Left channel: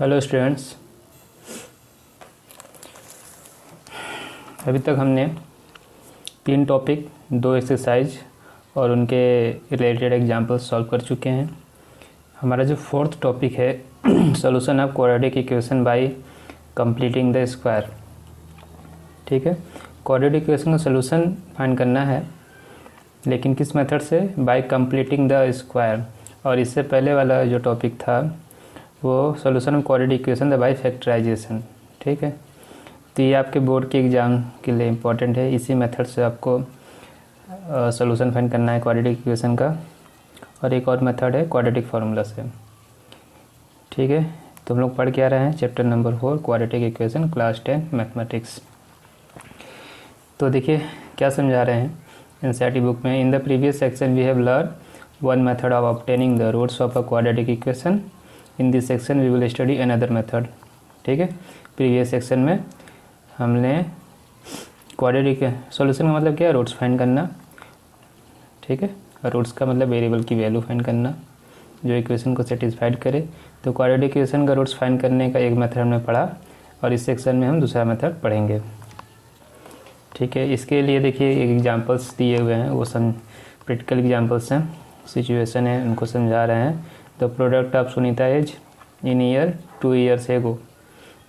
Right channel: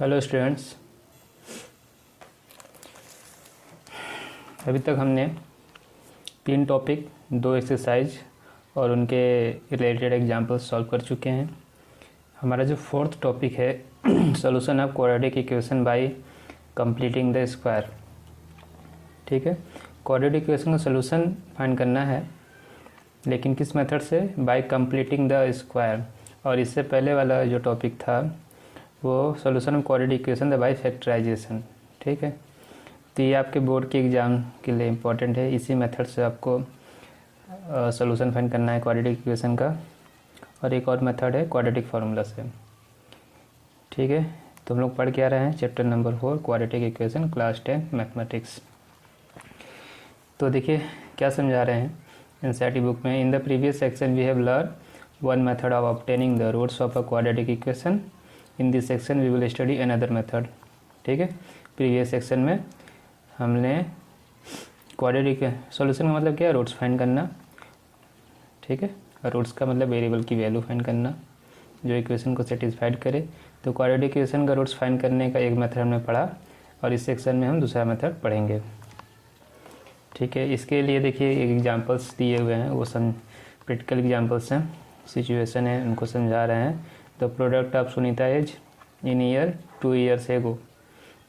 Hello students, अभी तक हमने 3 टॉपिक, 2 एक्सरसाइज और उनके रिलेटेड एग्जाम्पल्स सॉल्व कर चुके हैं। हमारा जो 4th टॉपिक है solution of quadratic equation by completing the square. ठीक है, क्वाड्रेटिक इक्वेशन का सॉल्यूशन फाइंड करना है, लेकिन किस मेथड से? By completing the square. और इससे पहले वाला जो टॉपिक था वो solution of quadratic equation by factorisation. ठीक है, तो ये आपके बोर्ड के एग्ज़ाम के लिए इम्पोर्टेंट है। इसी मेथड से आपको सॉल्यूशन फाइंड करना है क्वाड्रेटिक इक्वेशन का। और एक और मेथड है क्वाड्रेटिक फार्मूला से। ठीक है, तो हम लोग पढ़ के आ रहे हैं chapter number 4 quadratic equation, class 10 mathematics. तो देखिए क्या समझा रहे हैं एनसीईआरटी बुक में। In the previous section we have learn one method of obtaining the roots of a quadratic equation. In this section we will study another method. ठीक है, previous section में हमने क्वाड्रेटिक सॉल्यूशन का मतलब क्या है? Roots find करना। ठीक है, रूट्स का मतलब वेरिएबल की वैल्यू फाइंड करना जो इक्वेशन को सेटिस्फाइड करे। तो क्वाड्रेटिक इक्वेशन का रूट्स फाइंड करने का एक मेथड हमने पढ़ा और इस सेक्शन में हम दूसरा मेथड पढ़ेंगे। ठीक है, इसके लिए देखिए एग्जांपल्स दिए हुए हैं, वो प्रैक्टिकल एग्जांपल्स हैं, सिचुएशन है, उनको समझा रहे हैं। The product of Sunita age in year 2 years एगो,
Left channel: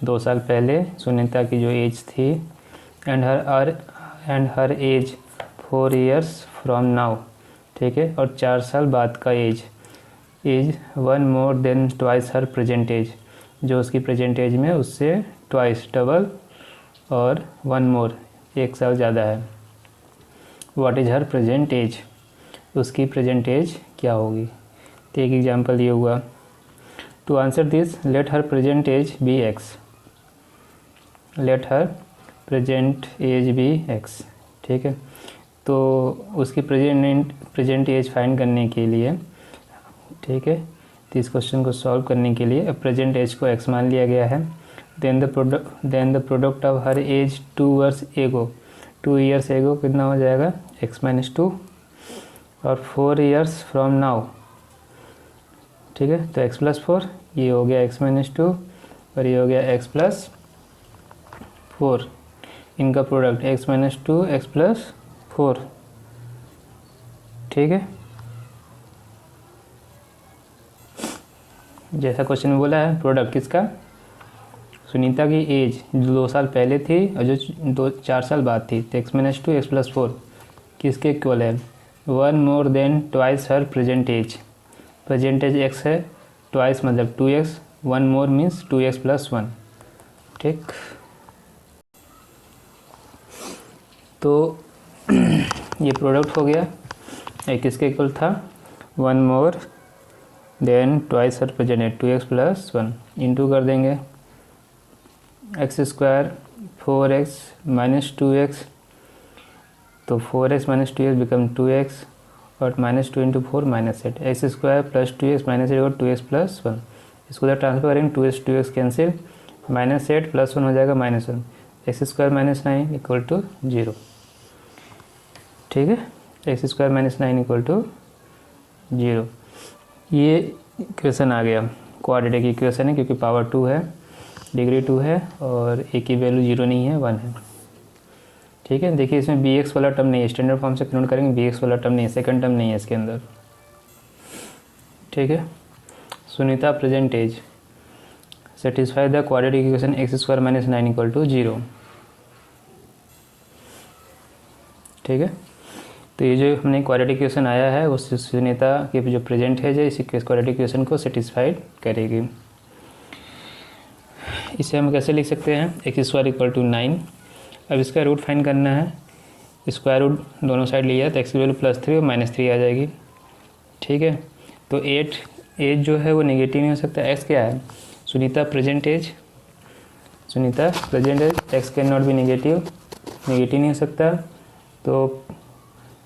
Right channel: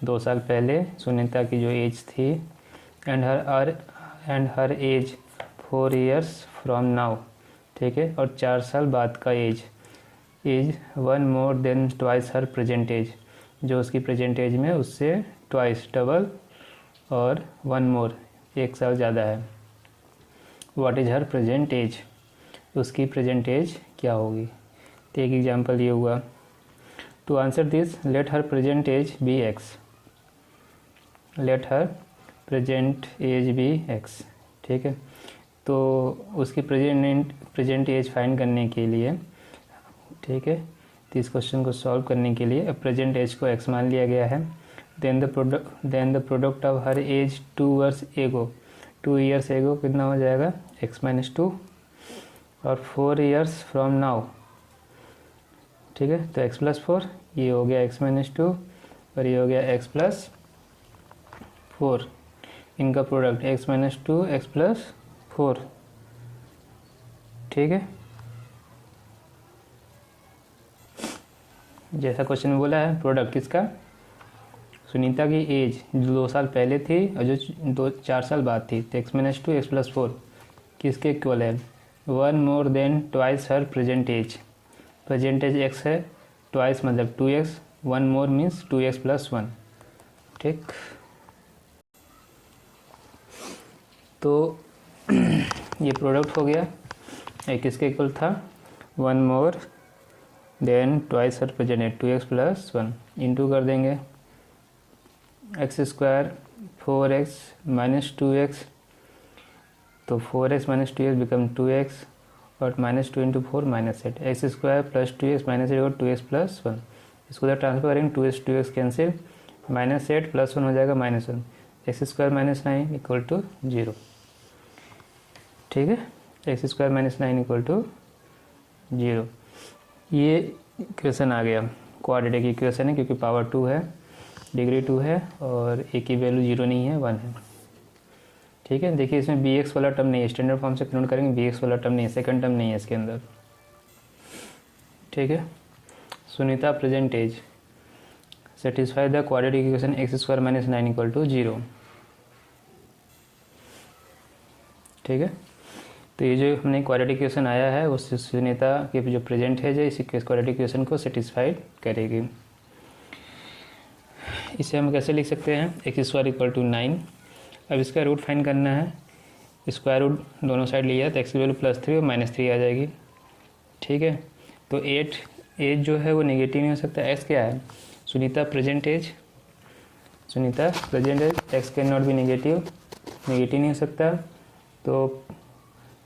2 साल पहले सुनीता की जो एज थी, and her age 4 years from now. ठीक है, और 4 साल बाद का age 1 more than twice her present age, जो उसकी प्रेजेंट एज में उससे ट्वाइस डबल और 1 more 1 साल ज़्यादा है। What is her present age, उसकी प्रेजेंट एज क्या होगी? तो एक एग्जाम्पल ये हुआ। To answer this let her present age be x, let her present age be x. ठीक है, तो उसकी प्रेजेंट एज फाइंड करने के लिए, ठीक है, तो इस क्वेश्चन को सॉल्व करने के लिए प्रेजेंट एज को एक्स मान लिया गया है। Then the product of her age 2 years एगो, 2 years एगो कितना हो जाएगा? x-2, और 4 years फ्रॉम नाउ। ठीक है, तो x+4, ये हो गया x-2 और ये हो गया x+4। इनका प्रोडक्ट x-2 x+4। ठीक है, जैसा क्वेश्चन में बोला है, प्रोडक्ट किसका? सुनीता की एज जो 2 साल पहले थी और जो 4 साल बाद थी, तो x-2 x+4 किसके इक्वल है? 1 more than twice her present age. Present age x है, ट्वाइस मतलब 2x, 1 more मीन्स 2x+1। ठीक, तो ये प्रोडक्ट हो गया। एक किसके इक्वल था? 1 more than twice her present as 2x+1, into कर देंगे x² 4x - 2x, तो 4x - 2x बिकम 2x, और -2 × 4 -8, x² + 2x - 8 और 2x+1। इसको जब ट्रांसफर करेंगे 2x कैंसिल, -8 + 1 हो जाएगा -1, x² - 9 = 0। ठीक है, x² - 9 = 0। ये इक्वेशन आ गया, क्वाड्रेटिक इक्वेशन है क्योंकि पावर 2 है, डिग्री 2 है और a की वैल्यू 0 नहीं है, 1 है। ठीक है, देखिए इसमें bx वाला टर्म नहीं है, स्टैंडर्ड फॉर्म से कन्वर्ट करेंगे, bx वाला टर्म नहीं है, सेकंड टर्म नहीं है इसके अंदर। ठीक है, Sunita present age satisfy the quadratic equation x² - 9 = 0। ठीक है, तो ये जो हमने क्वाड्रेटिक इक्वेशन आया है उस सुनीता की जो प्रेजेंट एज है इसी क्वाड्रेटिक इक्वेशन को सेटिस्फाइड करेगी। इसे हम कैसे लिख सकते हैं? x² = 9। अब इसका रूट फाइंड करना है, स्क्वायर रूट दोनों साइड लिया तो x की वैल्यू +3 और -3 आ जाएगी। ठीक है, तो 8 एज जो है वो नेगेटिव नहीं हो सकता। x क्या है? Sunita present age, x can not be negative नहीं हो सकता। तो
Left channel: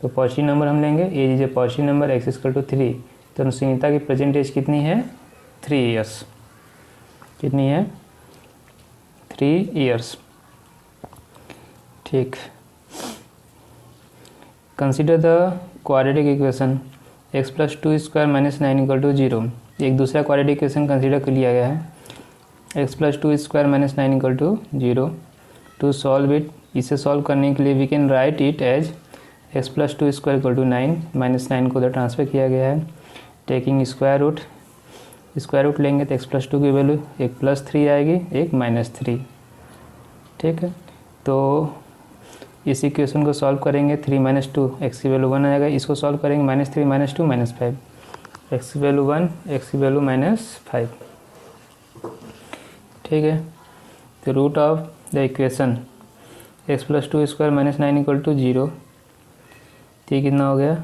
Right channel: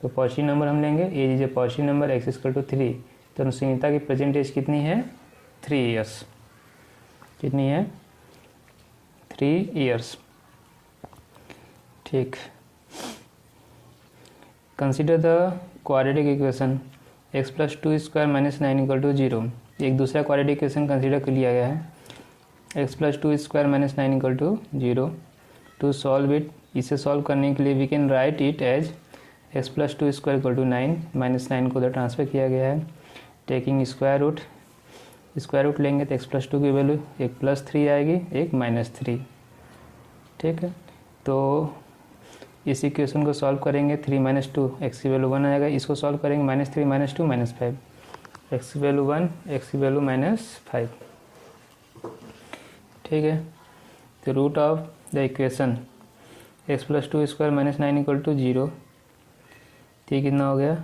पॉजिटिव नंबर हम लेंगे, age is a positive number, x = 3। तो सुनीता की प्रेजेंट एज कितनी है? 3 years। कितनी है? 3 years। ठीक, consider the quadratic equation x + 2² - 9 = 0। एक दूसरा क्वाड्रेटिक इक्वेशन कंसिडर कर लिया गया है, x plus two square minus 9 equal to 0। To solve it, इसे सॉल्व करने के लिए we can write it as x plus two square equal to 9, minus 9 को उधर ट्रांसफर किया गया है। टेकिंग स्क्वायर रूट लेंगे तो एक्स प्लस टू की वैल्यू एक प्लस 3 आएगी, एक माइनस 3। ठीक है, तो इस इक्वेशन को सॉल्व करेंगे, 3 माइनस 2 एक्स की वैल्यू 1 आएगा। इसको सॉल्व करेंगे माइनस 3 माइनस 2 माइनस 5, एक्स की वैल्यू 1, एक्स की वैल्यू माइनस 5। ठीक है, तो root of the equation x plus two square minus 9 equal to 0, तो कितना हो गया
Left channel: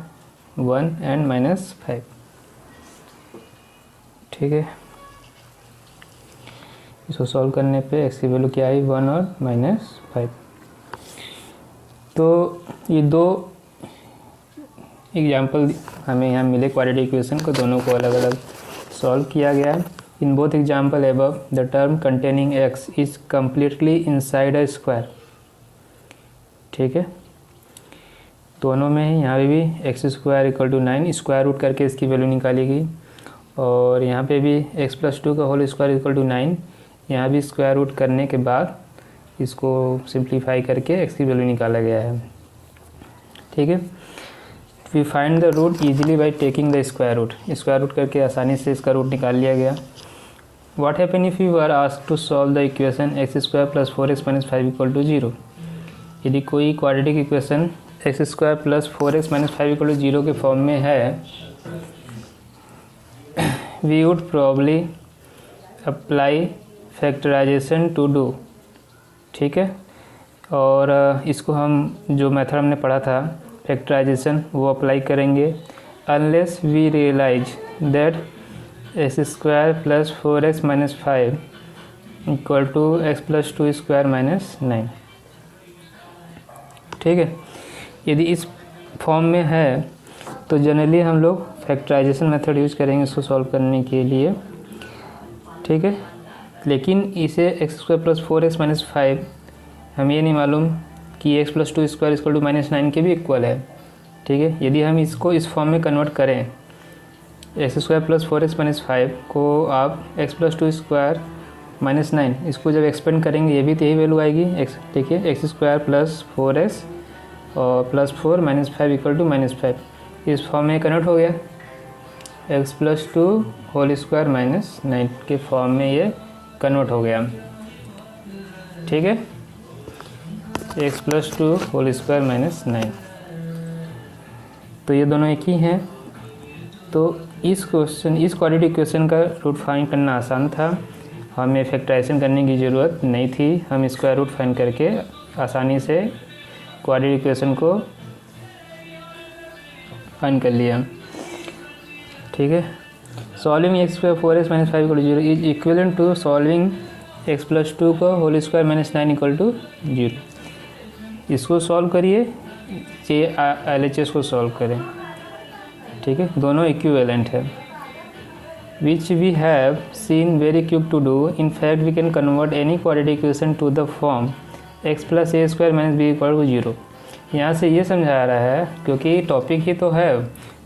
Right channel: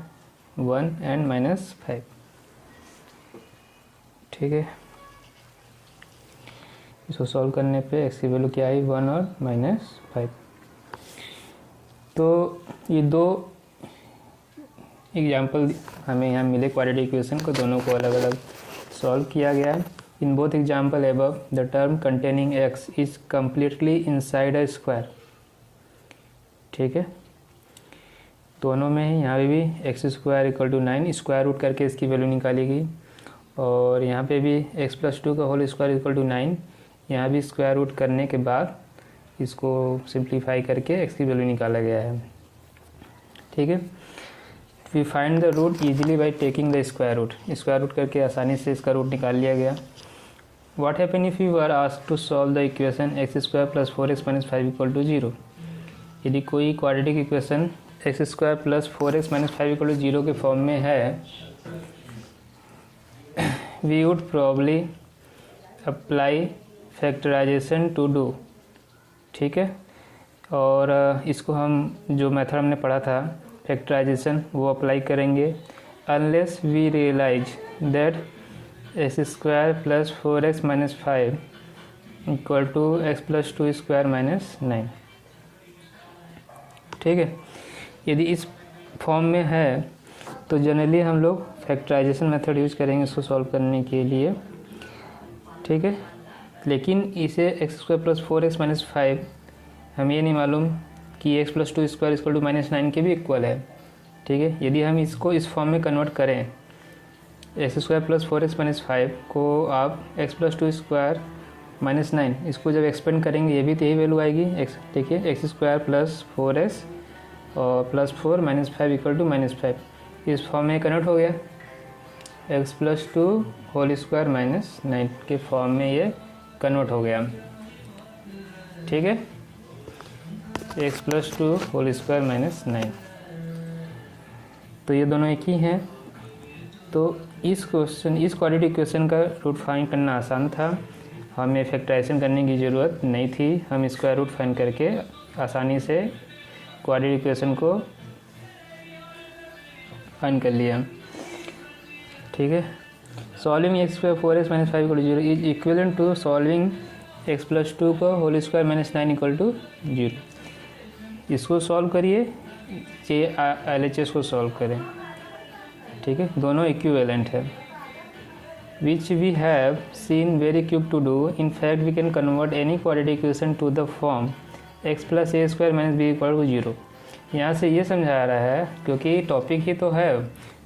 1 एंड माइनस 5। ठीक है, इसको सॉल्व करने पे एक्स की वैल्यू क्या आई 1 और माइनस 5। तो ये दो एग्जाम्पल हमें यहाँ मिले क्वाड्रेटिक इक्वेशन को, दोनों को अलग अलग सॉल्व किया गया है। In both example above the term containing x is completely inside a square. ठीक है, दोनों में ही यहाँ पे भी x square equal to 9 square root करके इसकी वैल्यू निकालेगी, और यहाँ पे भी एक्स प्लस टू का होल स्क्वायर इक्वल टू 9, यहाँ भी स्क्वायर रूट करने के बाद इसको सिंप्लीफाई करके एक्स की वैल्यू निकाला गया है। ठीक है, we find the root easily by taking the square root करके आसानी से इसका रूट निकाल लिया गया। What happen if you are asked to solve the equation x square plus 4x minus 5 equal to 0। यदि कोई quadratic equation x square plus 4x minus 5 equal to 0 के फॉर्म में है, we would probably apply factorisation to do. ठीक है, और इसको हम जो मेथड हमने पढ़ा था फैक्टराइजेशन वो अप्लाई करेंगे, unless we realise that x square plus 4x minus 5 equal to x plus two square minus 9। ठीक है, यदि इस फॉर्म में है तो जनरली हम लोग फैक्टराइजेशन मेथड यूज करेंगे इसको सॉल्व करने के लिए। ठीक है, लेकिन इसे x square plus 4x minus 5 हम ये नहीं मालूम कि x plus two square equal to minus 9 के भी इक्वल है। ठीक है, यदि हम इसको इस फॉर्म में कन्वर्ट करें, x square plus 4x minus 5 को आप x plus two square minus 9, इसको जब एक्सपेंड करेंगे ये भी तो यही वैल्यू आएगी। एक्स देखिए एक्स स्क्वायर प्लस 4x और plus 4 minus 5 equal to minus 5, इस फॉर्म में कन्वर्ट हो गया। X plus two whole square minus 9 के फॉर्म में ये कन्वर्ट हो गया। ठीक है, x plus two whole square minus 9, तो ये दोनों एक ही हैं। तो इस क्वाड्रेटिक इक्वेशन का रूट फाइंड करना आसान था, हमें फैक्टराइजेशन करने की ज़रूरत नहीं थी। हम स्क्वायर रूट फाइंड करके आसानी से क्वाड्रेटिक इक्वेशन को फाइंड कर लिया। ठीक है, solving x square 4x minus 5 equal to 0 is equivalent to solving x plus 2 को whole square minus 9 equal to 0। इसको सॉल्व करिए, ये LHS को सॉल्व करें। ठीक है, दोनों इक्विवेलेंट है। Which we have seen very quick to do. In fact we can convert any quadratic equation to the form x plus a square minus b equal to 0। यहाँ से ये समझा रहा है, क्योंकि टॉपिक ही तो है।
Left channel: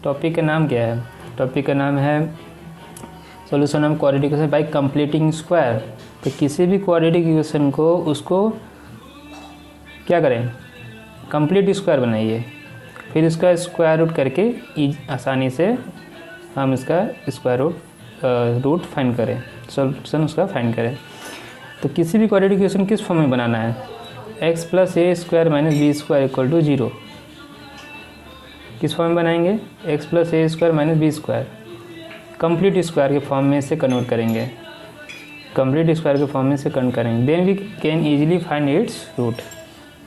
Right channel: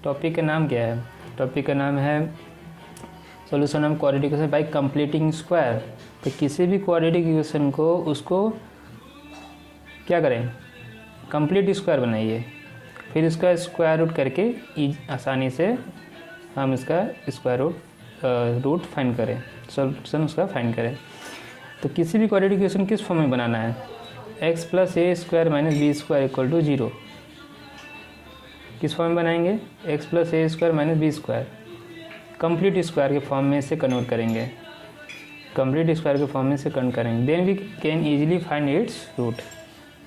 टॉपिक का नाम क्या है? टॉपिक का नाम है solution of quadratic equation by completing square. तो किसी भी क्वाड्रेटिक इक्वेशन को उसको क्या करें, कंप्लीट स्क्वायर बनाइए, फिर इसका स्क्वायर रूट करके आसानी से हम इसका स्क्वायर रूट फाइंड करें, सॉल्यूशन उसका फाइंड करें। तो किसी भी क्वाड्रेटिक इक्वेशन किस फॉर्म में बनाना है? X plus a square minus b square equal to 0। किस फॉर्म में बनाएंगे? X plus a square minus b square, complete square के फॉर्म में इसे कन्वर्ट करेंगे, कंप्लीट स्क्वायर के फॉर्म में इसे कन्वर्ट करेंगे। Then we can easily find its root.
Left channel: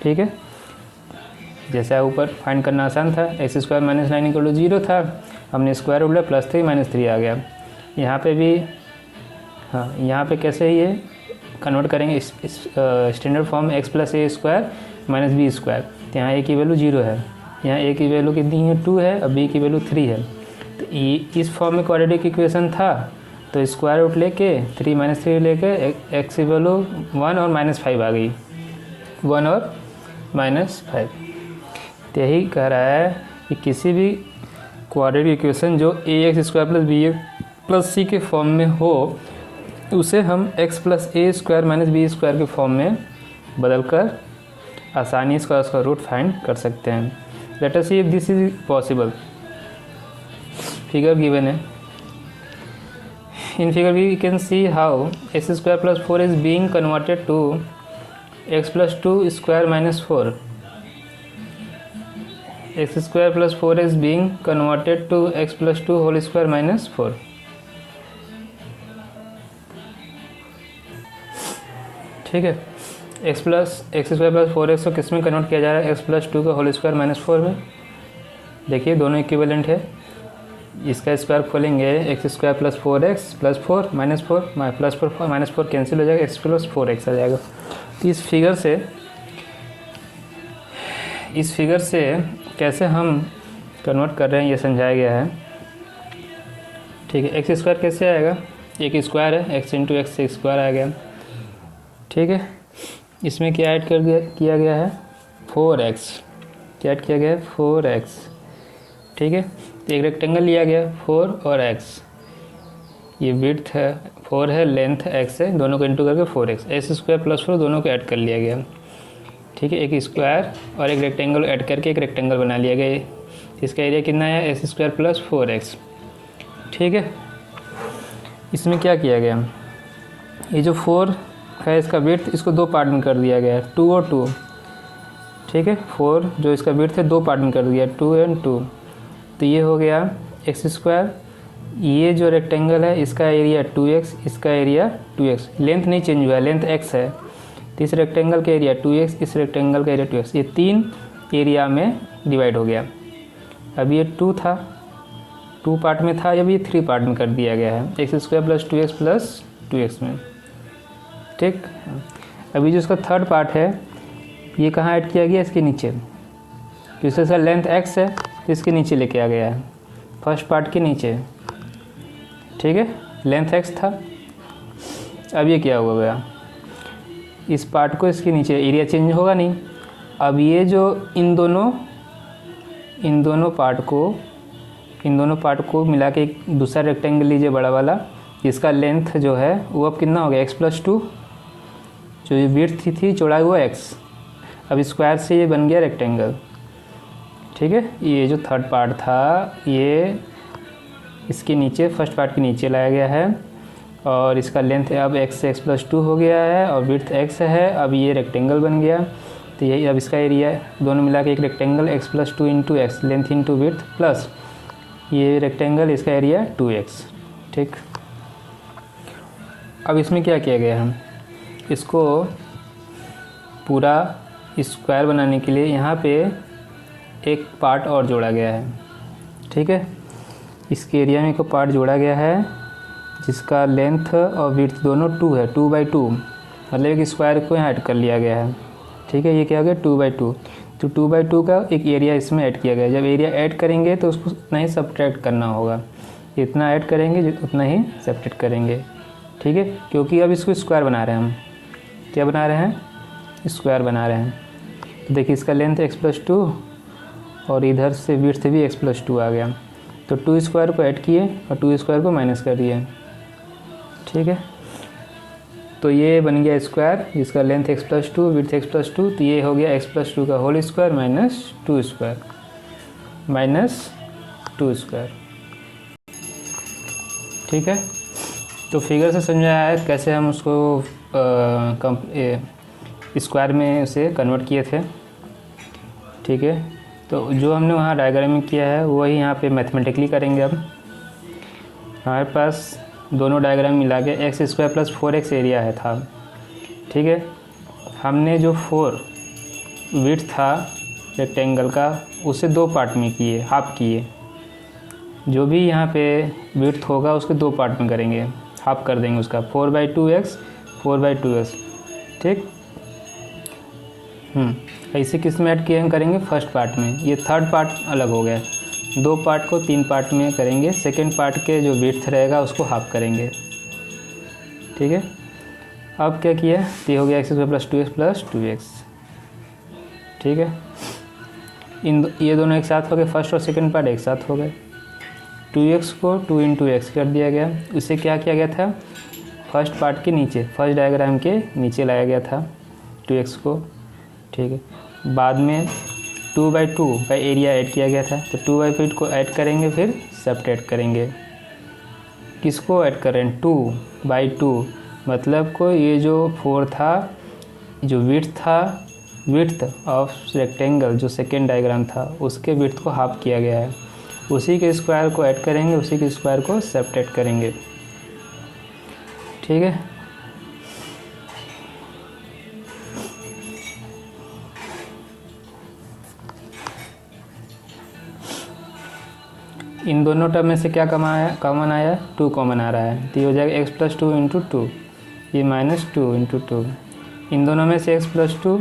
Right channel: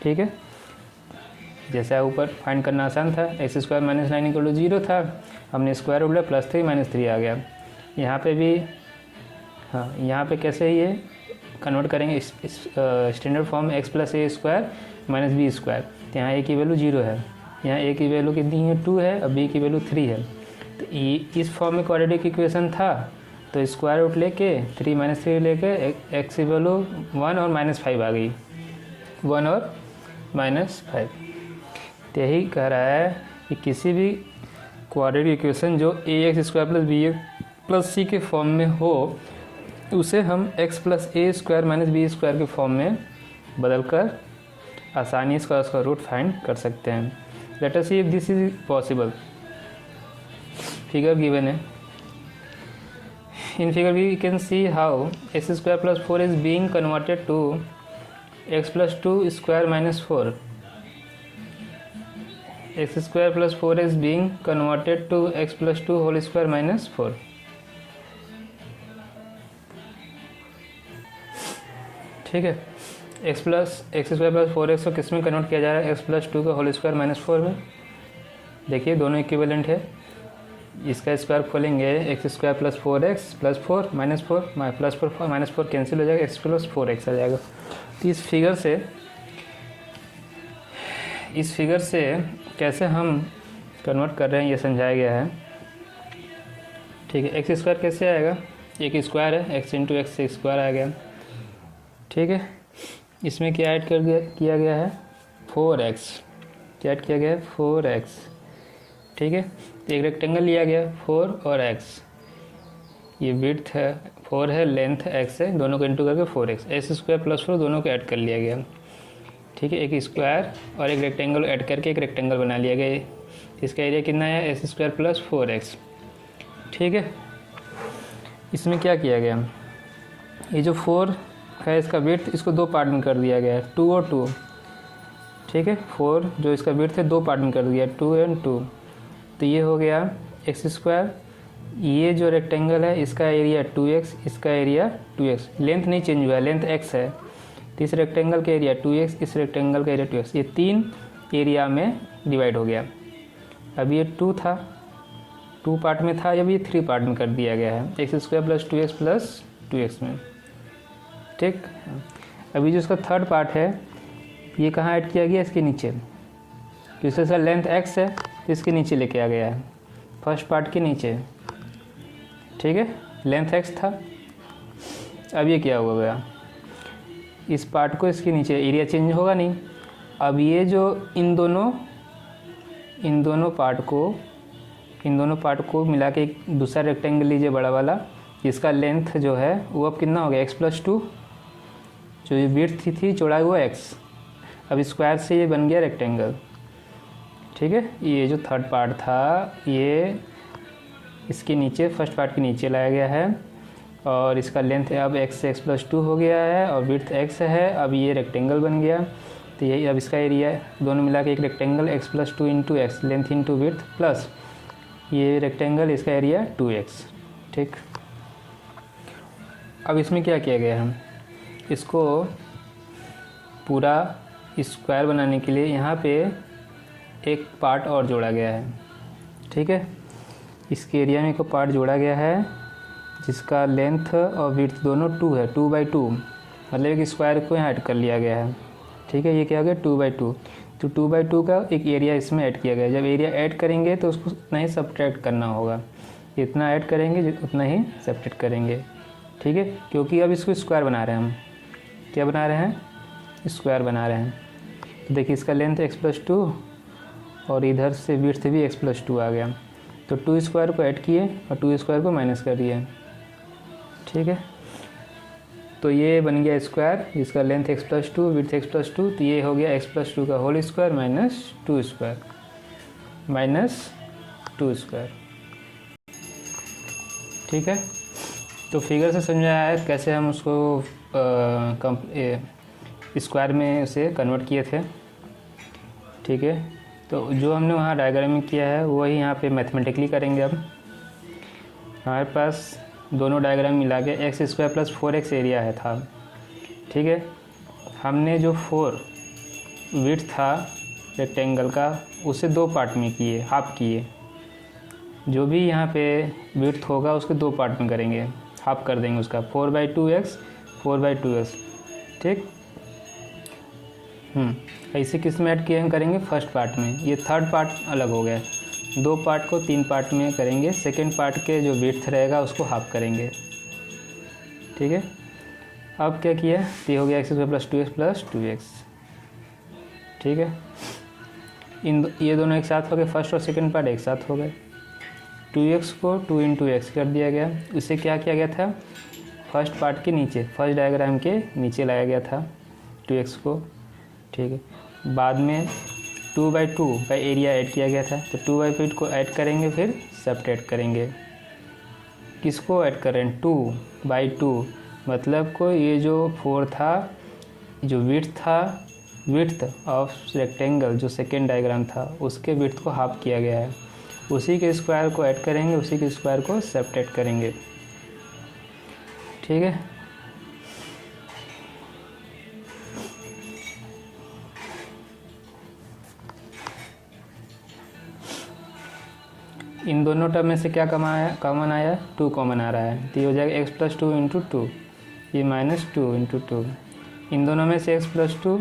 ठीक है, जैसा ऊपर फाइंड करना आसान था, x square minus 9 equal to 0 था, हमने स्क्वायर रूट लिया, प्लस 3 माइनस 3 आ गया। यहाँ पे भी हाँ, यहाँ पे कैसे ये कन्वर्ट करेंगे standard form x plus a square minus b square. तो यहाँ ए की वैल्यू 0 है, यहाँ ए की वैल्यू कितनी है 2 है, और बी की वैल्यू 3 है। तो इस फॉर्म में क्वाड्रेटिक इक्वेशन था, तो स्क्वायर रूट लेके 3 माइनस 3 लेके एक्स की वैल्यू 1 और माइनस 5 आ गई, 1 और माइनस 5। तो यही कह रहा है कि किसी भी क्वाड्रेटिक इक्वेशन जो a x square plus b x plus c के फॉर्म में हो, उसे हम x plus a square minus b square के फॉर्म में बदलकर आसानी से उसका रूट फाइंड कर सकते हैं। Let us see if this is possible. Figure given है। In figure we can see how x square plus 4 is being converted to x plus 2 square minus 4. X square plus 4 is being converted to x plus 2 whole square minus 4. ठीक है, x square plus 4x को किस में convert किया जा रहा है? x plus 2 का होल स्क्वायर माइनस 4 में। देखिए दोनों इक्विवेलेंट है। इसका स्क्वायर खोलेंगे, x square plus 4x plus 4 minus 4 plus 4 minus 4 cancel हो जाएगा, x प्लस 4x आ जाएगा। तो इस फिगर से कैसे हम कन्वर्ट कर रहे हैं ये समझाया गया है। ठीक है, एक्स स्क्वायर कैसे आएगा? एक स्क्वायर है, x इंटू एक्स स्क्वायर आ गया। ठीक है, इसमें क्या ऐड किया गया है? 4x। क्या ऐड किया गया है? 4x। ठीक है, तो एक रेक्टेंगल लिया गया 4 और x। ये विड्थ है 4 है, लेंथ x है, दोनों को इंटू करके 4x। एक्स स्क्वायर प्लस 4 दोनों को ऐड कर लिया गया। ठीक है, एक स्क्वायर और एक रेक्टेंगल ऐड करके एक रेक्टेंगल बना लिया गया। इसका एरिया कितना है? X square plus 4x। ठीक है, इसमें क्या किया गया? ये जो 4 है इसका विड्थ, इसको दो पार्ट में कर दिया गया है, 2 और 2। ठीक है, 4 जो इसका विड्थ है दो पार्ट में कर दिया, 2 एंड 2। तो ये हो गया एक्स स्क्वायर। ये जो रेक्टेंगल है इसका एरिया 2x, इसका एरिया 2x। लेंथ नहीं चेंज हुआ है, लेंथ x है। तो इस रेक्टेंगल का एरिया 2x, इस रेक्टेंगल का एरिया 2x। ये 3 एरिया में डिवाइड हो गया। अब ये 2 था, 2 पार्ट में था, अब ये 3 पार्ट में कर दिया गया है, एक्स स्क्वायर प्लस 2x में। ठीक, अभी जो इसका थर्ड पार्ट है ये कहाँ ऐड किया गया? इसके नीचे। तो इसका लेंथ x है तो इसके नीचे लेके आ गया है, फर्स्ट पार्ट के नीचे। ठीक है, लेंथ x था। अब ये क्या हो गया? इस पार्ट को इसके नीचे, एरिया चेंज होगा नहीं। अब ये जो इन दोनों पार्ट को मिला के एक दूसरा रेक्टेंगल लीजिए बड़ा वाला। इसका लेंथ जो है वो अब कितना हो गया? x plus 2। जो ये विड्थ थी चौड़ाई हुआ x। अब स्क्वायर से ये बन गया रेक्टेंगल। ठीक है, ये जो थर्ड पार्ट था ये इसके नीचे, फर्स्ट पार्ट के नीचे लाया गया है और इसका लेंथ अब x प्लस 2 हो गया है और विड्थ x है। अब ये रेक्टेंगल बन गया। तो यही अब इसका एरिया दोनों मिला के एक rectangle x plus 2 into x, length into width, plus ये रेक्टेंगल, इसका एरिया 2x। ठीक, अब इसमें क्या किया गया है? इसको पूरा स्क्वायर बनाने के लिए यहाँ पे एक पार्ट और जोड़ा गया है। ठीक है, इसके एरिया में एक पार्ट जोड़ा गया है जिसका लेंथ और विड्थ दोनों 2 है, 2/2। मतलब एक स्क्वायर को यहाँ ऐड कर लिया गया है। ठीक है, ये क्या हो गया? 2/2। तो 2/2 का एक एरिया इसमें ऐड किया गया। जब एरिया ऐड करेंगे तो उसको उतना ही सब्ट्रैक्ट करना होगा, जितना ऐड करेंगे उतना ही सब्ट्रैक्ट करेंगे। ठीक है, क्योंकि अब इसको स्क्वायर बना रहे हैं हम। क्या बना रहे हैं? स्क्वायर बना रहे हैं। तो देखिए इसका लेंथ x प्लस 2 और इधर से विड्थ भी x प्लस 2 आ गया। तो 2 स्क्वायर को ऐड किए और 2 स्क्वायर को माइनस कर दिए। ठीक है, तो ये बन गया स्क्वायर जिसका length x plus 2, width x plus 2। तो ये हो गया x प्लस 2 का होल स्क्वायर माइनस 2 स्क्वायर। ठीक है, तो फिगर से समझाया है कैसे हम उसको स्क्वायर में उसे कन्वर्ट किए थे। ठीक है, तो जो हमने वहाँ डायग्राम में किया है वही यहाँ पे मैथमेटिकली करेंगे। अब हमारे पास दोनों डायग्राम मिला के x square plus 4x area है था। ठीक है, हमने जो 4 विड्थ था रेक्टेंगल का उसे 2 पार्ट में किए, हाफ किए। जो भी यहाँ पे विड्थ होगा उसके 2 पार्ट में करेंगे, हाफ कर देंगे उसका, 4/2x 4/2x। ठीक, ऐसे किस में ऐड किए हम करेंगे? फर्स्ट पार्ट में। ये थर्ड पार्ट अलग हो गया, 2 पार्ट को 3 पार्ट में करेंगे। सेकेंड पार्ट के जो विड्थ रहेगा उसको हाफ करेंगे। ठीक है, अब क्या किया? ये हो गया x² plus 2x plus 2x। ठीक है, ये दोनों एक साथ हो गए, फर्स्ट और सेकेंड पार्ट एक साथ हो गए। 2x को 2 इंटू एक्स कर दिया गया। इससे क्या किया गया था? फर्स्ट पार्ट के नीचे, फर्स्ट डायग्राम के नीचे लाया गया था 2x को, ठीक है। बाद में 2/2 का एरिया ऐड किया गया था, तो 2/2 को ऐड करेंगे, फिर सब्ट्रैक्ट करेंगे। किसको ऐड करें? 2/2, मतलब को ये जो 4 था, जो विड्थ था, विड्थ ऑफ रेक्टेंगल जो सेकेंड डायग्राम था उसके विड्थ को हाफ किया गया है, उसी के स्क्वायर को ऐड करेंगे, उसी के स्क्वायर को सब्ट्रैक्ट करेंगे, ठीक है। इन दोनों टर्म में से क्या कॉमन आया? 2 कॉमन आ रहा है, तो ये हो जाएगा x+2 इंटू 2, ये -2 इंटू 2। इन दोनों में से x+2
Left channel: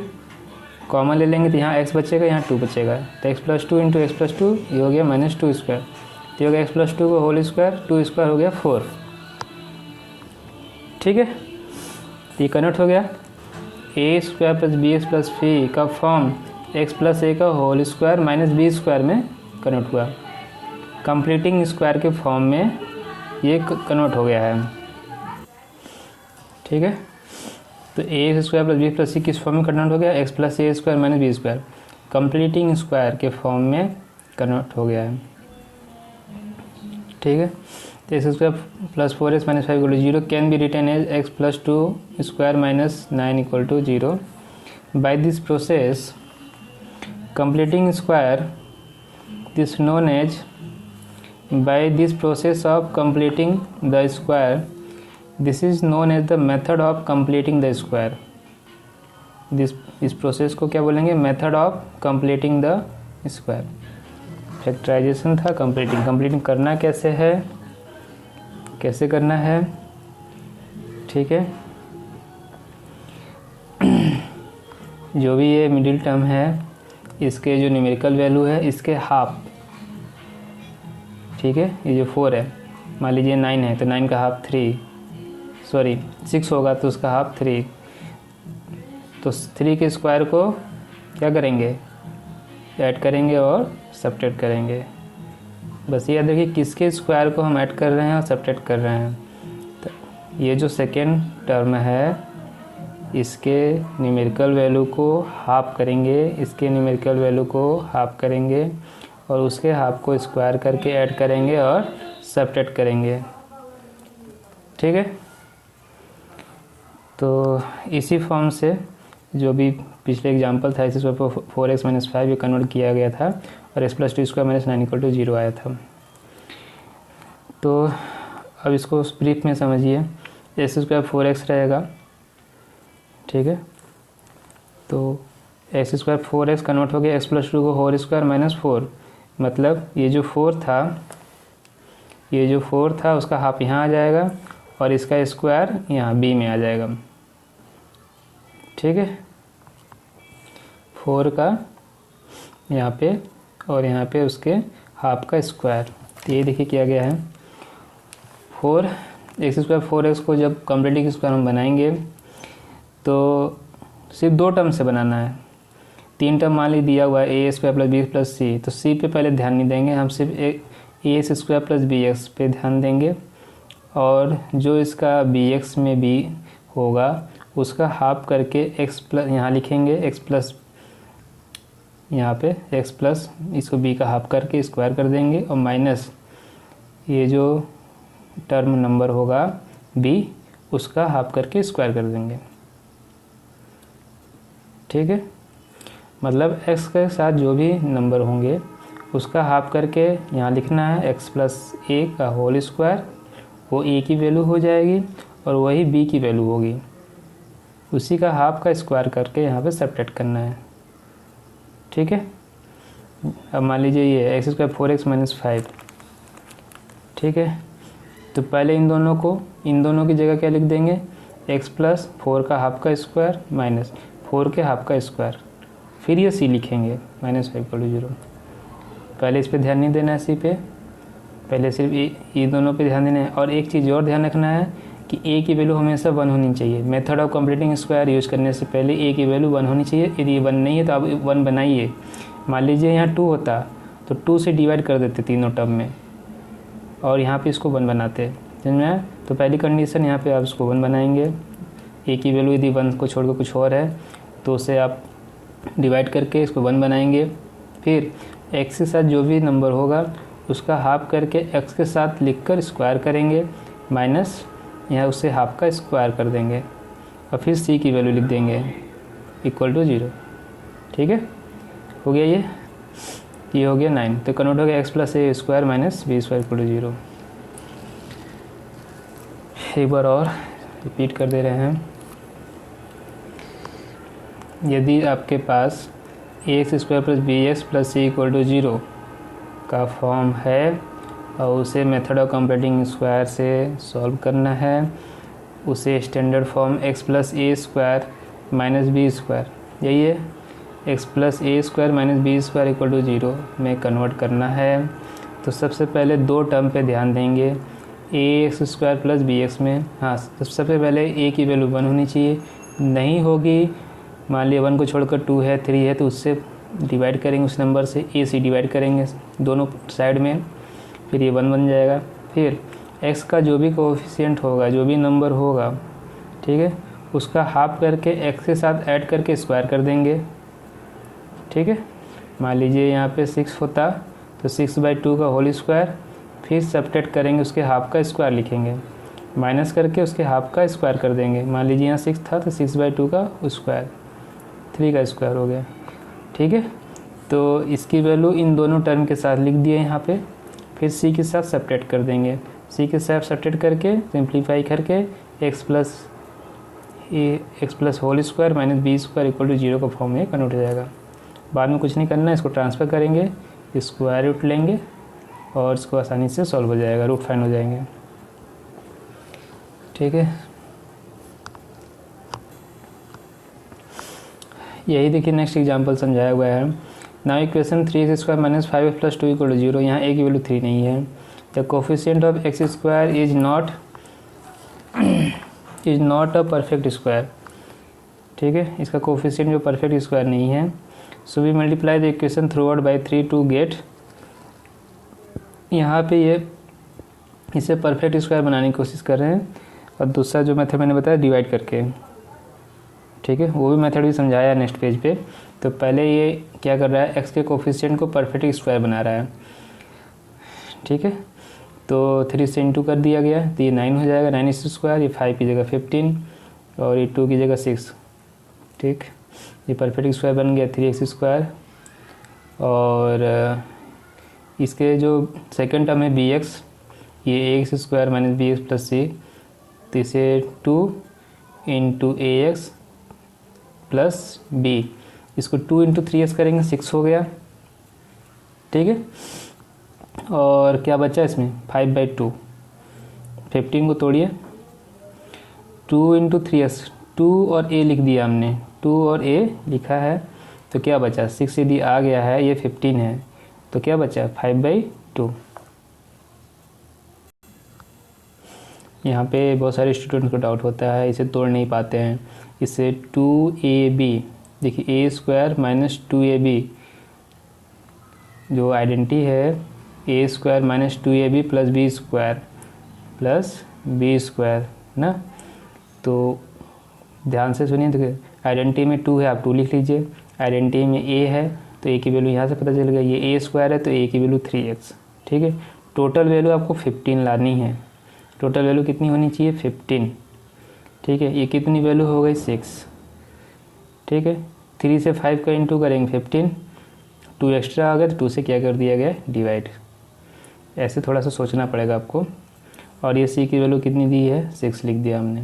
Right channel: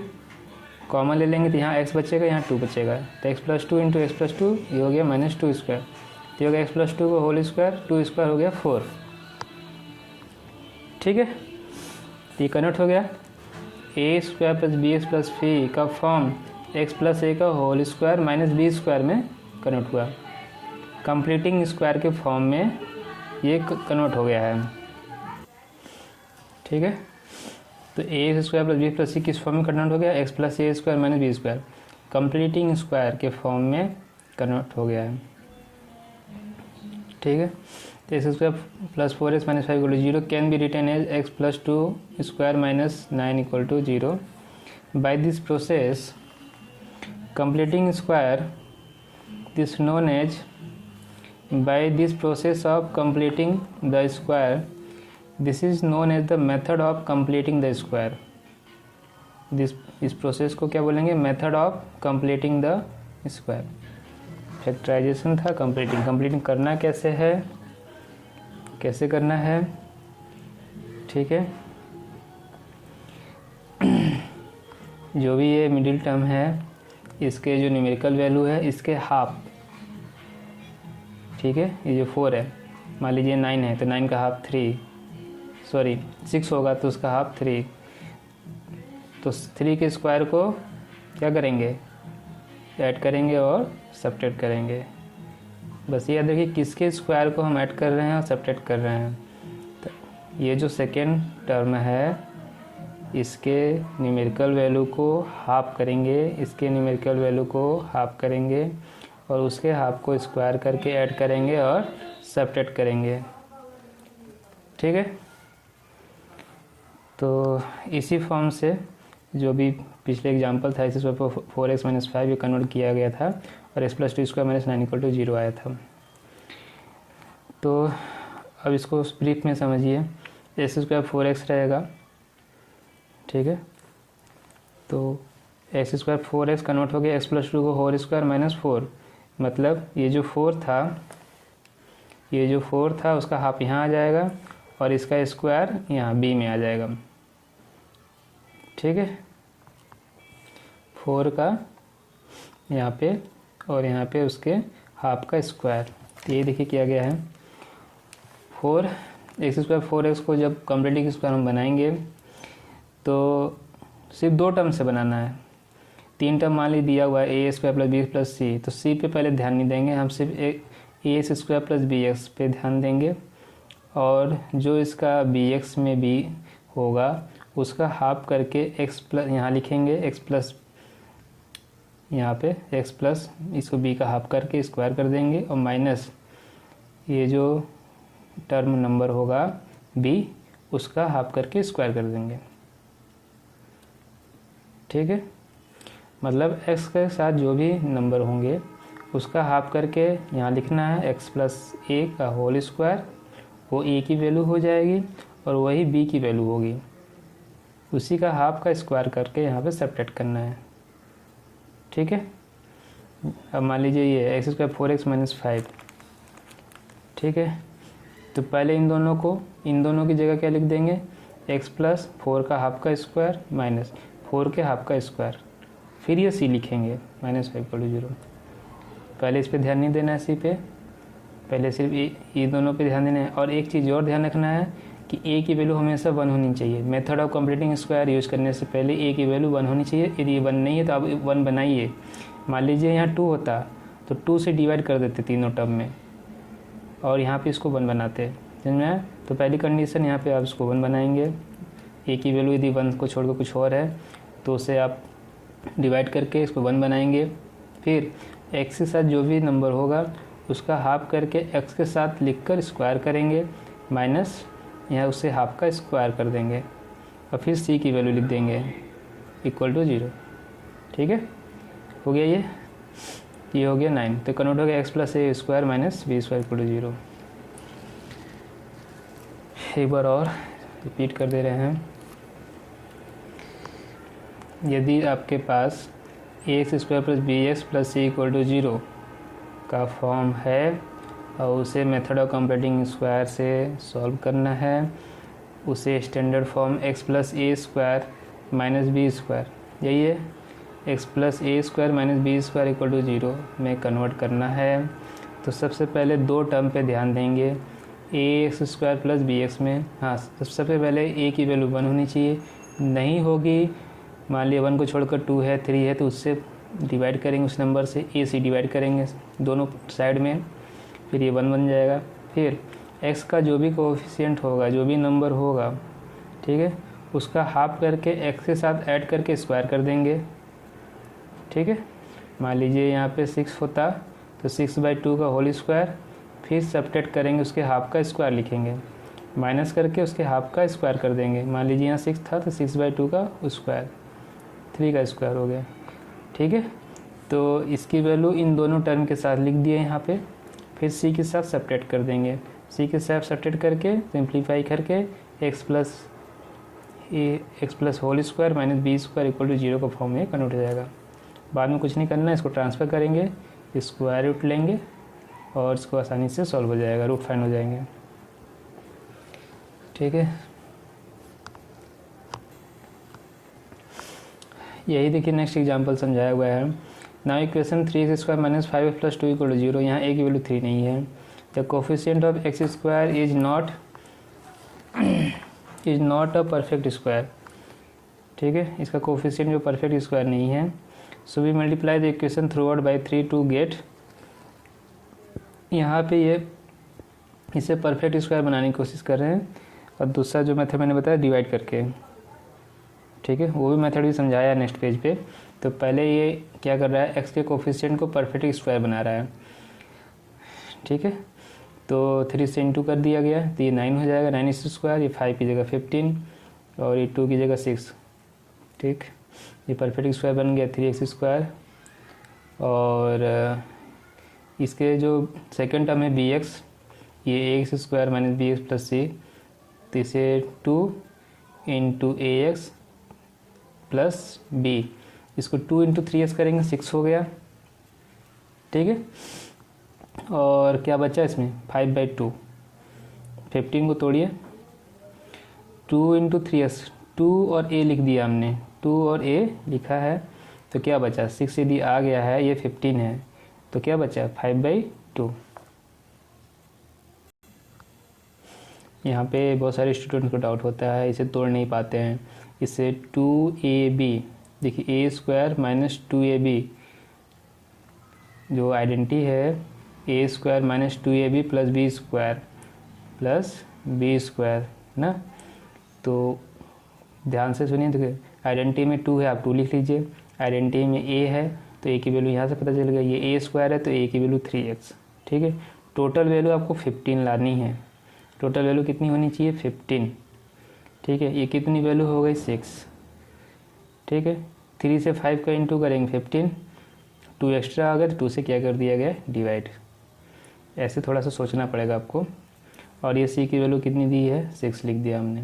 कॉमन ले लेंगे तो यहाँ x बचेगा, यहाँ 2 बचेगा, तो x+2 इंटू x+2 ये हो गया -2 स्क्वायर, तो ये हो गया x+2 को होल स्क्वायर, 2 स्क्वायर हो गया 4, ठीक है। तो ये कन्वर्ट हो गया, a² + bx + c का फॉर्म x + a का होल स्क्वायर -b स्क्वायर में कन्वर्ट हुआ, कंप्लीटिंग स्क्वायर के फॉर्म में ये कन्वर्ट हो गया है, ठीक है। तो ax² + b + c किस फॉर्म में कन्वर्ट हो गया? x + a² - b square, completing square के फॉर्म में कन्वर्ट हो गया है, ठीक है। तो x² + 4x - 5 = 0 can be written as x + 2² - 9 = 0। By this process completing square this known as by this process of completing the square, this is known as the method of completing the square। इस process को क्या बोलेंगे? Method of completing the square. Factorisation था, completing करना कैसे है, कैसे करना है, ठीक है। जो भी ये मिडिल टर्म है इसके जो न्यूमेरिकल वैल्यू है इसके हाफ, ठीक है। ये जो 4 है, मान लीजिए 9 है तो 9 का हाफ 6 होगा तो उसका हाफ 3, तो 3 के स्क्वायर को क्या करेंगे? ऐड करेंगे और सब्ट्रैक्ट करेंगे। बस याद रखिए किसके स्क्वायर को हम ऐड कर रहे हैं और सब्ट्रैक्ट कर रहे हैं। तो ये जो सेकेंड टर्म है इसके न्यूमेरिकल वैल्यू को हाफ करेंगे, इसके न्यूमेरिकल वैल्यू को हाफ करेंगे और उसके हाफ को स्क्वायर करके ऐड करेंगे और सब्ट्रैक्ट करेंगे, ठीक है। तो इसी फॉर्म से जो भी पिछले एग्जांपल था इसी पर 4x - 5 ये कन्वर्ट किया गया था और x + 2² - 9 = 0 आया था। तो अब इसको ब्रीफ में समझिए, x² 4x रहेगा, ठीक है। तो x² 4x कन्वर्ट हो गया x + 2 को होल स्क्वायर -4, मतलब ये जो 4 था उसका हाफ यहाँ आ जाएगा और इसका स्क्वायर यहाँ b में आ जाएगा, ठीक है। 4 का यहाँ पे और यहाँ पे उसके हाफ का स्क्वायर, तो ये देखिए किया गया है। x² 4x को जब कंप्लीटिंग स्क्वायर हम बनाएंगे तो सिर्फ 2 टर्म से बनाना है। 3 टर्म मान ली दिया हुआ है a² + b + c, तो c पे पहले ध्यान नहीं देंगे, हम सिर्फ ax² + bx पे ध्यान देंगे और जो इसका bx में b होगा उसका हाफ करके x प्लस यहाँ लिखेंगे, x प्लस यहाँ पे x प्लस इसको b का हाफ करके स्क्वायर कर देंगे और माइनस ये जो टर्म नंबर होगा b उसका हाफ करके स्क्वायर कर देंगे, ठीक है। मतलब x के साथ जो भी नंबर होंगे उसका हाफ करके यहाँ लिखना है x + a का होल स्क्वायर, वो a की वैल्यू हो जाएगी और वही b की वैल्यू होगी, उसी का हाफ का स्क्वायर करके यहाँ पे सब्ट्रैक्ट करना है, ठीक है। अब मान लीजिए ये x² 4x - 5, ठीक है। तो पहले इन दोनों की जगह क्या लिख देंगे? x + 4 का हाफ का स्क्वायर माइनस 4 के हाफ का स्क्वायर, फिर ये c लिखेंगे -5 = 0। पहले इस पे ध्यान नहीं देना है, c पे पहले सिर्फ ये दोनों पे ध्यान देना है। और एक चीज़ और ध्यान रखना है कि a की वैल्यू हमेशा 1 होनी चाहिए। Method of completing square use करने से पहले a की वैल्यू 1 होनी चाहिए। यदि ये 1 नहीं है तो आप 1 बनाइए। मान लीजिए यहाँ 2 होता तो 2 से डिवाइड कर देते तीनों टर्म में और यहाँ पे इसको 1 बनाते, समझ में आया? तो पहली कंडीशन यहाँ पे आप इसको 1 बनाएंगे, ए की वैल्यू यदि 1 को छोड़कर कुछ और है तो उसे आप डिवाइड करके इसको 1 बनाएंगे। फिर x के साथ जो भी नंबर होगा उसका हाफ करके x के साथ लिखकर स्क्वायर करेंगे, माइनस यहाँ उससे हाफ का स्क्वायर कर देंगे और फिर c की वैल्यू लिख देंगे इक्वल टू 0। ठीक है, हो गया ये हो गया 9। तो कन्वर्ट हो गया x plus a square minus b square equal to 0। एक बार और रिपीट कर दे रहे हैं। यदि आपके पास x square plus b x plus c equal to 0 का फॉर्म है और उसे मेथड ऑफ कंप्यूटिंग स्क्वायर से सॉल्व करना है, उसे standard form x plus a square minus b square, यही है, x plus a square minus b square equal to 0 में कन्वर्ट करना है। तो सबसे पहले दो टर्म पे ध्यान देंगे, a x square plus b x में, हाँ सबसे पहले ए की वैल्यू 1 होनी चाहिए, नहीं होगी मान लिया 1 को छोड़कर 2 है 3 है तो उससे डिवाइड करेंगे, उस नंबर से ए से डिवाइड करेंगे दोनों साइड में, फिर ये 1 बन जाएगा। फिर x का जो भी कोएफिशिएंट होगा, जो भी नंबर होगा, ठीक है, उसका हाफ करके x के साथ ऐड करके स्क्वायर कर देंगे। ठीक है, मान लीजिए यहाँ पे 6 होता तो 6/2 का होल स्क्वायर, फिर सब्ट्रैक्ट करेंगे उसके हाफ का स्क्वायर लिखेंगे, माइनस करके उसके हाफ का स्क्वायर कर देंगे। मान लीजिए यहाँ 6 था तो 6/2 का स्क्वायर, 3 का स्क्वायर हो गया। ठीक है, तो इसकी वैल्यू इन दोनों टर्म के साथ लिख दिए यहाँ पे, फिर c के साथ सब्ट्रैक्ट कर देंगे, c के साथ सब्ट्रैक्ट करके सिंप्लीफाई करके x plus whole square minus b square equal to 0 का फॉर्म में कन्वर्ट हो जाएगा। बाद में कुछ नहीं करना है, इसको ट्रांसफ़र करेंगे, स्क्वायर रूट लेंगे और इसको आसानी से सॉल्व हो जाएगा, रूट फाइंड हो जाएंगे। ठीक है, यही देखिए नेक्स्ट एग्जांपल समझाया हुआ है। Now equation 3x square minus 5x plus 2 equal to 0, यहाँ a की वैल्यू 3 नहीं है। The coefficient of x square is not a perfect square. ठीक है, इसका कोफिशिएंट जो परफेक्ट स्क्वायर नहीं है। So we multiply the equation throughout by 3 to get, यहाँ पे ये इसे परफेक्ट स्क्वायर बनाने की कोशिश कर रहे हैं और दूसरा जो मेथड मैंने बताया डिवाइड करके। ठीक है, वो भी मेथड भी समझाया नेक्स्ट पेज पे। तो पहले ये क्या कर रहा है, x के कोफिशिएंट को परफेक्ट स्क्वायर बना रहा है। ठीक है, तो 3 से इंटू कर दिया गया तो ये 9 हो जाएगा, 9 इस स्क्वायर, ये 5 की जगह 15 और ये 2 की जगह 6। ठीक, ये परफेक्ट स्क्वायर बन गया 3x स्क्वायर। और इसके जो सेकंड टर्म है bx, ये ax square minus bx plus c, तो इसे 2 इंटू ax प्लस b, इसको 2 इंटू 3x करेंगे 6 हो गया। ठीक है, और क्या बचा इसमें 5/2, 15 को तोड़िए, 2 इंटू 3x, 2 और a लिख दिया हमने, 2 और a लिखा है, तो क्या बचा 6 यदि आ गया है, ये 15 है, तो क्या बचा 5/2। यहाँ पे बहुत सारे स्टूडेंट को डाउट होता है, इसे तोड़ नहीं पाते हैं। इसे 2ab, देखिए a स्क्वायर माइनस 2ab जो आइडेंटिटी है, a square minus 2ab plus b square ना। तो ध्यान से सुनिए, देखिए आइडेंटिटी में 2 है, आप 2 लिख लीजिए, आइडेंटिटी में a है तो a की वैल्यू यहाँ से पता चल गया, ये a स्क्वायर है तो a की वैल्यू 3x। ठीक है, टोटल वैल्यू आपको 15 लानी है, टोटल वैल्यू कितनी होनी चाहिए 15। ठीक है, ये कितनी वैल्यू हो गई 6। ठीक है, 3 से 5 का इंटू करेंगे 15, 2 एक्स्ट्रा आ गया तो 2 से क्या कर दिया गया डिवाइड। ऐसे थोड़ा सा सोचना पड़ेगा आपको। और ये c की वैल्यू कितनी दी है 6 लिख दिया हमने।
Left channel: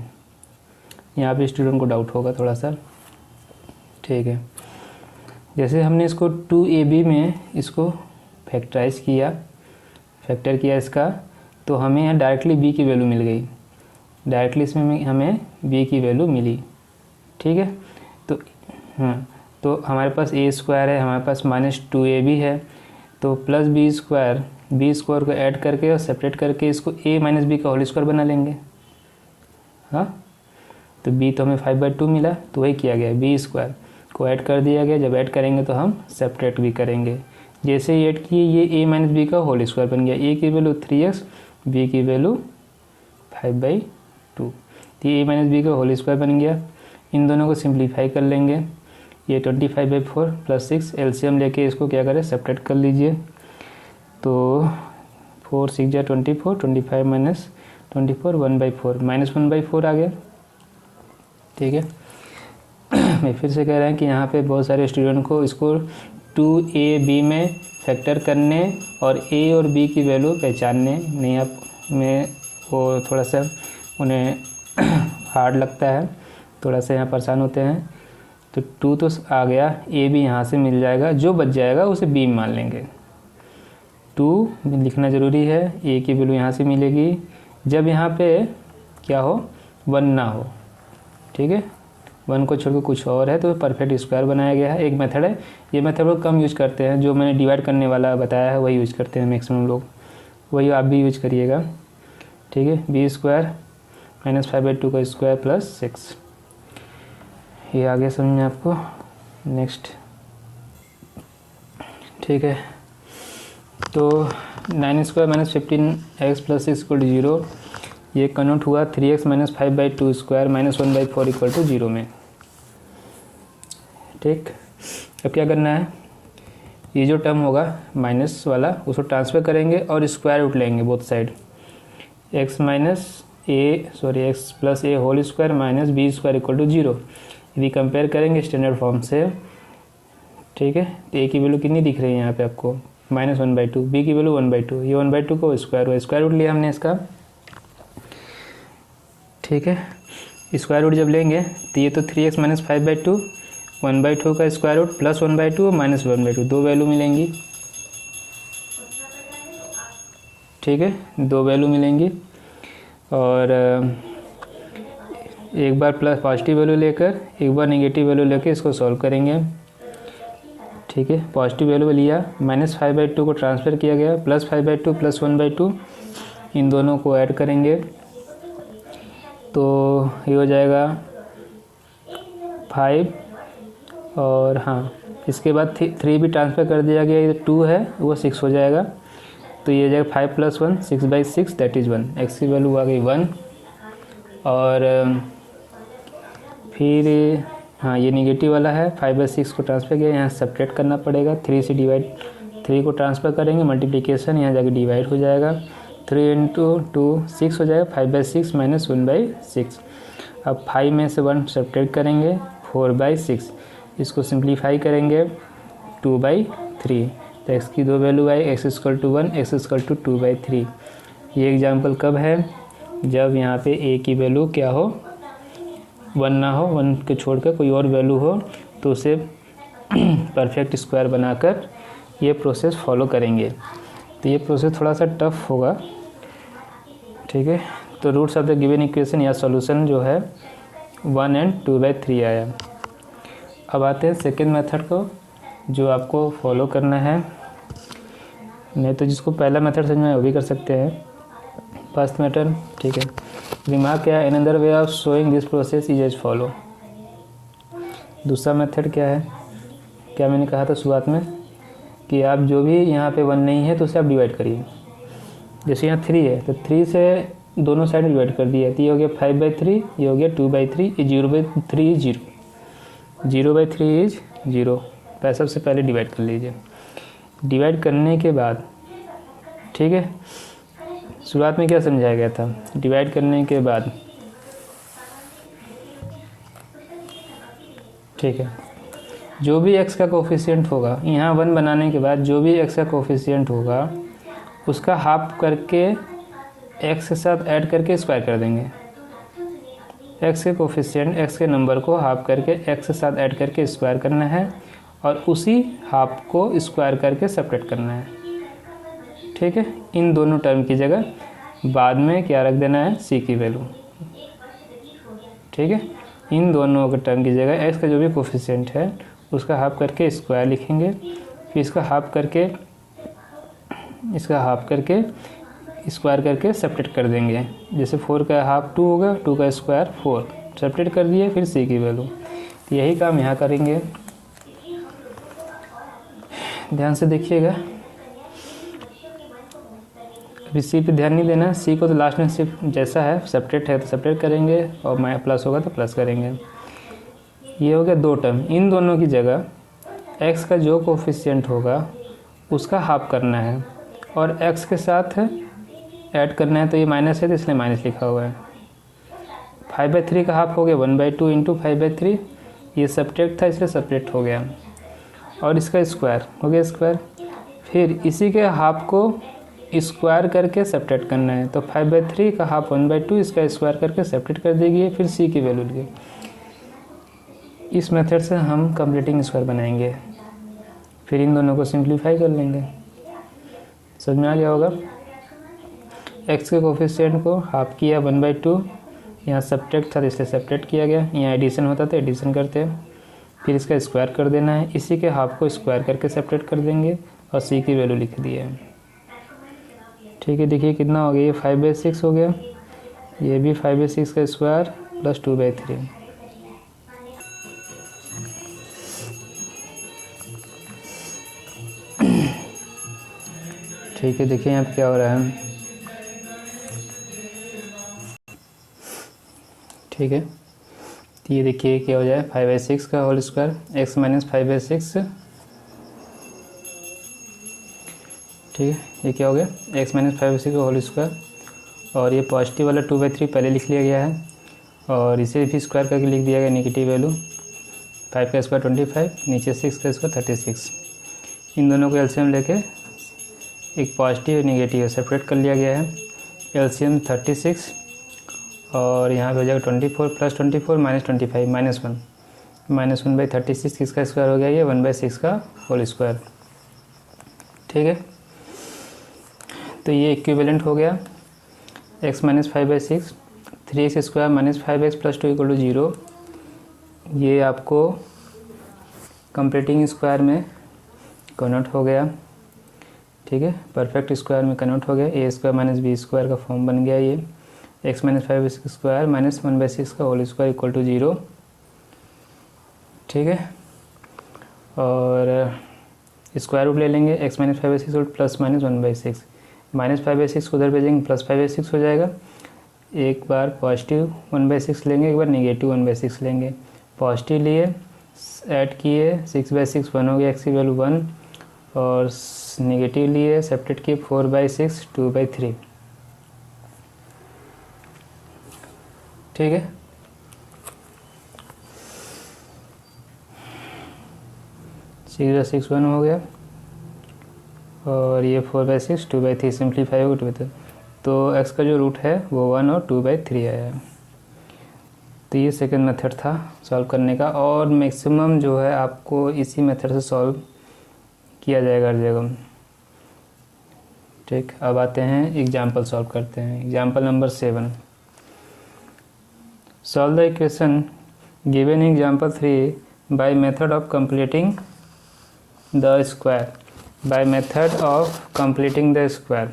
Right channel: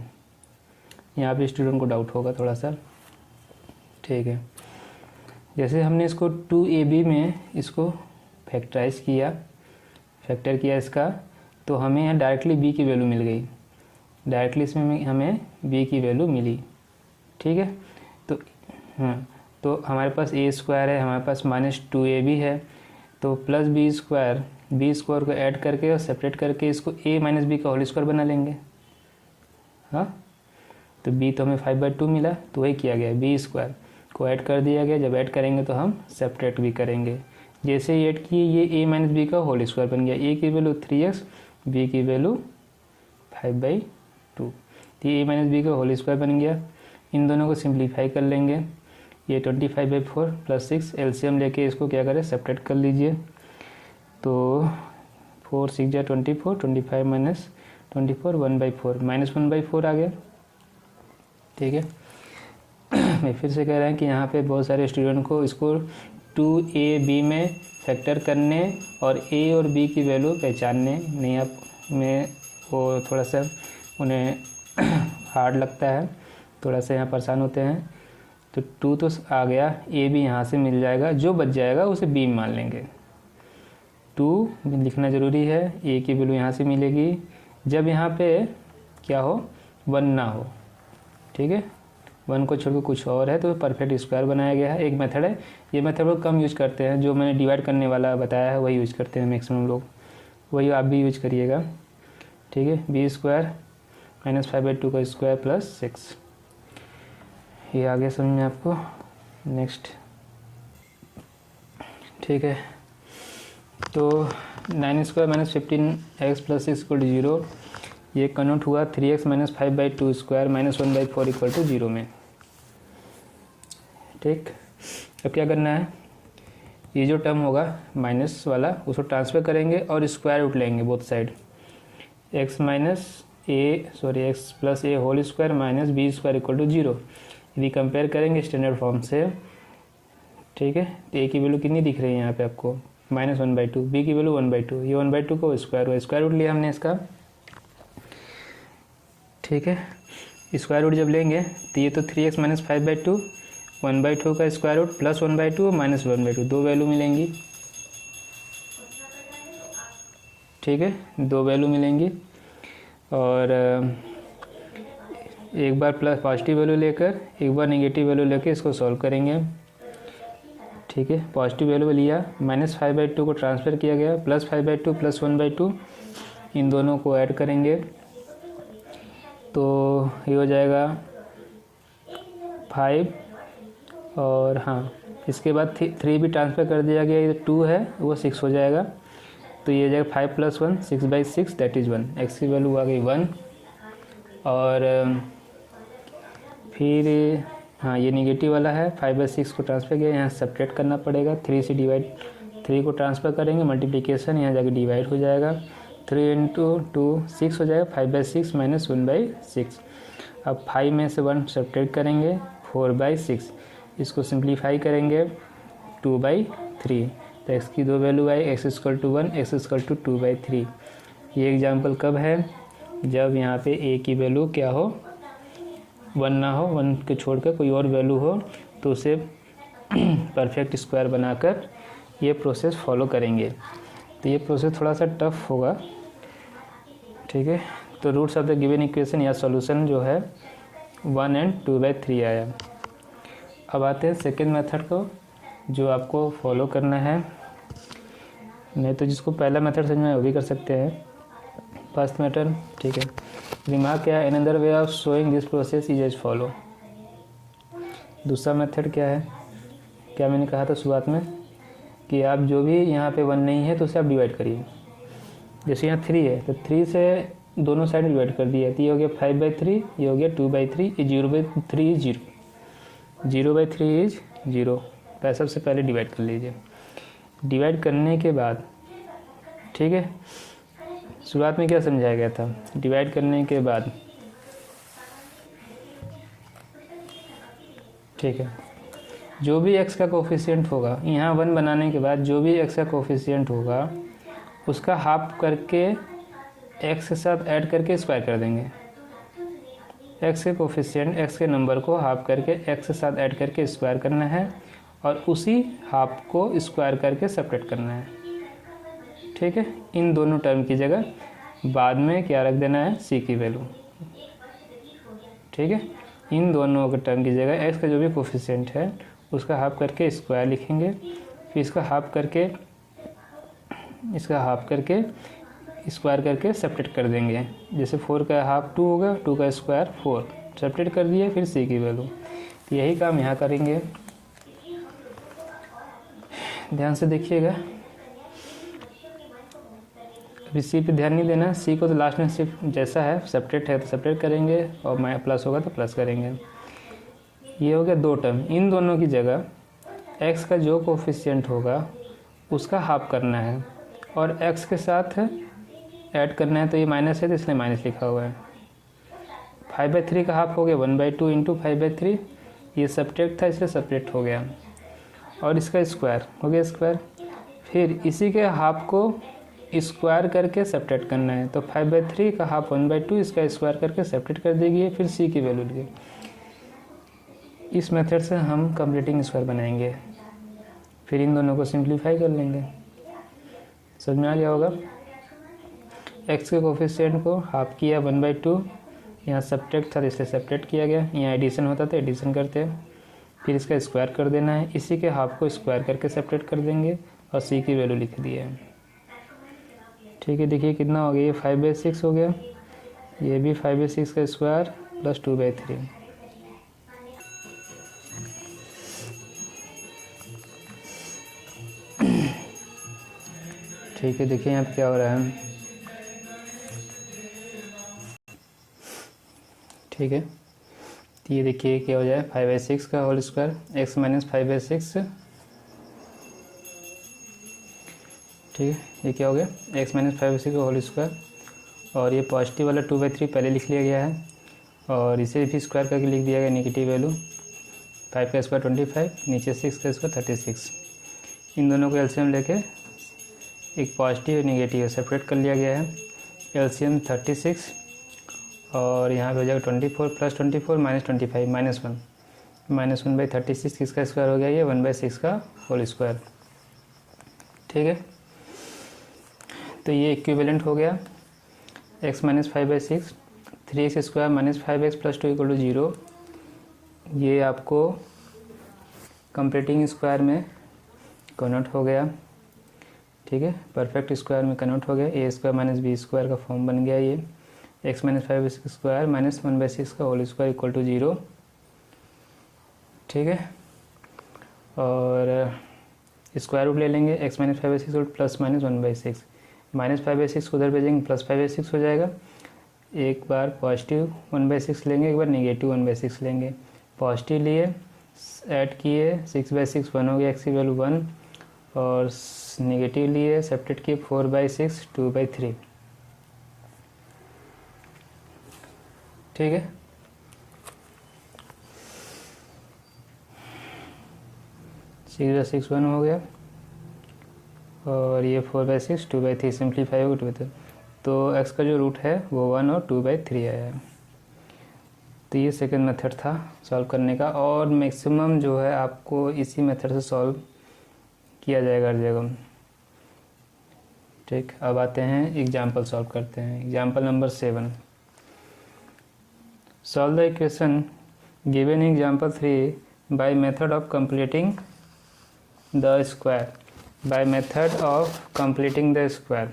यहाँ पे स्टूडेंट को डाउट होगा थोड़ा सा। ठीक है, जैसे हमने इसको 2ab में इसको फैक्टराइज किया, फैक्टर किया इसका, तो हमें यहाँ डायरेक्टली b की वैल्यू मिल गई, डायरेक्टली इसमें हमें b की वैल्यू मिली। ठीक है, तो तो हमारे पास a स्क्वायर है, हमारे पास माइनस 2ab है, तो प्लस b स्क्वायर को ऐड करके और सेपरेट करके इसको a माइनस b का होल स्क्वायर बना लेंगे। हाँ, तो b तो हमें 5/2 मिला, तो वही किया गया, b स्क्वायर को ऐड कर दिया गया। जब ऐड करेंगे तो हम सेपरेट भी करेंगे। जैसे ही ऐड किए ये a माइनस बी का होल स्क्वायर बन गया, a की वैल्यू 3x, b की वैल्यू 5/2। तो ये a माइनस बी का होल स्क्वायर बन गया। इन दोनों को सिंप्लीफाई कर लेंगे। ये 25/4 प्लस 6 एलसीएम लेके इसको क्या करें, सेपरेट कर लीजिए। तो 4 6 जा 24, 25 माइनस 24 1/4 -1/4 आ गया। ठीक है, मैं फिर से कह रहा हूँ कि यहाँ पे बहुत सारे स्टूडेंट को इसको 2ab में फैक्टर करने और a और b की वैल्यू पहचानने नहीं आप में वो थोड़ा सा उन्हें हार्ड लगता है, थोड़ा सा यहाँ परेशान होते हैं। तो 2 तो आ गया, a भी यहाँ से मिल जाएगा, जो बच जाएगा उसे b में मान लेंगे। 2 लिखना ज़रूरी है, a की वैल्यू यहाँ से मिलेगी जब यहाँ पे क्या हो, 1 ना हो। ठीक है, 1 को छोड़कर कुछ और है तो परफेक्ट स्क्वायर बनाया गया है। एक मेथड है, ये मेथड लोग कम यूज करते हैं, जो मैंने डिवाइड करने वाला बताया है वही यूज करते हैं मैक्सिमम लोग, वही आप भी यूज करिएगा। ठीक है, b स्क्वायर माइनस 5/2 का स्क्वायर प्लस 6, ये आगे समझ में आपको। नेक्स्ट, ठीक है, तो 9 square minus 15x plus 6 equal to 0, ये कन्वर्ट हुआ 3x minus 5/2 square minus 1/4 equal to 0 में। ठीक, अब क्या करना है, ये जो टर्म होगा माइनस वाला उसको ट्रांसफर करेंगे और स्क्वायर रूट लेंगे both side. x plus a whole square minus b square equal to 0, यदि कंपेयर करेंगे स्टैंडर्ड फॉर्म से। ठीक है, तो a की वैल्यू कितनी दिख रही है यहाँ पे आपको, -1/2, b की वैल्यू 1/2, ये 1/2 को स्क्वायर रूट लिया हमने इसका। ठीक है, स्क्वायर रूट जब लेंगे तो ये तो 3x माइनस 5/2, 1/2 का स्क्वायर रूट प्लस 1/2 माइनस 1/2, दो वैल्यू मिलेंगी। ठीक है, दो वैल्यू मिलेंगी और एक बार प्लस पॉजिटिव वैल्यू लेकर एक बार नेगेटिव वैल्यू लेकर इसको सॉल्व करेंगे। ठीक है, पॉजिटिव वैल्यू लिया, -5/2 को ट्रांसफ़र किया गया, प्लस 5/2 प्लस 1/2, इन दोनों को ऐड करेंगे तो ये हो जाएगा 5, और हाँ इसके बाद 3 भी ट्रांसफ़र कर दिया गया, ये 2 है वो 6 हो जाएगा। तो ये जाएगा 5 + 1 6/6 दैट इज़ 1, x की वैल्यू आ गई 1। और फिर हाँ ये निगेटिव वाला है, 5/6 को ट्रांसफ़र किया, यहाँ सब्ट्रैक्ट करना पड़ेगा, 3 से डिवाइड, 3 को ट्रांसफ़र करेंगे मल्टीप्लिकेशन, यहाँ जाके डिवाइड हो जाएगा, 3 × 2 6 हो जाएगा, 5/6 माइनस 1/6। अब 5 में से 1 सब्ट्रैक्ट करेंगे, 4/6, इसको सिंप्लीफाई करेंगे 2/3, तो x की दो वैल्यू आई, x = 1, x = 2/3। ये एग्जाम्पल कब है, जब यहाँ पे a की वैल्यू क्या हो, 1 ना हो, 1 के छोड़कर कोई और वैल्यू हो, तो उसे परफेक्ट स्क्वायर बनाकर ये प्रोसेस फॉलो करेंगे। तो ये प्रोसेस थोड़ा सा टफ होगा। ठीक है, तो roots of the given equation या सॉल्यूशन जो है 1 और 2/3 आया। अब आते हैं सेकेंड मेथड को, जो आपको फॉलो करना है। नहीं तो जिसको पहला मेथड समझ में वो भी कर सकते हैं, फर्स्ट मेथड। ठीक है, रिमार्क क्या है, another way of showing this process is as follow. दूसरा मेथड क्या है, क्या मैंने कहा था शुरुआत में कि आप जो भी यहाँ पे 1 नहीं है तो उसे आप डिवाइड करिए। जैसे यहाँ 3 है तो 3 से दोनों साइड डिवाइड कर दिया, तो ये हो गया 5/3, ये हो गया 2/3, ये 0/3 इज 0, 0/3 इज 0। तो सबसे पहले डिवाइड कर लीजिए। डिवाइड करने के बाद, ठीक है, शुरुआत में क्या समझाया गया था, डिवाइड करने के बाद, ठीक है, जो भी x का कोफिशिएंट होगा, यहाँ 1 बनाने के बाद जो भी x का कोफिशिएंट होगा उसका हाफ करके x के साथ ऐड करके स्क्वायर कर देंगे। x के कोफिशिएंट, x के नंबर को हाफ करके x के साथ ऐड करके स्क्वायर करना है और उसी हाफ को स्क्वायर करके सेपरेट करना है। ठीक है, इन दोनों टर्म की जगह बाद में क्या रख देना है, c की वैल्यू। ठीक है, इन दोनों के टर्म की जगह x का जो भी कोफिशिएंट है उसका हाफ करके स्क्वायर लिखेंगे, फिर इसका हाफ करके स्क्वायर करके सेपरेट कर देंगे। जैसे 4 का हाफ 2 होगा, 2 का स्क्वायर 4, सेपरेट कर दिए, फिर c की वैल्यू। तो यही काम यहाँ करेंगे, ध्यान से देखिएगा। फिर सी पे ध्यान नहीं देना, सी को तो लास्ट में सिर्फ जैसा है सेपरेट है तो सेपरेट करेंगे और प्लस होगा तो प्लस करेंगे। ये हो गया दो टर्म। इन दोनों की जगह एक्स का जो कोफिशिएंट होगा उसका हाफ करना है और एक्स के साथ ऐड करना है, तो ये माइनस है तो इसलिए माइनस लिखा हुआ है। 5/3 का हाफ हो गया 1/2 इंटू 5/3, ये सब्ट्रैक्ट था इसलिए सेपरेट हो गया, और इसका स्क्वायर हो गया स्क्वायर। फिर इसी के हाफ को स्क्वायर करके सेपरेट करना है, तो 5/3 का हाफ 1/2, इसका स्क्वायर करके सेपरेट कर देगी। फिर सी की वैल्यू लिए, इस मेथड से हम कंप्लीटिंग स्क्वायर बनाएंगे। फिर इन दोनों को सिंप्लीफाई कर लेंगे। समझ में आ गया होगा। एक्स के कोफिशिएंट को हाफ किया 1/2, यहाँ सब्ट्रैक्ट था तो इसलिए सेपरेट किया गया, यहाँ एडिशन होता तो एडिशन करते हैं। फिर इसका स्क्वायर कर देना है, इसी के हाफ को स्क्वायर करके सेपरेट कर देंगे और सी की वैल्यू लिख दी है। ठीक है, देखिए कितना हो गया, ये 5/6 हो गया, ये भी 5/6 का स्क्वायर प्लस 2/3। ठीक है, देखिए यहाँ पे क्या हो रहा है। ठीक है, तो ये देखिए क्या हो जाए 5/6 का होल स्क्वायर एक्स माइनस 5/6। ठीक है, ये क्या हो गया एक्स माइनस 5/6 का होल स्क्वायर, और ये पॉजिटिव वाला 2/3 पहले लिख लिया गया है और इसे भी स्क्वायर करके लिख दिया गया नेगेटिव वैल्यू। 5 का स्क्वायर 25, नीचे 6 का स्क्वायर 36। इन दोनों को एलसीएम लेके एक पॉजिटिव और नेगेटिव सेपरेट कर लिया गया है। एलसीएम 36 और यहाँ पे हो जाएगा 24 प्लस 24 माइनस 25 -1/36, किसका स्क्वायर हो गया, ये 1/6 का होल स्क्वायर। ठीक है, तो ये इक्विवेलेंट हो गया x minus 5/6, 3x square minus 5x plus 2 = 0। ये आपको कंप्लीटिंग स्क्वायर में कन्वर्ट हो गया। ठीक है, परफेक्ट स्क्वायर में कन्वर्ट हो गया। ए स्क्वायर माइनस बी स्क्वायर का फॉर्म बन गया ये। x माइनस 5/6 स्क्वायर माइनस 1/6 का होल स्क्वायर = 0। ठीक है, और स्क्वायर रूट ले लेंगे, x minus 5/6 plus minus 1/6, minus 5/6 को उधर भेजेंगे प्लस 5/6 हो जाएगा। एक बार पॉजिटिव 1/6 लेंगे, एक बार नेगेटिव 1/6 लेंगे। पॉजिटिव लिए ऐड किए 6/6 1 हो गया, x की वैल्यू 1, और नेगेटिव लिए सेपरेट किए 4/6 2/3। ठीक है, सीधा 6 1 हो गया और ये 4/6 2/3 सिंप्लीफाई होगा 2/3, तो x का जो रूट है वो 1 और 2/3 आया है। तो ये सेकंड मेथड था सॉल्व करने का, और मैक्सिमम जो है आपको इसी मेथड से सॉल्व किया जाएगा हर जगह। ठीक, अब आते हैं एग्जाम्पल सॉल्व करते हैं। Example number 7, solve the equation given in example 3 bye method of completing the square. Bye method of completing the square,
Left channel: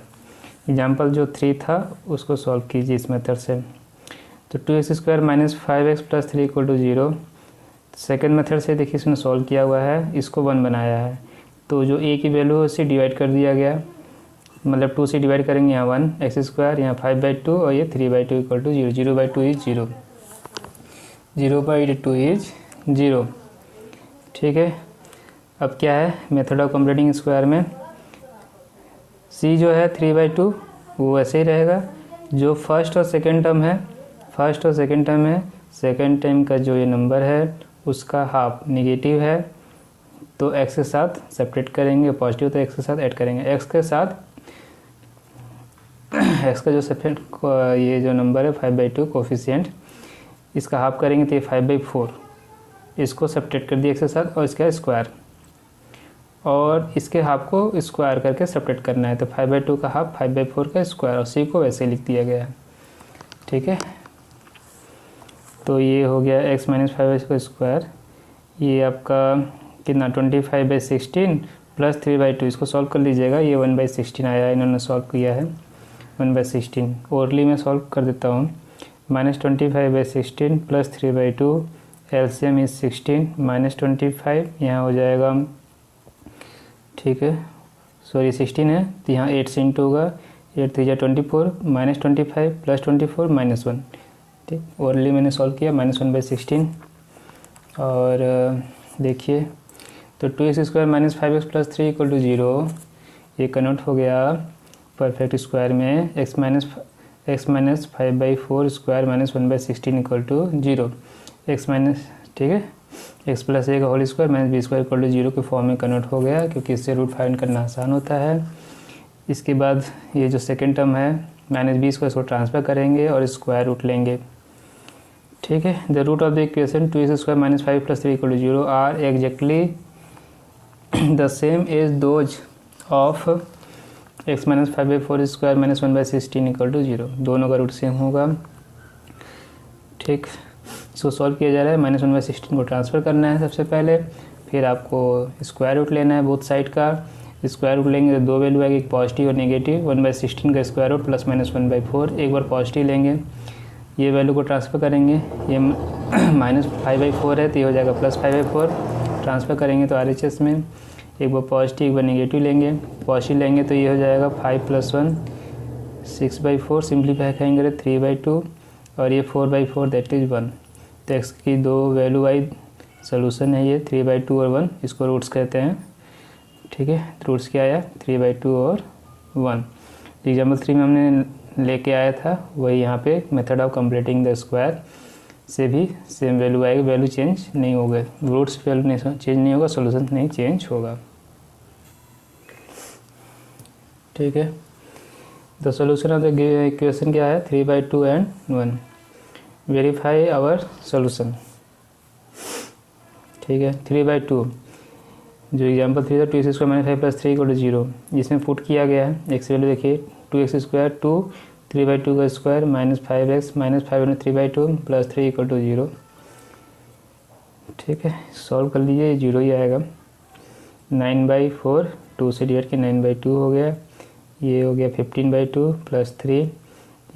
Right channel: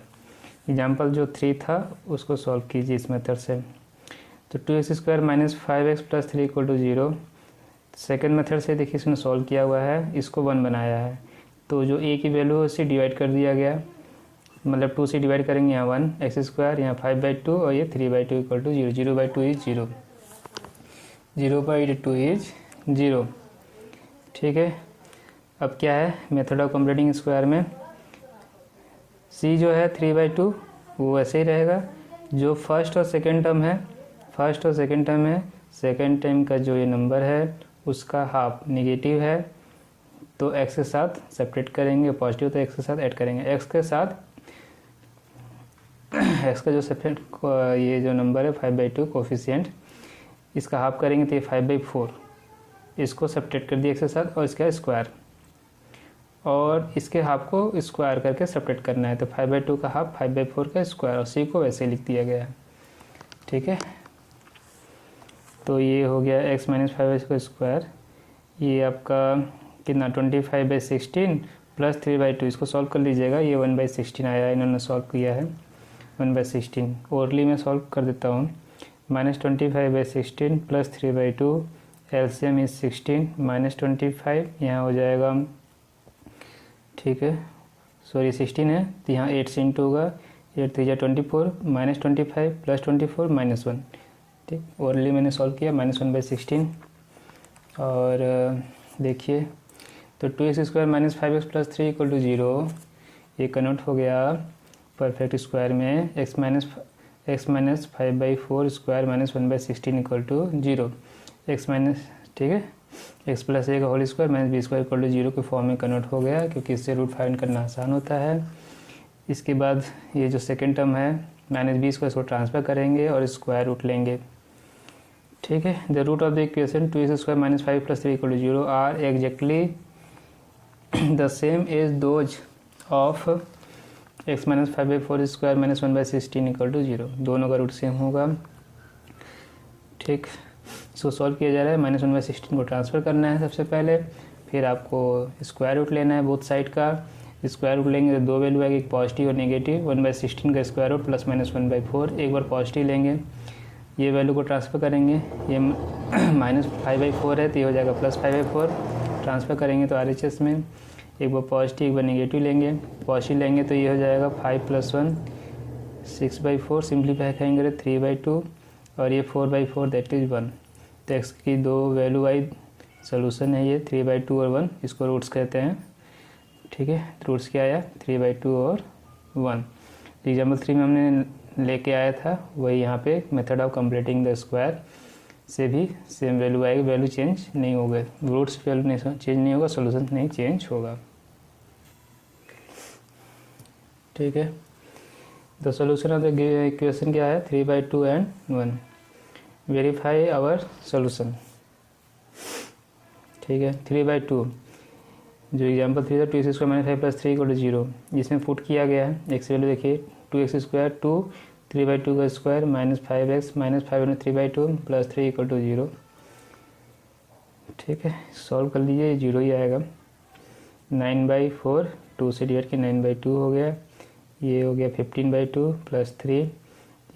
example जो 3 था उसको सॉल्व कीजिए इस मेथड से। तो 2x square minus 5x plus 3 = 0। Second method से देखिए इसमें सॉल्व किया हुआ है, इसको 1 बनाया है, तो जो a की वैल्यू है उसे डिवाइड कर दिया गया, मतलब 2 से डिवाइड करेंगे, यहाँ 1 x स्क्वायर, यहाँ 5/2 और ये 3/2 = 0। 0/2 इज 0, 0/2 इज 0। ठीक है, अब क्या है मेथड ऑफ कंप्लीटिंग स्क्वायर में c जो है 3/2 वो ऐसे ही रहेगा। जो फर्स्ट और सेकेंड टर्म है, फर्स्ट और सेकेंड टर्म है, सेकेंड टर्म का जो ये नंबर है उसका हाफ नेगेटिव है, तो x के साथ सेपरेट करेंगे, पॉजिटिव तो x के साथ ऐड करेंगे। x के साथ x का जो सेपरेट ये जो नंबर है 5/2 कोफिशिएंट, इसका हाफ करेंगे तो ये 5/4, इसको सेपरेट कर दिया x के साथ, और इसका स्क्वायर, और इसके हाफ को स्क्वायर करके सेपरेट करना है, तो 5/2 का हाफ 5/4 का स्क्वायर, और c को वैसे लिख दिया गया है। ठीक है, तो ये हो गया x माइनस 5x का स्क्वायर, ये आपका कितना 25/16 प्लस 3/2, इसको सॉल्व कर लीजिएगा, ये 1/16 आया है, इन्होंने सॉल्व किया है 1/16। ओरली में सॉल्व कर देता हूँ, -25/16 प्लस 3/2, एलसीएम इज 16 -25, यहाँ हो जाएगा, ठीक है, सॉरी 16 है तो यहाँ 8 से इंटू होगा, 8 3 24 -25 +24 -1, ठीक। ओरली मैंने सॉल्व किया -1/16। और देखिए तो 2x² - 5x + 3 = 0, ये कन्वर्ट हो गया परफेक्ट स्क्वायर में x - 5/4 स्क्वायर -1/16 = 0, x माइनस, ठीक है, x + a का होल स्क्वायर -b² = 0 के फॉर्म में कन्वर्ट हो गया, क्योंकि इससे रूट फाइंड करना आसान होता है। इसके बाद ये जो सेकेंड टर्म है -b² इसको ट्रांसफर करेंगे और स्क्वायर रूट लेंगे, ठीक है। The root of the equation 2x² - 5 + 3 = 0 are exactly the same as those of x - 5/4 square -1/16 = 0, दोनों का रूट सेम होगा, ठीक। इसको सॉल्व किया जा रहा है, -1/16 को ट्रांसफ़र करना है सबसे पहले, फिर आपको स्क्वायर रूट लेना है बोथ साइड का। स्क्वायर रूट लेंगे तो दो वैल्यू आएगी, एक पॉजिटिव और नेगेटिव। 1/16 का स्क्वायर रूट प्लस माइनस 1/4, एक बार पॉजिटिव लेंगे, ये वैल्यू को ट्रांसफ़र करेंगे, ये -5/4 है तो ये हो जाएगा +5/4, ट्रांसफ़र करेंगे तो RHS में एक बार पॉजिटिव एक बार नेगेटिव लेंगे, पॉजिटिव लेंगे तो ये हो जाएगा 5 + 1 6/4, सिंप्लीफाई करेंगे 3/2 और ये 4/4 दैट इज़ 1। तो x की दो वैल्यू वाइज सोल्यूशन है ये 3/2 और 1, इसको रूट्स कहते हैं, ठीक है। रूट्स क्या आया 3/2 और 1। एग्जाम्पल 3 में हमने लेके आया था वही यहाँ पे method of completing the square से भी सेम वैल्यू आएगी, वैल्यू चेंज नहीं होगा, रूट्स वैल्यू नहीं चेंज नहीं होगा, सोल्यूशन नहीं चेंज होगा, ठीक है। The solution of the equation क्या है 3/2 एंड 1। वेरीफाई आवर सोल्यूशन, ठीक है। 3/2 जो एग्जाम्पल 3 था 2x² - 5 + 3 = 0, इसमें पुट किया गया है, x वैल्यू देखिए 2x² 2 3/2 का स्क्वायर -5x -5 × 3/2 + 3 = 0, ठीक है। सॉल्व कर लीजिए, 0 ही आएगा। 9/4 2 से डिवाइड किया 9/2 हो गया, ये हो गया 15/2 + 3,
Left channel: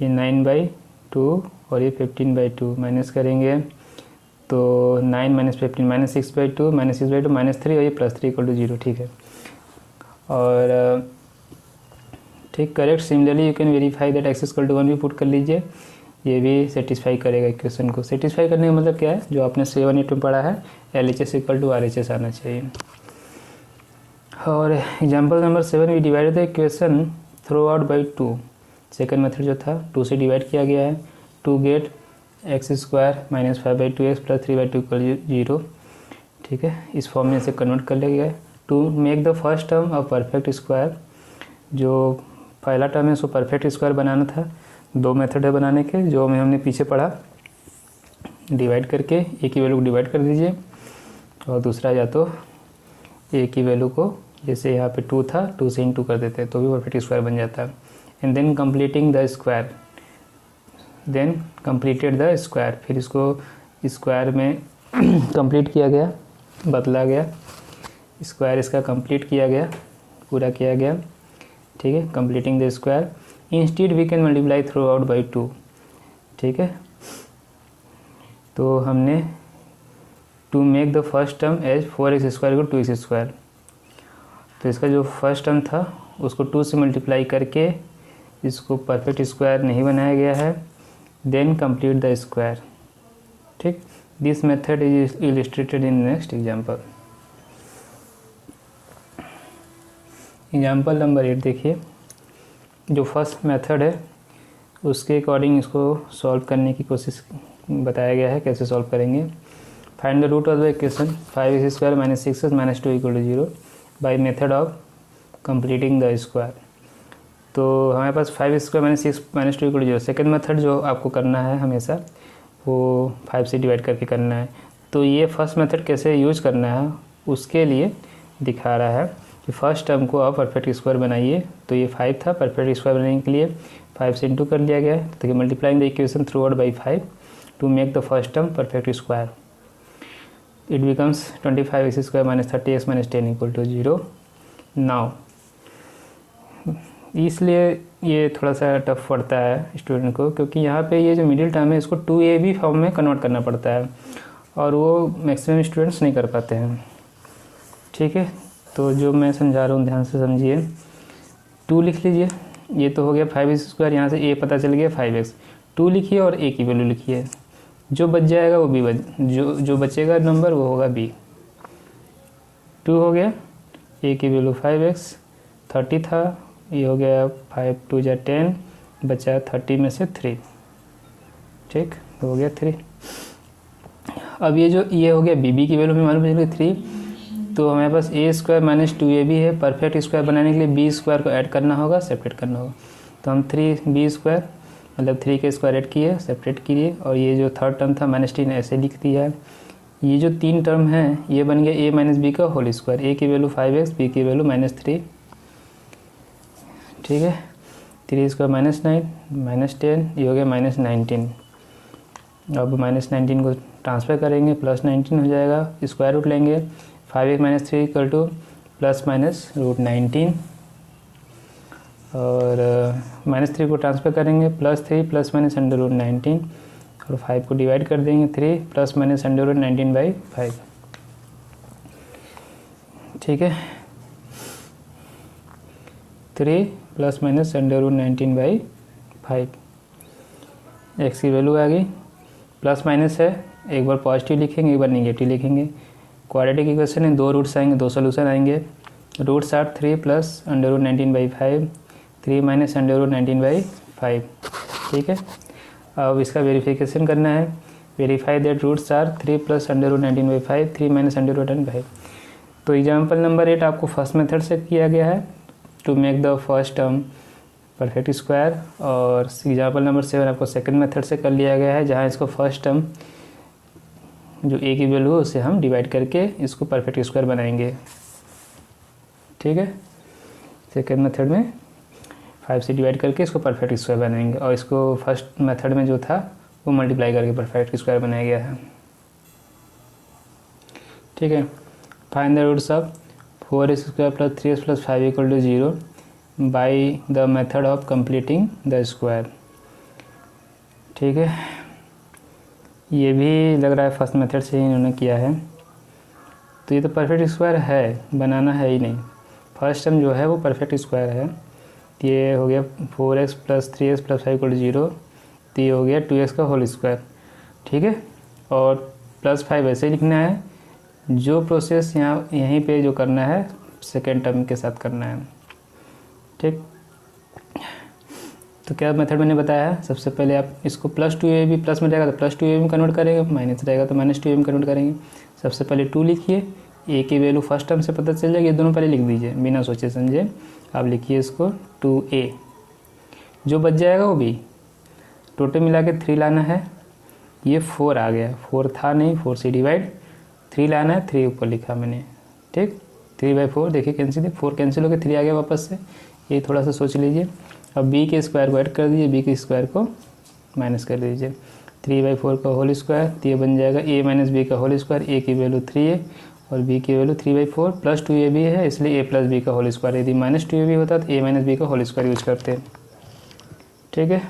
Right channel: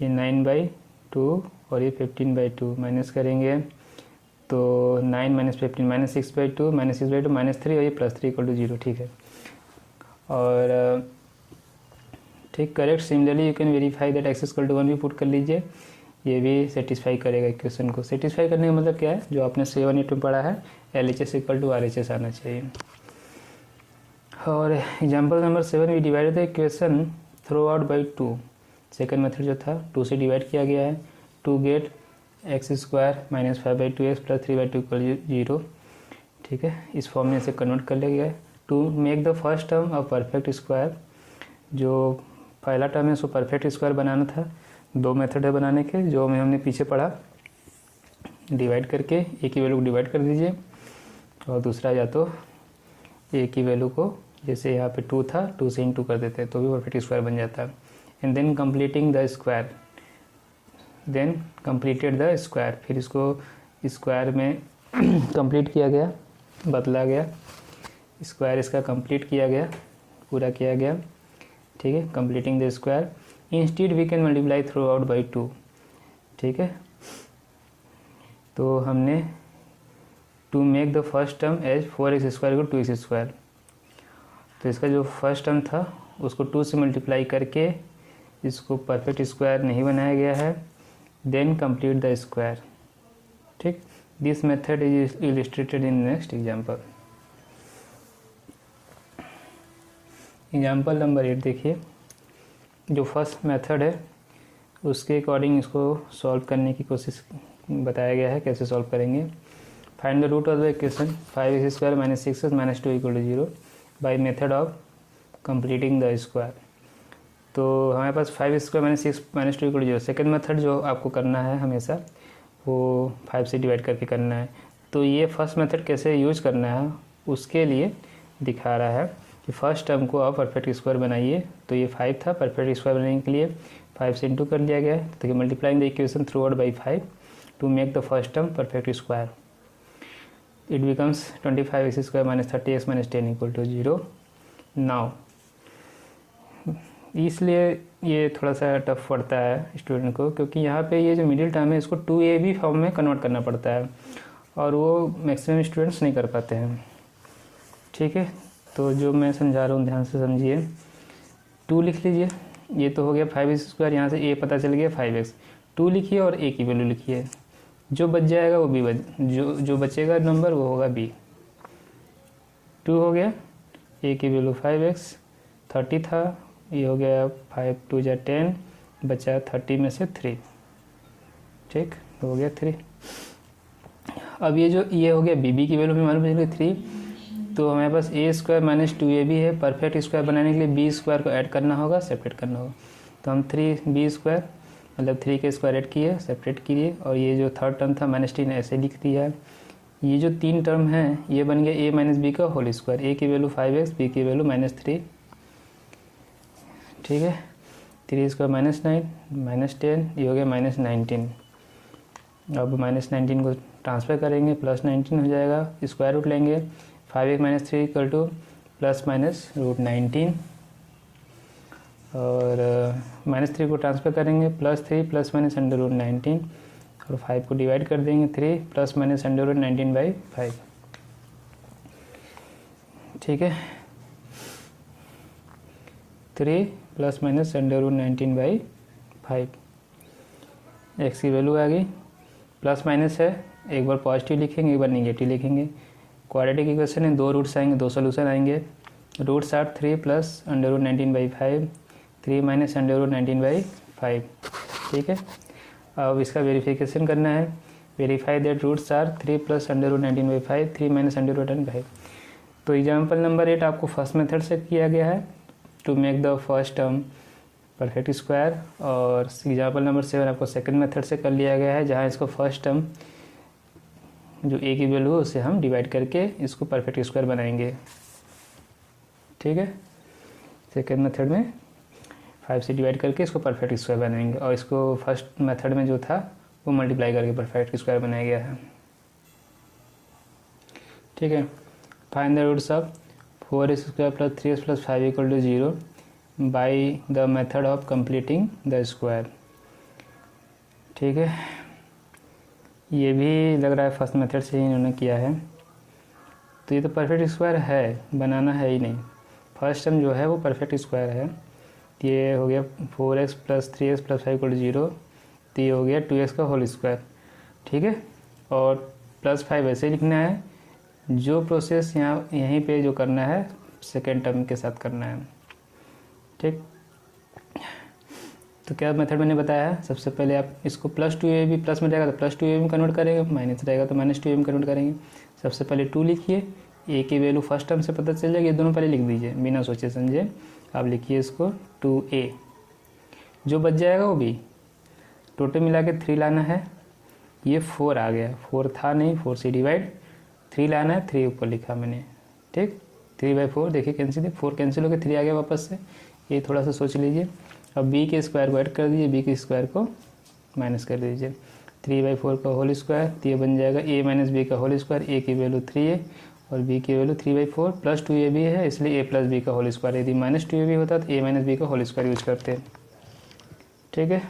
ये 9/2 और ये 15/2 माइनस करेंगे तो 9 - 15 -6/2 -3 और ये +3 = 0, ठीक है। और ठीक correct. Similarly you can verify that x = 1 भी पुट कर लीजिए, ये भी सेटिस्फाई करेगा इक्वेशन को। सेटिस्फाई करने का मतलब क्या है, जो आपने 7 8 में पढ़ा है LHS = RHS आना चाहिए। और example number 7 we divide the equation throughout by 2, second method जो था 2 से डिवाइड किया गया है, टू गेट x² - 5/2x + 3/2 = 0, ठीक है। इस फॉर्म में इसे कन्वर्ट कर लिया गया। To make the first term a perfect square, जो पहला टर्म है उसको परफेक्ट स्क्वायर बनाना था, दो मेथड है बनाने के जो हमने पीछे पढ़ा, डिवाइड करके एक ही वैल्यू को डिवाइड कर दीजिए और दूसरा या तो एक ही वैल्यू को, जैसे यहाँ पे 2 था 2 से इंटू कर देते हैं तो भी परफेक्ट स्क्वायर बन जाता है। And then completing the square, then completed the square, फिर इसको स्क्वायर में कंप्लीट किया गया, बदला गया, स्क्वायर इसका कंप्लीट किया गया, पूरा किया गया, ठीक है। Completing the square, instead we can multiply throughout by 2, ठीक है। तो हमने to make the first term as 4x² = 2x², तो इसका जो फर्स्ट टर्म था उसको 2 से मल्टीप्लाई करके इसको परफेक्ट स्क्वायर नहीं बनाया गया है, देन कंप्लीट द स्क्वायर, ठीक। This method is illustrated in next example. Example number 8 देखिए, जो फर्स्ट मेथड है उसके अकॉर्डिंग इसको सॉल्व करने की कोशिश बताया गया है, कैसे सॉल्व करेंगे। Find the root of the equation 5x² - 6x - 2 = 0 by method of completing the square. तो हमारे पास 5x² - 6 - 2 = 0, सेकेंड मेथड जो आपको करना है हमेशा वो 5 से डिवाइड करके करना है। तो ये फर्स्ट मेथड कैसे यूज करना है उसके लिए दिखा रहा है कि फर्स्ट टर्म को आप परफेक्ट स्क्वायर बनाइए। तो ये 5 था, परफेक्ट स्क्वायर बनाने के लिए 5 से इंटू कर लिया गया है, तो multiplying the equation throughout by 5 to make the first term perfect square, it becomes 25x² - 30x - 10 = 0। Now इसलिए ये थोड़ा सा टफ पड़ता है स्टूडेंट को, क्योंकि यहाँ पे ये जो मिडिल टर्म है इसको 2ab फॉर्म में कन्वर्ट करना पड़ता है और वो मैक्सिमम स्टूडेंट्स नहीं कर पाते हैं, ठीक है। तो जो मैं समझा रहा हूँ ध्यान से समझिए, 2 लिख लीजिए, ये तो हो गया 5x², यहाँ से a पता चल गया 5x, 2 लिखिए और a की वैल्यू लिखिए, जो बच जाएगा वो b जो बचेगा नंबर वो होगा b। 2 हो गया, a की वैल्यू 5x, 30 था, ये हो गया 5 2 जा 10, बचा 30 में से 3, ठीक हो गया 3। अब ये जो ये हो गया b की वैल्यू में मालूम चल गई 3, तो हमारे पास a² माइनस 2ab है। परफेक्ट स्क्वायर बनाने के लिए b² को ऐड करना होगा, सेपरेट करना होगा, तो हम 3b² मतलब 3 के स्क्वायर ऐड किए, सेपरेट किए, और ये जो थर्ड टर्म था -3 ऐसे लिख दिया है। ये जो 3 टर्म है ये बन गया a माइनस b का होल स्क्वायर, a की वैल्यू 5x, b की वैल्यू -3, ठीक है। 3² -9 -10, ये हो गया -19। अब -19 को ट्रांसफर करेंगे, +19 हो जाएगा, स्क्वायर रूट लेंगे, 5x - 3 इक्वल टू ±√19, और -3 को ट्रांसफर करेंगे, +3 ± √19, और 5 को डिवाइड कर देंगे, 3 ± √19/5, ठीक है। 3 ± √19/5, x की वैल्यू आ गई। प्लस माइनस है, एक बार पॉजिटिव लिखेंगे, एक बार नेगेटिव लिखेंगे। क्वाड्रेटिक इक्वेशन है, 2 रूट्स आएंगे, 2 सोल्यूशन आएंगे। रूट्स आर 3 + √19/5, 3 - √19/5, ठीक है। अब इसका वेरिफिकेशन करना है, वेरीफाई दैट रूट्स आर 3 + √19/5, 3 - √19/5। तो एग्जाम्पल नंबर 8 आपको फर्स्ट मेथड से किया गया है to make the first term perfect square, और एग्जाम्पल नंबर 7 आपको सेकंड मेथड से कर लिया गया है, जहां इसको फर्स्ट टर्म जो a की वैल्यू है उसे हम डिवाइड करके इसको परफेक्ट स्क्वायर बनाएंगे, ठीक है। सेकंड मेथड में 5 से डिवाइड करके इसको परफेक्ट स्क्वायर बनाएंगे, और इसको फर्स्ट मेथड में जो था वो मल्टीप्लाई करके परफेक्ट स्क्वायर बनाया गया है, ठीक है। Find the roots of 4x² + 3x + 5 = 0 by the method of completing the square, ठीक है। ये भी लग रहा है फर्स्ट मेथड से ही इन्होंने किया है, तो ये तो परफेक्ट स्क्वायर है, बनाना है ही नहीं। फर्स्ट टर्म जो है वो परफेक्ट स्क्वायर है, ये हो गया 4x + 3x + 5 = 0, तो ये हो गया 2x का होल स्क्वायर, ठीक है। और +5 ऐसे लिखना है, जो प्रोसेस यहीं पे जो करना है सेकेंड टर्म के साथ करना है, ठीक। तो क्या मेथड मैंने बताया है, सबसे पहले आप इसको +2ab, प्लस में रहेगा तो +2ab में कन्वर्ट करेंगे, माइनस रहेगा तो -2ab में कन्वर्ट करेंगे। सबसे पहले 2 लिखिए, a की वैल्यू फर्स्ट टर्म से पता चल जाएगी, ये दोनों पहले लिख दीजिए बिना सोचे समझे। आप लिखिए इसको 2a, जो बच जाएगा वो b, टोटल मिला के 3 लाना है। ये 4 आ गया, 4 था नहीं, 4 से डिवाइड 3 लाना है, 3 ऊपर लिखा मैंने, ठीक। 3/4 देखिए कैंसिल, 4 कैंसिल हो गया, 3 आ गया वापस से, ये थोड़ा सा सोच लीजिए। अब b के स्क्वायर को ऐड कर दीजिए, b के स्क्वायर को माइनस कर दीजिए, 3/4 का होल स्क्वायर, तो ये बन जाएगा a - b का होल स्क्वायर। a की वैल्यू 3 है और b की वैल्यू 3/4, +2ab है इसलिए a + b का होल स्क्वायर। यदि -2ab होता तो a - b का होल स्क्वायर यूज करते, ठीक है।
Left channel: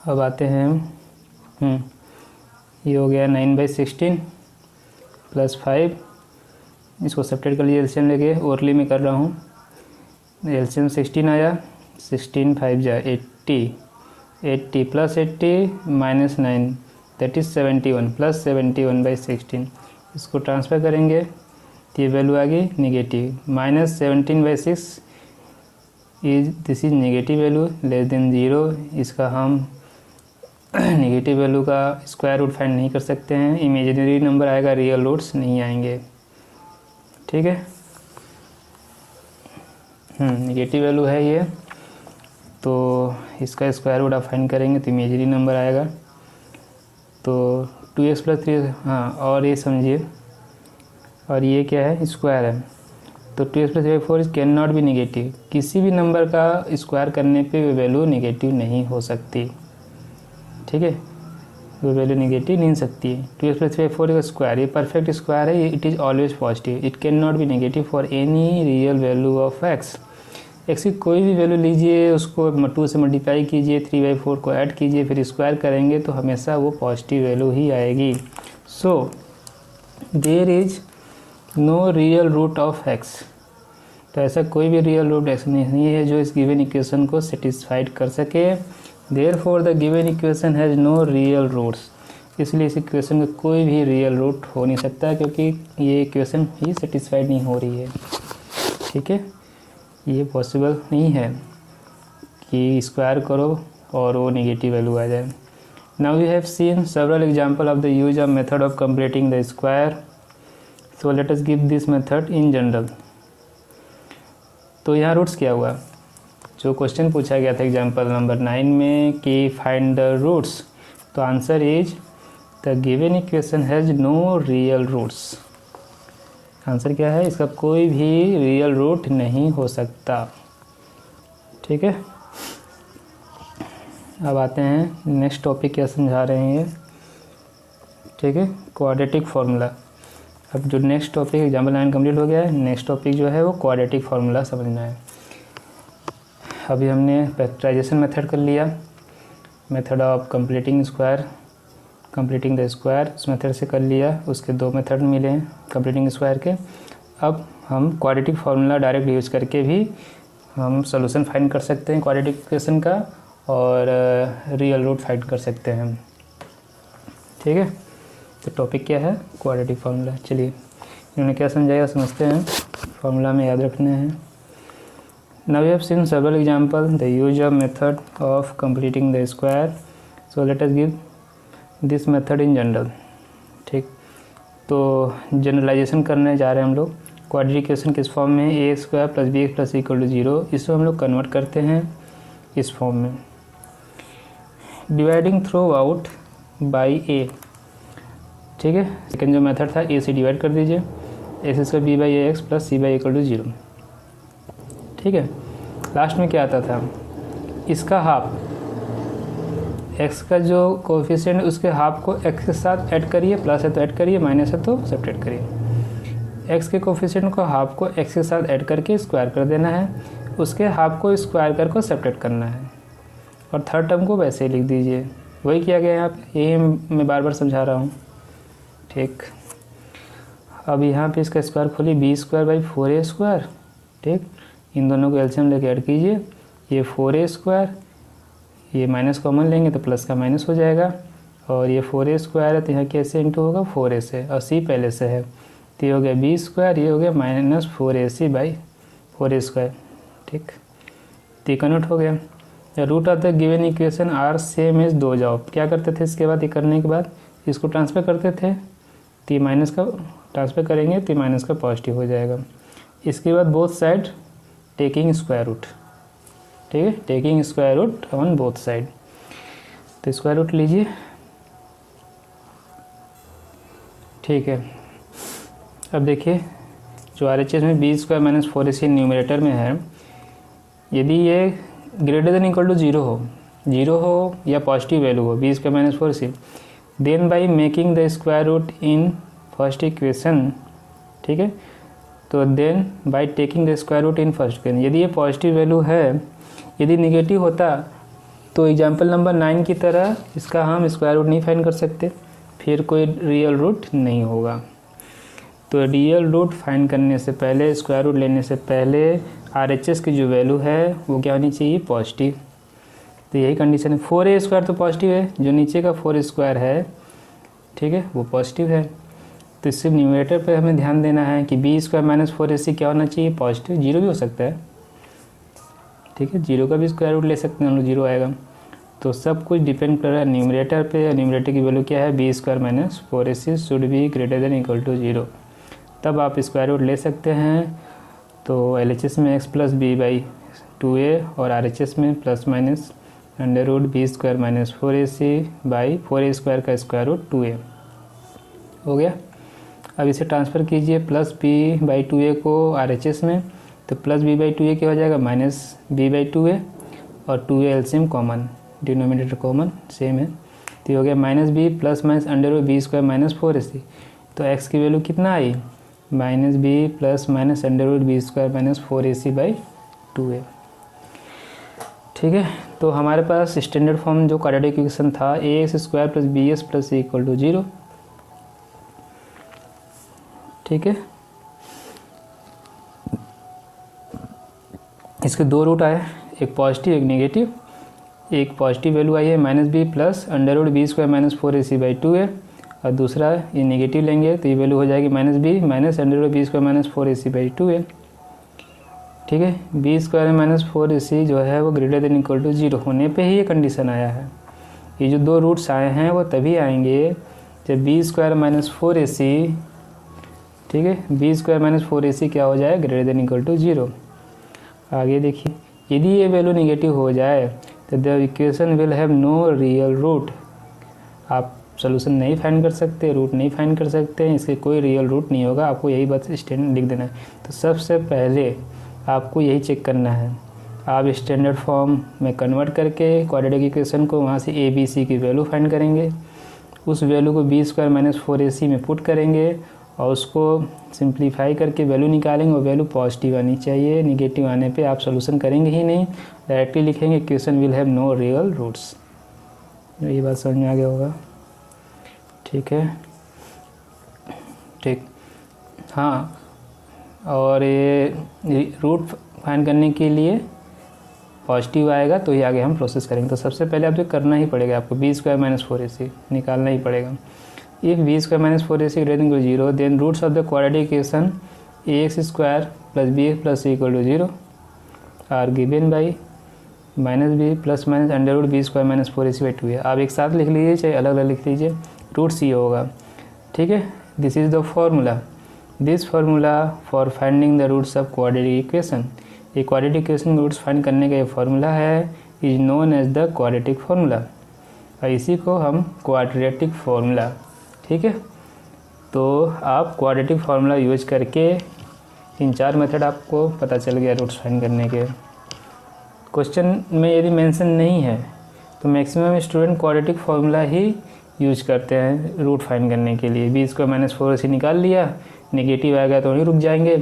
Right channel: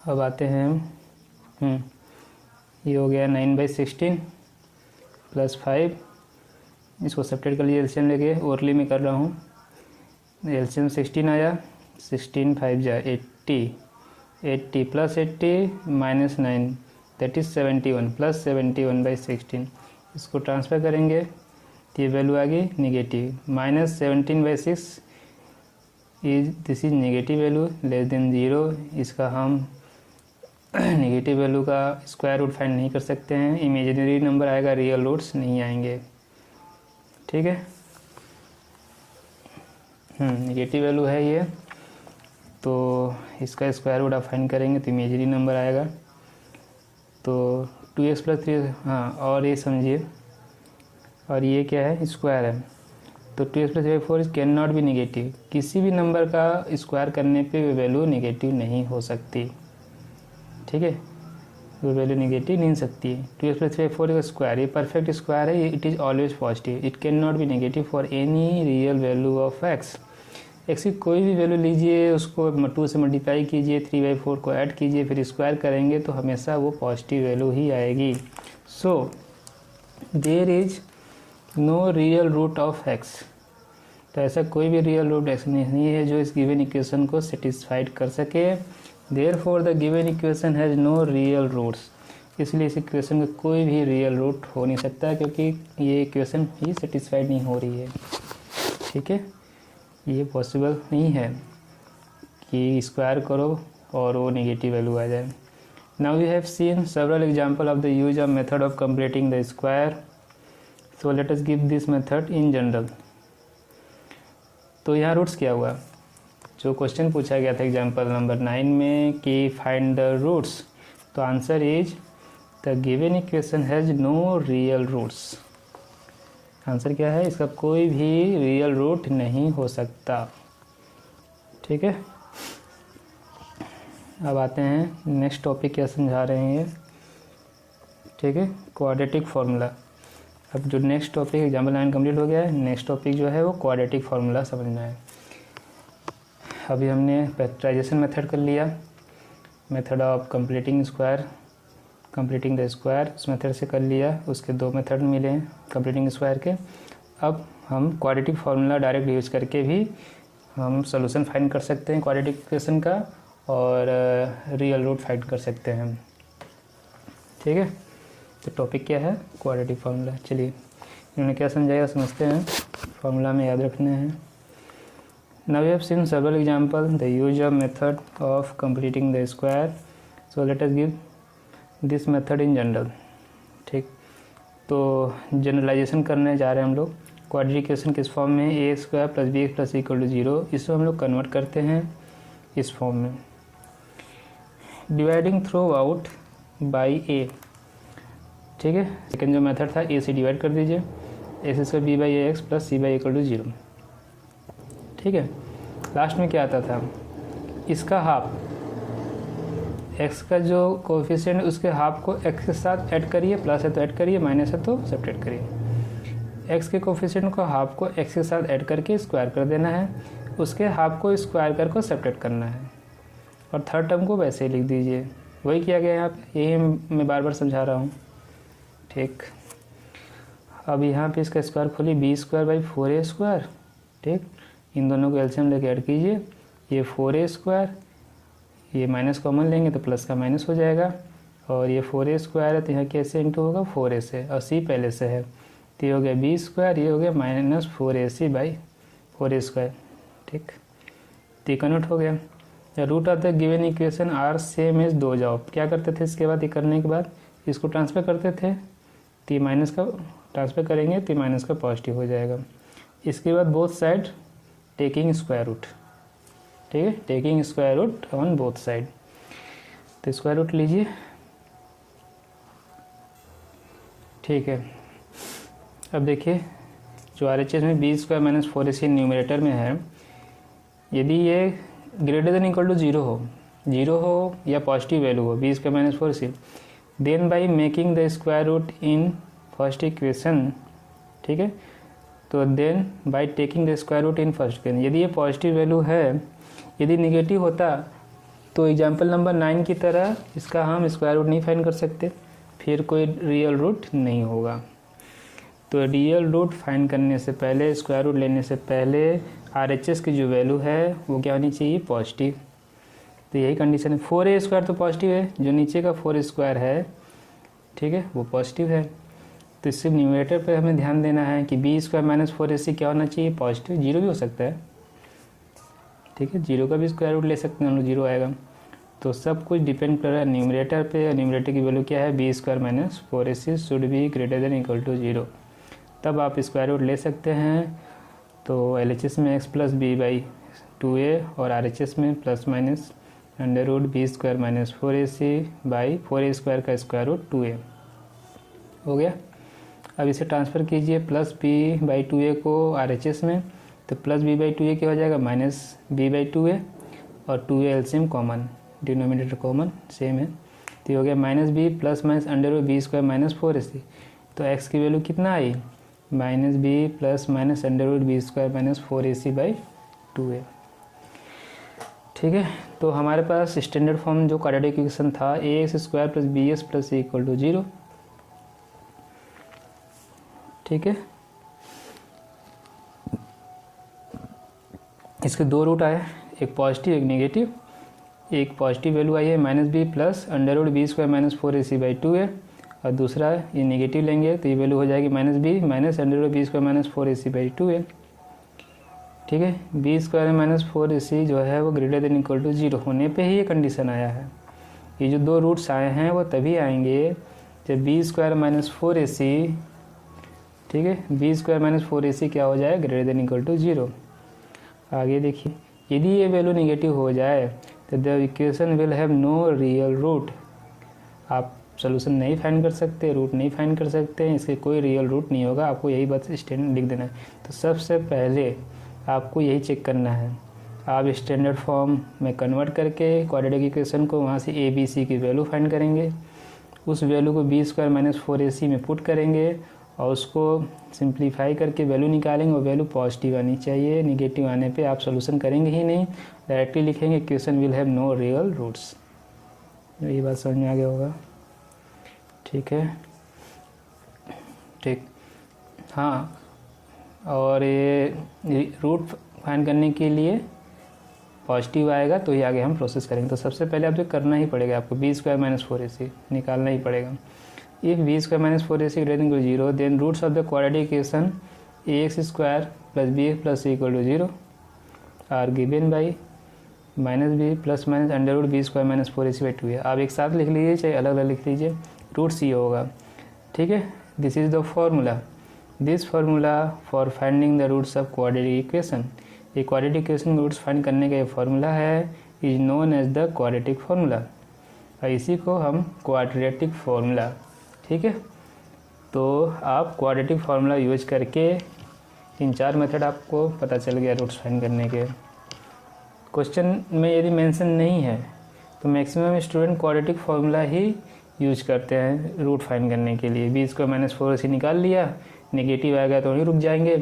अब आते हैं हम, ये हो गया 9/16 + 5, इसको सेपरेट कर लीजिए, एलसीएम लेके ओरली में कर रहा हूँ। एलसीएम 16 आया, 16 5 जा 80, 80 + 80 - 9 दैट इज 71 + 71/16। इसको ट्रांसफर करेंगे तो ये वैल्यू आ गई negative, -17/6 this is negative value less than 0। इसका हम नेगेटिव वैल्यू का स्क्वायर रूट फाइंड नहीं कर सकते हैं, इमेजिनरी नंबर आएगा, रियल रूट्स नहीं आएंगे, ठीक है। नेगेटिव वैल्यू है ये, तो इसका स्क्वायर रूट आप फाइंड करेंगे तो इमेजिनरी नंबर आएगा। तो 2x + 3, हाँ, और ये समझिए, और ये क्या है, स्क्वायर है, तो 2x + 3/4 can not be negative. किसी भी नंबर का स्क्वायर करने पे वो वैल्यू नेगेटिव नहीं हो सकती, ठीक है, वो वैल्यू नेगेटिव नहीं सकती है। 2x + 3/4 का स्क्वायर, ये परफेक्ट स्क्वायर है, ये it is always positive, it can not be negative for any real value of x। x की कोई भी वैल्यू लीजिए, उसको 2 से मल्टीप्लाई कीजिए, 3/4 को ऐड कीजिए, फिर स्क्वायर करेंगे तो हमेशा वो पॉजिटिव वैल्यू ही आएगी। So there is no real root of x, तो ऐसा कोई भी रियल रूट ऐसा नहीं है जो इस गिवन इक्वेशन को सेटिस्फाइड कर सके। Therefore the given equation has no real roots, इसलिए इस इक्वेशन का कोई भी रियल रूट हो नहीं सकता, क्योंकि ये इक्वेशन ही सेटिस्फाइड नहीं हो रही है। ठीक है, ये पॉसिबल नहीं है कि स्क्वायर करो और वो नेगेटिव वैल्यू आ जाए। Now we have seen several example of the use of method of completing the square, so let us give this method in general. तो यहाँ रूट्स क्या हुआ, जो क्वेश्चन पूछा गया था एग्जांपल नंबर 9 में कि फाइंड द रूट्स, तो answer is the given equation has no real roots. Answer क्या है, इसका कोई भी रियल रूट नहीं हो सकता। ठीक है, अब आते हैं नेक्स्ट टॉपिक क्या समझा रहे हैं ये। ठीक है, क्वाड्रेटिक फार्मूला। अब जो नेक्स्ट टॉपिक एग्जाम्पल 9 कंप्लीट हो गया है, नेक्स्ट टॉपिक जो है वो क्वाड्रेटिक फार्मूला समझना है। अभी हमने फैक्टराइजेशन मेथड कर लिया, method of completing square, completing the square उस मेथड से कर लिया, उसके 2 मेथड मिले हैं कंप्लीटिंग स्क्वायर के। अब हम क्वाड्रेटिक फार्मूला डायरेक्ट यूज करके भी हम सॉल्यूशन फाइंड कर सकते हैं क्वाड्रेटिक इक्वेशन का, और रियल रूट फाइंड कर सकते हैं। ठीक है, तो टॉपिक क्या है, क्वाड्रेटिक फार्मूला। चलिए इन्होंने क्या समझाया समझते हैं, फार्मूला में याद रखना है। Now we have seen several example the use of method of completing the square, so let us give this method in general. ठीक, तो जनरलाइजेशन करने जा रहे हैं हम लोग। क्वाड्रेटिक इक्वेशन किस फॉर्म में है, a square plus b x plus equal to 0, इसको हम लोग कन्वर्ट करते हैं इस फॉर्म में, dividing through out by a। ठीक है, सेकेंड जो मेथड था a से डिवाइड कर दीजिए, a square b by a x plus c by equal to 0। ठीक है, लास्ट में क्या आता था, इसका हाफ, x का जो कोफिशिएंट उसके हाफ को x के साथ ऐड करिए, प्लस है तो ऐड करिए, माइनस है तो सब्ट्रैक्ट करिए। x के कोफिशिएंट को हाफ को x के साथ ऐड करके स्क्वायर कर देना है, उसके हाफ को स्क्वायर कर को सब्ट्रैक्ट करना है, और थर्ड टर्म को वैसे ही लिख दीजिए। वही किया गया यहाँ पे, यही मैं बार बार समझा रहा हूँ। ठीक, अब यहाँ पे इसका स्क्वायर खोलिए, B square by 4a square. ठीक, इन दोनों को एलसीएम लेके ऐड कीजिए, ये 4a स्क्वायर, ये माइनस कॉमन लेंगे तो प्लस का माइनस हो जाएगा, और ये 4a स्क्वायर है तो यहाँ कैसे इंटू होगा 4a से, और c पहले से है, तो ये हो गया बी स्क्वायर, ये हो गया minus 4ac by 4a square. ठीक, तो कन्वर्ट हो गया। Root of the given equation are same as 2 जाओ, क्या करते थे इसके बाद, ये करने के बाद इसको ट्रांसफर करते थे, तो ये माइनस का ट्रांसफर करेंगे तो माइनस का पॉजिटिव हो जाएगा। इसके बाद both side taking square root. ठीक है, taking square root on both side, तो स्क्वायर रूट लीजिए। ठीक है, अब देखिए जो RHS में B square minus 4ac numerator में है, यदि ये ग्रेटर देन इक्वल टू 0 हो या पॉजिटिव वैल्यू हो b square minus 4ac, then by making the square root in first equation. ठीक है, तो then by taking the square root in first equation, यदि ये पॉजिटिव वैल्यू है, यदि नेगेटिव होता तो एग्जाम्पल नंबर 9 की तरह इसका हम स्क्वायर रूट नहीं फाइंड कर सकते, फिर कोई रियल रूट नहीं होगा। तो रियल रूट फाइंड करने से पहले, स्क्वायर रूट लेने से पहले RHS की जो वैल्यू है वो क्या होनी चाहिए, पॉजिटिव। तो यही कंडीशन है, 4a स्क्वायर तो पॉजिटिव है, जो नीचे का 4 स्क्वायर है, ठीक है, वो पॉजिटिव है। तो इससे न्यूमरेटर पे हमें ध्यान देना है कि बी स्क्वायर माइनस 4ac क्या होना चाहिए, पॉजिटिव। 0 भी हो सकता है, ठीक है, 0 का भी स्क्वायर रूट ले सकते हैं हम लोग, 0 आएगा। तो सब कुछ डिपेंड कर रहा है न्यूमरेटर पे, न्यूमरेटर की वैल्यू क्या है, b square minus 4ac should be greater than equal to 0, तब आप स्क्वायर रूट ले सकते हैं। तो LHS में x plus B by 2a और RHS में plus minus under root b square minus 4ac by 4a square का स्क्वायर रूट 2a हो गया। अब इसे ट्रांसफ़र कीजिए प्लस b बाई 2a को RHS में, तो प्लस b बाई 2a क्या हो जाएगा, माइनस b बाई 2a, और 2a LCM common, denominator common same है, तो ये हो गया minus b plus minus under root b square minus 4ac। तो x की वैल्यू कितना आई, minus b plus minus under root b square minus 4ac by 2a। ठीक है, तो हमारे पास स्टैंडर्ड फॉर्म जो क्वाड्रेटिक इक्वेशन था ax square plus bs plus c equal to 0। ठीक है, इसके दो रूट आए, एक पॉजिटिव एक नेगेटिव। एक पॉजिटिव वैल्यू आई है -b प्लस √b² - 4ac/2 है, और दूसरा ये नेगेटिव लेंगे तो ये वैल्यू हो जाएगी -b माइनस √b² - 4ac/2 है। ठीक है, b² - 4ac जो है वो ग्रेटर देन इक्वल टू 0 होने पे ही ये कंडीशन आया है। ये जो दो रूट्स आए हैं वो तभी आएंगे जब b² - 4ac, ठीक है, b² - 4ac क्या हो जाए, ग्रेटर देन इक्वल टू 0। आगे देखिए, यदि ये वैल्यू नेगेटिव हो जाए तो the equation will have no real root. आप सोल्यूशन नहीं फाइंड कर सकते, रूट नहीं फाइंड कर सकते हैं, इसके कोई रियल रूट नहीं होगा। आपको यही बात स्टैंडर्ड लिख देना है। तो सबसे पहले आपको यही चेक करना है, आप स्टैंडर्ड फॉर्म में कन्वर्ट करके क्वाड्रेटिक इक्वेशन को वहाँ से ए बी सी की वैल्यू फाइंड करेंगे, उस वैल्यू को b² - 4ac में पुट करेंगे और उसको सिंप्लीफाई करके वैल्यू निकालेंगे। और वैल्यू पॉजिटिव आनी चाहिए, निगेटिव आने पे आप सोल्यूशन करेंगे ही नहीं, डायरेक्टली लिखेंगे equation will have no real roots. यही बात समझ में आ गया होगा, ठीक है, ठीक। हाँ, और ये रूट फाइंड करने के लिए पॉजिटिव आएगा तो ही आगे हम प्रोसेस करेंगे। तो सबसे पहले आपको करना ही पड़ेगा, आपको b² - 4ac निकालना ही पड़ेगा। If b² - 4ac greater than 0 then roots of the quadratic equation ax² + bx + c = 0 are given by -b + -√b² - 4ac/2 है। आप एक साथ लिख लीजिए चाहे अलग अलग लिख लीजिए, रूट सी होगा, ठीक है। This is the formula, this formula for finding the roots of quadratic equation. ये क्वाड्रेटिक इक्वेशन के रूट्स फाइंड करने का ये फार्मूला है, is known as the quadratic formula, और इसी को हम क्वाड्रेटिक फार्मूला, ठीक है। तो आप क्वाड्रेटिक फार्मूला यूज करके इन चार मेथड आपको पता चल गया रूट्स फाइंड करने के। क्वेश्चन में यदि मेंशन नहीं है तो मैक्सिमम स्टूडेंट क्वाड्रेटिक फार्मूला ही यूज करते हैं रूट फाइंड करने के लिए। b² - 4ac निकाल लिया, नेगेटिव आएगा तो वहीं रुक जाएंगे,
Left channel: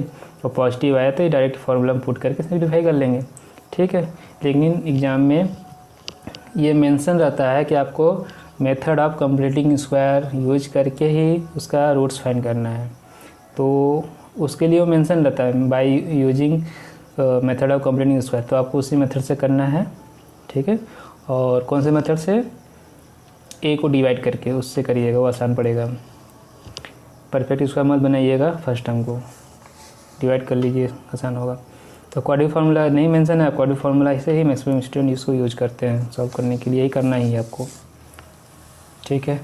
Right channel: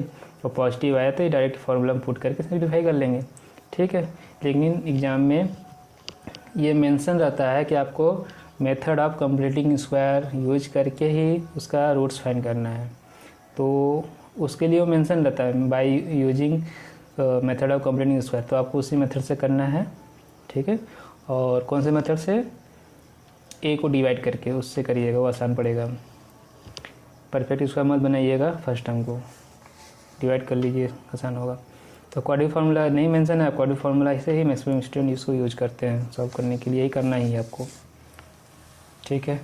और पॉजिटिव आया तो डायरेक्ट फार्मूला में पुट करके सिंप्लीफाई कर लेंगे, ठीक है। लेकिन एग्ज़ाम में ये मेंशन रहता है कि आपको method of completing square use करके ही उसका रूट्स फाइंड करना है, तो उसके लिए वो मेंशन रहता है by using method of completing square. तो आपको उसी मेथड से करना है, ठीक है। और कौन से मेथड से, ए को डिवाइड करके उससे करिएगा, वो आसान पड़ेगा। परफेक्ट स्क्वायर मत बनाइएगा, फर्स्ट टर्म को डिवाइड कर लीजिए, आसान होगा। तो क्वाड्रेटिक फार्मूला नहीं मेंशन है, क्वाड्रेटिक फार्मूला से ही मैक्सिमम स्टूडेंट इसको यूज करते हैं सॉल्व करने के लिए, यही करना ही है आपको, ठीक है।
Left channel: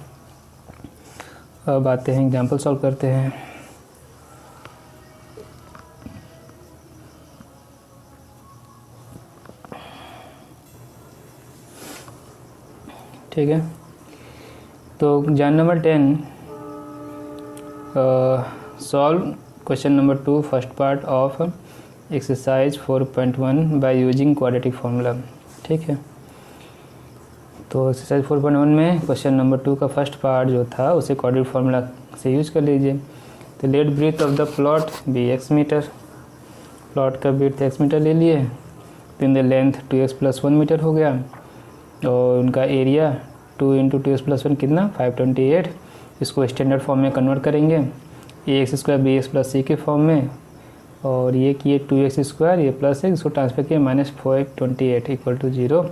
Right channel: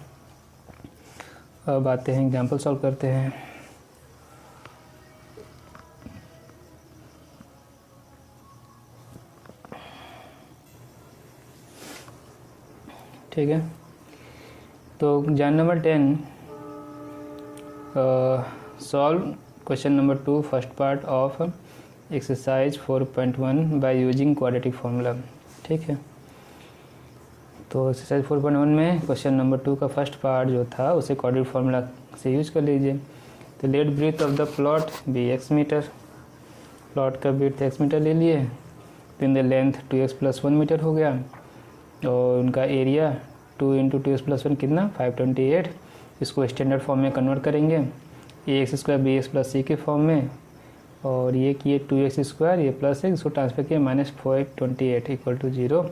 अब आते हैं एग्जाम्पल सॉल्व करते हैं। ठीक है, तो exam number 10 solve question number 2 first part of exercise 4.1 by using quadratic formula, ठीक है। तो एक्सरसाइज 4.1 में क्वेश्चन नंबर 2 का फर्स्ट पार्ट जो था उसे क्वाड्रेटिक फार्मूला से यूज कर लीजिए। तो let breadth of the plot be x metre, plot का ब्रीथ x मीटर ले लिए, तो in the length 2x + 1 metre हो गया, और उनका एरिया 2 × 2x + 1 कितना 528। इसको स्टैंडर्ड फॉर्म में कन्वर्ट करेंगे ax² bx + c के फॉर्म में, और ये किए 2x², ये प्लस है, इसको ट्रांसफर किए -528 = 0,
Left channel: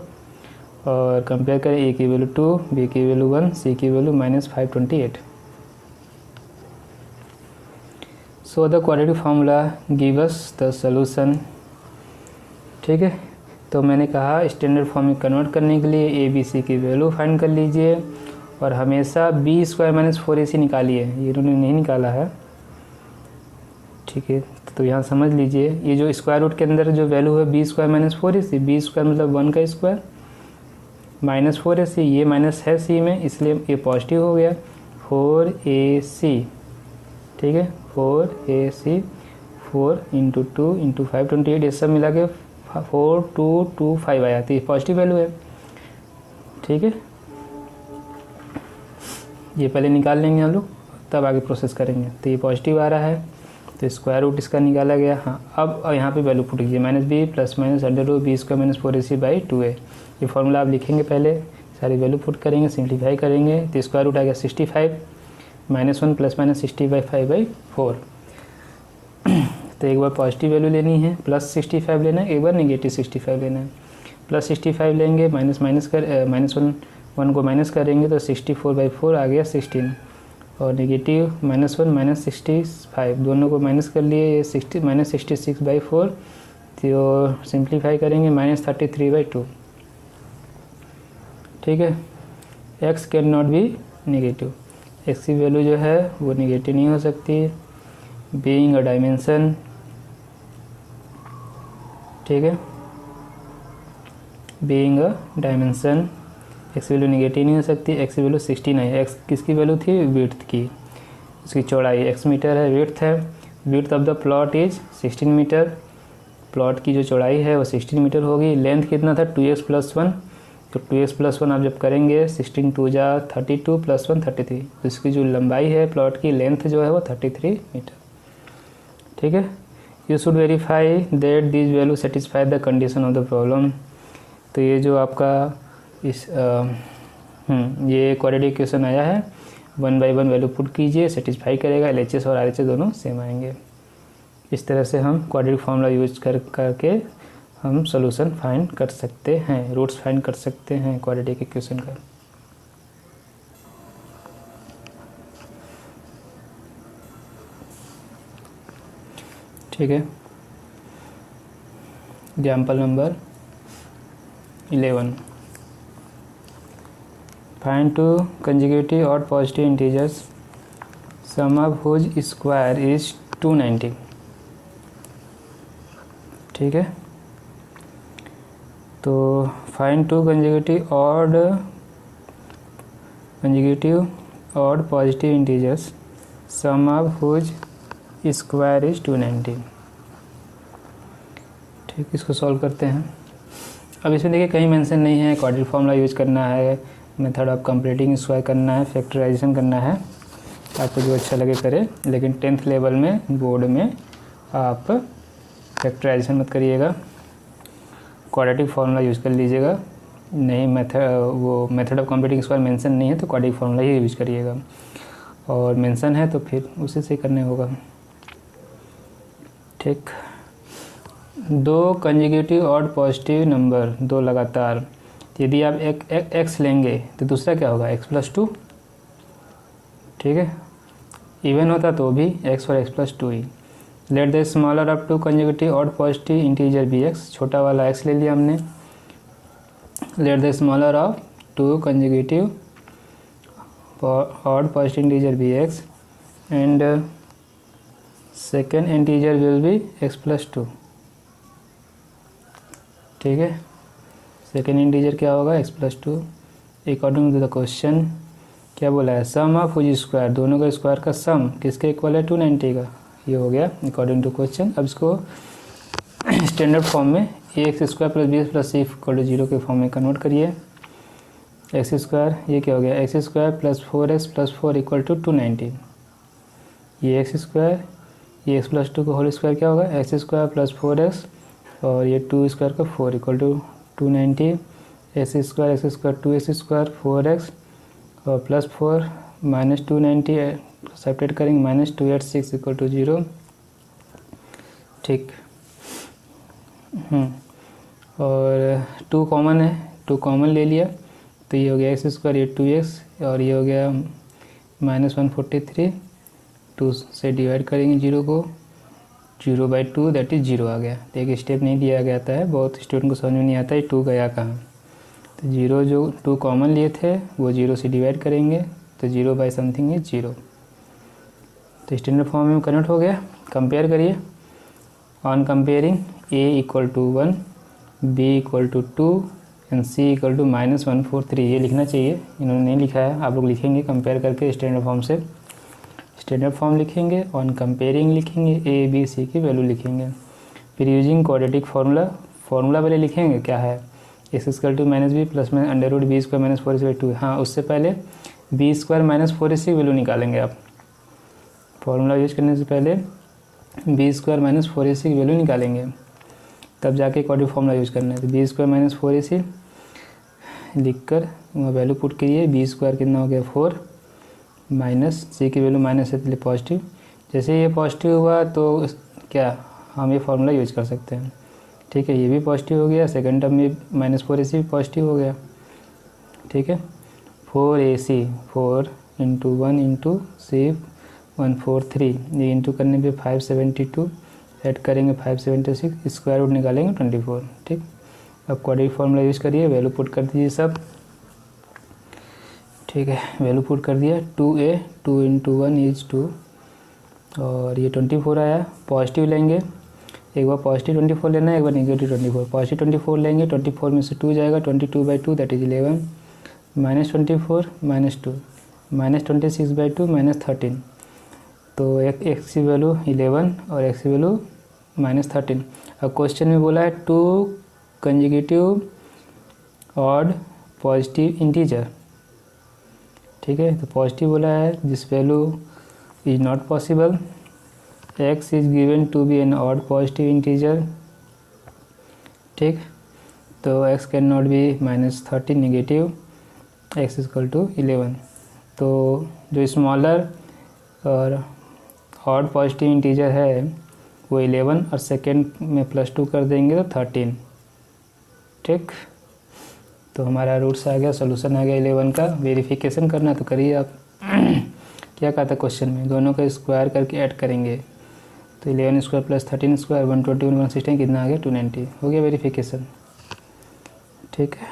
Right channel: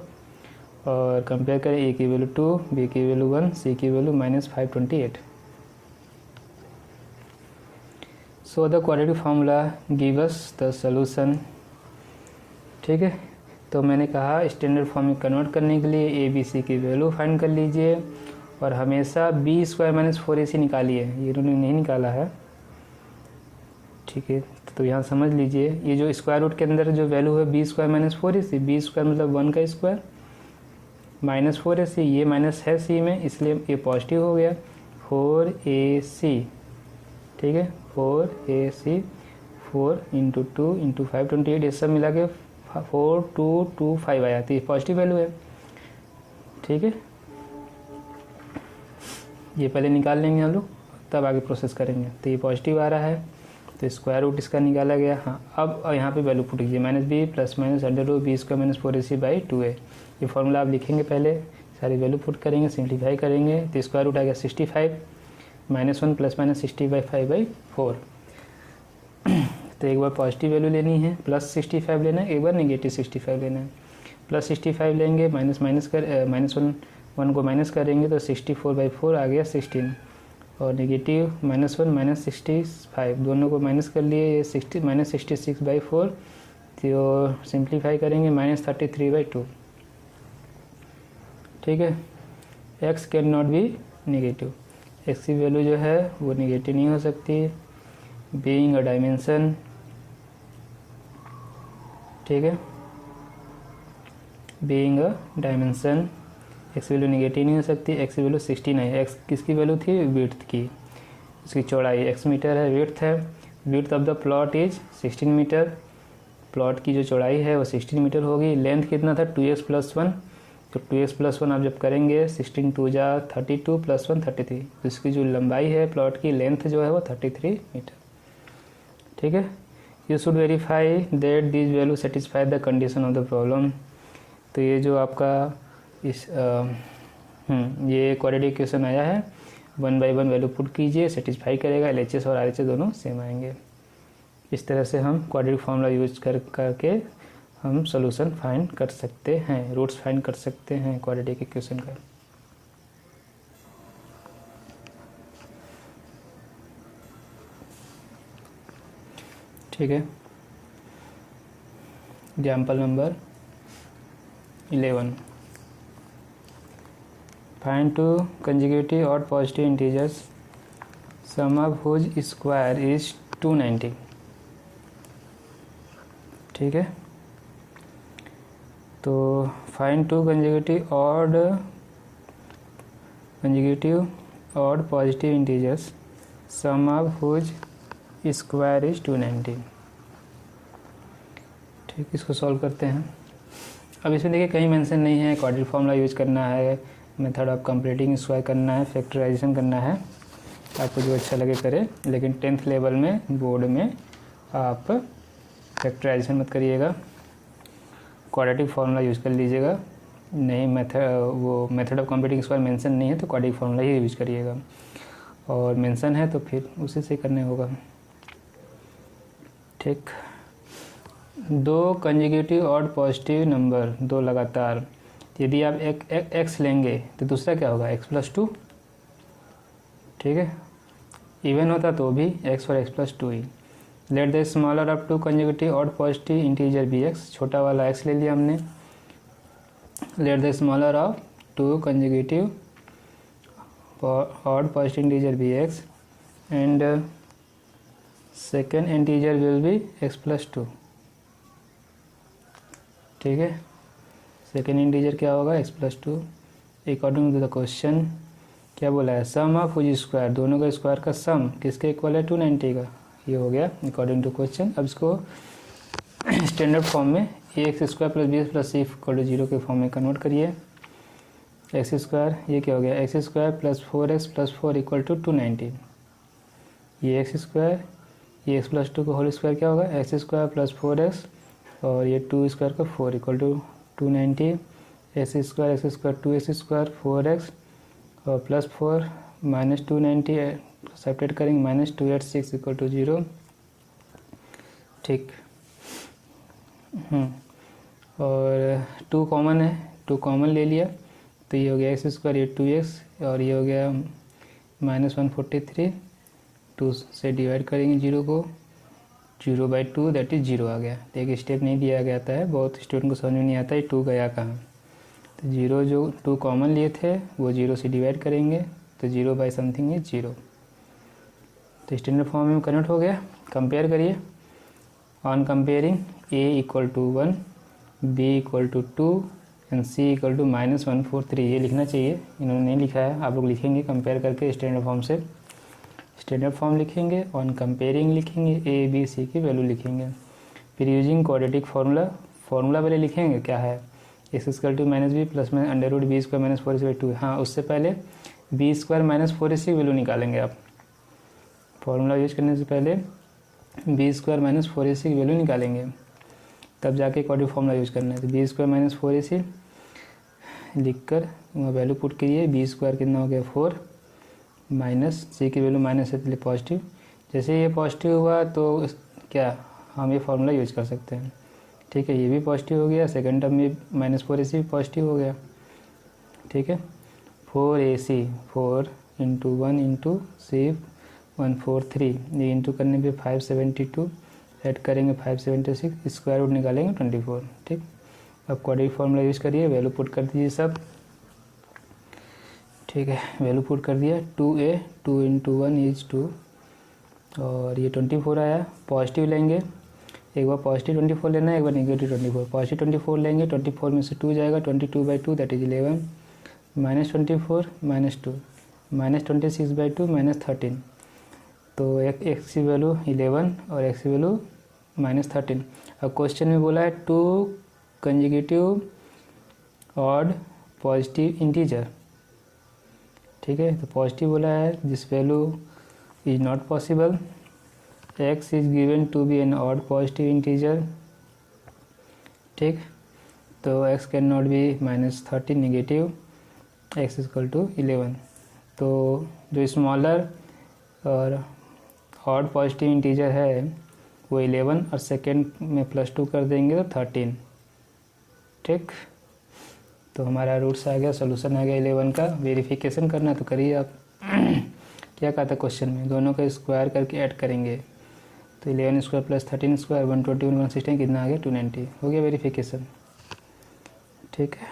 और कंपेयर करें a की वैल्यू 2, b की वैल्यू 1, c की value -528। So the quadratic formula give us the solution, ठीक है। तो मैंने कहा स्टैंडर्ड फॉर्म में कन्वर्ट करने के लिए ए बी सी की वैल्यू फाइंड कर लीजिए, और हमेशा b² - 4ac निकालिए, ये इन्होंने नहीं निकाला है, ठीक है। तो यहाँ समझ लीजिए, ये जो स्क्वायर रूट के अंदर जो वैल्यू है b² - 4ac, b² मतलब 1 का स्क्वायर -4ac, ये माइनस है c में, इसलिए ये पॉजिटिव हो गया 4ac, ठीक है। 4ac 4 × 2 × 528, ये सब मिला के 4225 आया, तो ये पॉजिटिव वैल्यू है, ठीक है। ये पहले निकाल लेंगे हम लोग, तब आगे प्रोसेस करेंगे। तो ये पॉजिटिव आ रहा है, तो स्क्वायर रूट इसका निकाला गया। हाँ, अब यहाँ पे वैल्यू पुट कीजिए -b + -√b² - 4ac/2 है। ये फार्मूला आप लिखेंगे, पहले सारी वैल्यू पुट करेंगे, सिंप्लीफाई करेंगे, तो स्क्वायर रूट आएगा 65 -1 ± 60/5/4। तो एक बार पॉजिटिव वैल्यू लेनी है +65 लेना है, एक बार -65 लेना है। +65 लेंगे, -1 को माइनस करेंगे तो 64/4 आ गया 16, और नेगेटिव -1 -65 दोनों को माइनस कर लिए, ये -66/4, तो सिंप्लीफाई करेंगे -33/2। ठीक है, x can not be negative, x की वैल्यू जो है वो नेगेटिव नहीं हो सकती, बीइंग अ डायमेंशन। ठीक है, being a dimension x value negative नहीं हो सकती। x की वैल्यू 16 है। x किसकी वैल्यू थी? विड्थ की, उसकी चौड़ाई x मीटर है, विड्थ है। Width of the plot is 16 metre, plot की जो चौड़ाई है वो 16 मीटर होगी। लेंथ कितना था? 2x + 1, तो 2x + 1 आप जब करेंगे 16 2 जा 32 + 1 33, तो इसकी जो लंबाई है प्लॉट की, लेंथ जो है वो 33 मीटर। ठीक है, you should verify that this value satisfy the condition of the problem. तो ये जो आपका ये क्वाड्रेटिक इक्वेशन आया है, 1 बाई 1 वैल्यू पुट कीजिए, सेटिस्फाई करेगा, LHS और RHS दोनों सेम आएंगे। इस तरह से हम क्वाड्रेटिक फॉर्मूला यूज करके हम सॉल्यूशन फाइंड कर सकते हैं, रूट्स फाइंड कर सकते हैं क्वाड्रेटिक इक्वेशन का। ठीक है, एग्जाम्पल नंबर 11, फाइंड 2 कंजुगेटिव और positive integers sum of whose square is 290। ठीक है, तो फाइंड 2 कंजुगेटिव और positive integers sum of whose square is 290। ठीक, इसको सॉल्व करते हैं। अब इसमें देखिए कहीं मेंशन नहीं है, क्वाड्रेटिक फॉर्मूला यूज करना है, मेथड ऑफ कंप्लीटिंग स्क्वायर करना है, फैक्टराइजेशन करना है, आपको जो अच्छा लगे करें। लेकिन 10th लेवल में बोर्ड में आप फैक्टराइजेशन मत करिएगा, क्वाड्रेटिक फॉर्मूला यूज कर लीजिएगा। नहीं, method of completing square mention नहीं है तो क्वाड्रेटिक फॉर्मूला ही यूज करिएगा, और मेंशन है तो फिर उसी से करने होगा। ठीक, 2 कंजुगेटिव और पॉजिटिव नंबर, 2 लगातार, यदि आप एक x लेंगे तो दूसरा क्या होगा? x + 2। ठीक है, इवन होता तो भी x और x + 2 ही। Let the smaller of 2 conjugative और पॉजिटिव इंटीजर बी x, छोटा वाला x ले लिया हमने। Let the smaller of 2 conjugative और positive integer be x and second integer will be x + 2। ठीक है, सेकेंड इंटीजर क्या होगा? x + 2। According to the question क्या बोला है? सम ऑफ हुज स्क्वायर, दोनों का स्क्वायर का सम किसके इक्वल है? 290 का। ये हो गया अकॉर्डिंग टू क्वेश्चन। अब इसको स्टैंडर्ड फॉर्म में ax² + bx + c = 0 के फॉर्म में कन्वर्ट करिए। x², ये क्या हो गया? x² + 4x + 4 = 290। ये x², ये x + 2 का होल स्क्वायर क्या होगा? x² + 4x, और ये 2 स्क्वायर का 4 = 290। x² 2x² 4x और +4 -290 सेपरेट करेंगे, -286 = 0। ठीक, और 2 कॉमन है, 2 कॉमन ले लिया तो ये हो गया x², ये 2x, और ये हो गया -143। 2 से डिवाइड करेंगे 0 को, 0/2 दैट इज 0 आ गया। तो एक स्टेप नहीं दिया गया था, बहुत स्टूडेंट को समझ में नहीं आता है 2 गया कहाँ। तो 0 जो 2 कॉमन लिए थे वो 0 से डिवाइड करेंगे तो 0/something इज 0। तो स्टैंडर्ड फॉर्म में कन्वर्ट हो गया। कंपेयर करिए, on comparing a = 1, b = 2 and c = -143। ये लिखना चाहिए, इन्होंने नहीं लिखा है, आप लोग लिखेंगे कंपेयर करके स्टैंडर्ड फॉर्म से। स्टैंडर्ड फॉर्म लिखेंगे, ऑन कंपेयरिंग लिखेंगे, a b c की वैल्यू लिखेंगे। फिर यूजिंग क्वाड्रेटिक फार्मूला पहले लिखेंगे क्या है? x² - b + √b² - 4ac/2। हाँ, उससे पहले b² - 4ac की वैल्यू निकालेंगे आप। फार्मूला यूज करने से पहले b² - 4ac की वैल्यू निकालेंगे, तब जाके क्वाड्रेटिक फार्मूला यूज करना है। तो b² - 4ac लिखकर वैल्यू पुट कीजिए। b² कितना हो गया? 4, माइनस c की वैल्यू माइनस है इसलिए पॉजिटिव। जैसे ये पॉजिटिव हुआ तो क्या हम ये फार्मूला यूज कर सकते हैं। ठीक है, ये भी पॉजिटिव हो गया, सेकेंड टर्म में -4AC भी पॉजिटिव हो गया। ठीक है, 4AC 4 इंटू 1 इंटू सिर्फ 143, ये इंटू करने पे 572, ऐड करेंगे 576, स्क्वायर रूट निकालेंगे 24। ठीक, अब क्वाड्रेटिक फार्मूला यूज करिए, वैल्यू पुट कर दीजिए सब। ठीक है, वैल्यू पुट कर दिया, 2A 2 इंटू 1 इज 2, और ये 24 आया। पॉजिटिव लेंगे, एक बार पॉजिटिव 24 लेना है, एक बार नेगेटिव 24। पॉजिटिव 24 लेंगे, 24 में से 2 जाएगा, 22/2 दैट इज 11, -24 -2 -26/2 -13, तो एक्स की वैल्यू 11 और एक्स की वैल्यू -13। अब क्वेश्चन में बोला है 2 कंसेक्यूटिव ऑड पॉजिटिव इंटीजर। ठीक है, तो पॉजिटिव बोला है, this value is not possible, x is given to be an odd positive integer. ठीक, तो x can not be -13 negative, x equal to 11। तो जो स्मॉलर और ऑड पॉजिटिव इंटीजर है वो 11 और सेकेंड में +2 कर देंगे तो 13। ठीक, तो हमारा रूट्स आ गया, सोल्यूशन आ गया 11 का। वेरिफिकेशन करना तो करिए आप। क्या कहा था क्वेश्चन में, दोनों का स्क्वायर करके ऐड करेंगे, तो 11 स्क्वायर प्लस 13 स्क्वायर 121 116 कितना आ गया 290, हो गया वेरिफिकेशन। ठीक है,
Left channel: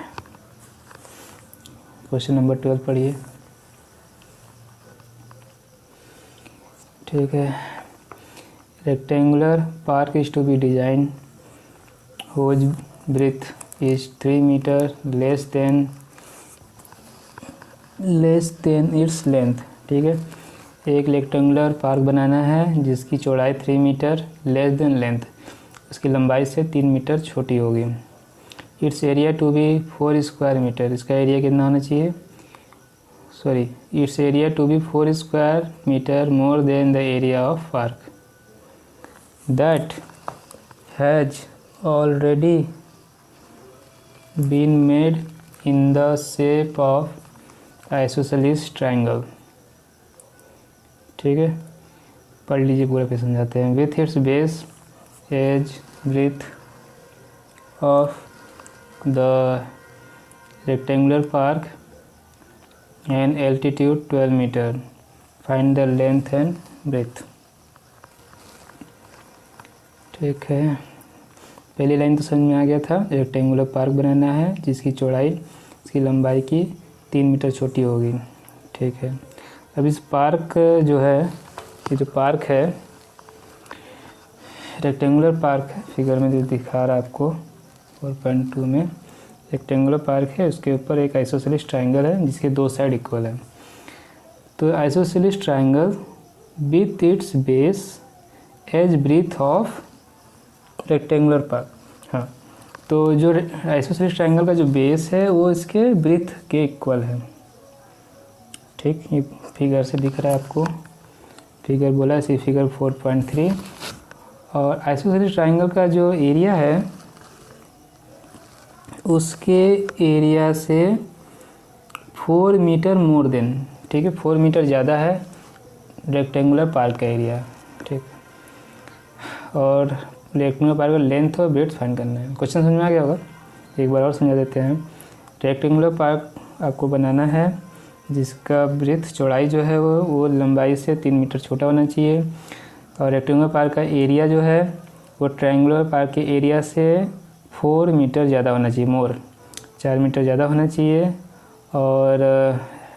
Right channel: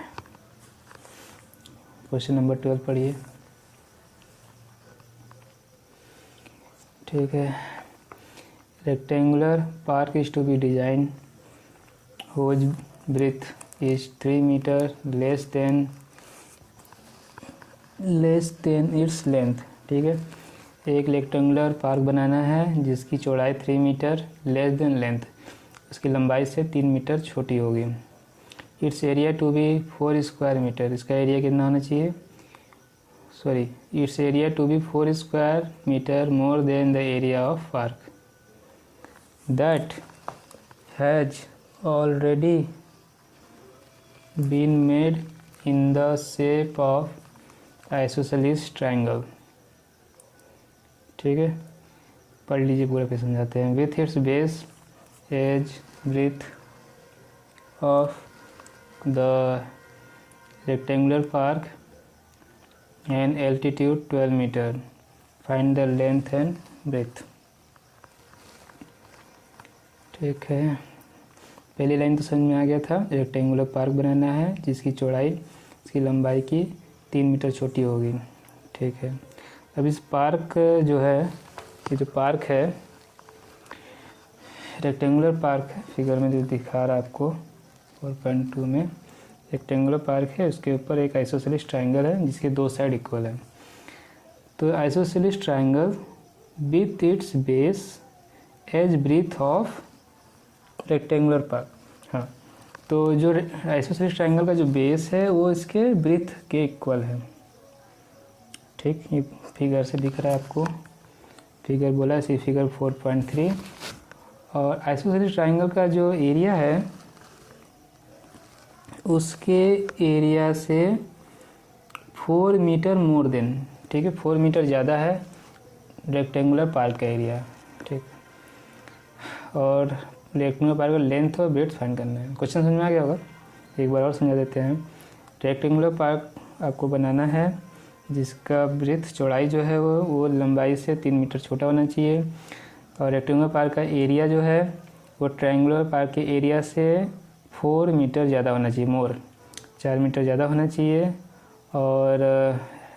क्वेश्चन नंबर 12 पढ़िए। ठीक है, rectangular park is to be design whose breadth is 3 meter less than its length। ठीक है, एक रेक्टेंगुलर पार्क बनाना है जिसकी चौड़ाई 3 मीटर लेस देन लेंथ, उसकी लंबाई से 3 मीटर छोटी होगी। Its area to be 4 square metre, इसका एरिया कितना होना चाहिए, sorry, its area to be 4 square metre more than the area of park that has already been made in the shape of isosceles triangle। ठीक है, पढ़ लीजिए पूरा, फिर समझाते हैं। With its base as breadth of the rectangular park and altitude 12 metre, find the length and breadth. ठीक है, पहली लाइन तो समझ में आ गया था, रेक्टेंगुलर पार्क बनाना है जिसकी चौड़ाई इसकी लंबाई की 3 मीटर छोटी होगी। ठीक है, अब इस पार्क जो है, ये जो पार्क है रेक्टेंगुलर पार्क है, फिगर में जो दिखा रहा है आपको 4.2 में रेक्टेंगुलर पार्क है, उसके ऊपर एक आइसोसेलेस ट्राइंगल है जिसके 2 साइड इक्वल है। तो isosceles triangle with its base as breadth of rectangular park. हाँ, तो जो आइसोसेलेस ट्राइंगल का जो बेस है वो इसके ब्रीथ के इक्वल है। ठीक, ये फिगर से दिख रहा है आपको, फिगर बोला है इसी फिगर 4.3। और आइसोसेलेस ट्राइंगल का जो एरिया है उसके एरिया से 4 मीटर मोर देन, ठीक है, 4 मीटर ज़्यादा है रेक्टेंगुलर पार्क का एरिया। ठीक, और रेक्टेंगुलर पार्क का लेंथ और ब्रेड्थ फाइंड करना है। क्वेश्चन समझ में आ गया होगा, एक बार और समझा देते हैं। रेक्टेंगुलर पार्क आपको बनाना है जिसका ब्रेड्थ चौड़ाई जो है वो लंबाई से 3 मीटर छोटा होना चाहिए, और रेक्टेंगुलर पार्क का एरिया जो है वो ट्रायंगुलर पार्क के एरिया से 4 मीटर ज़्यादा होना चाहिए, मोर 4 मीटर ज़्यादा होना चाहिए। और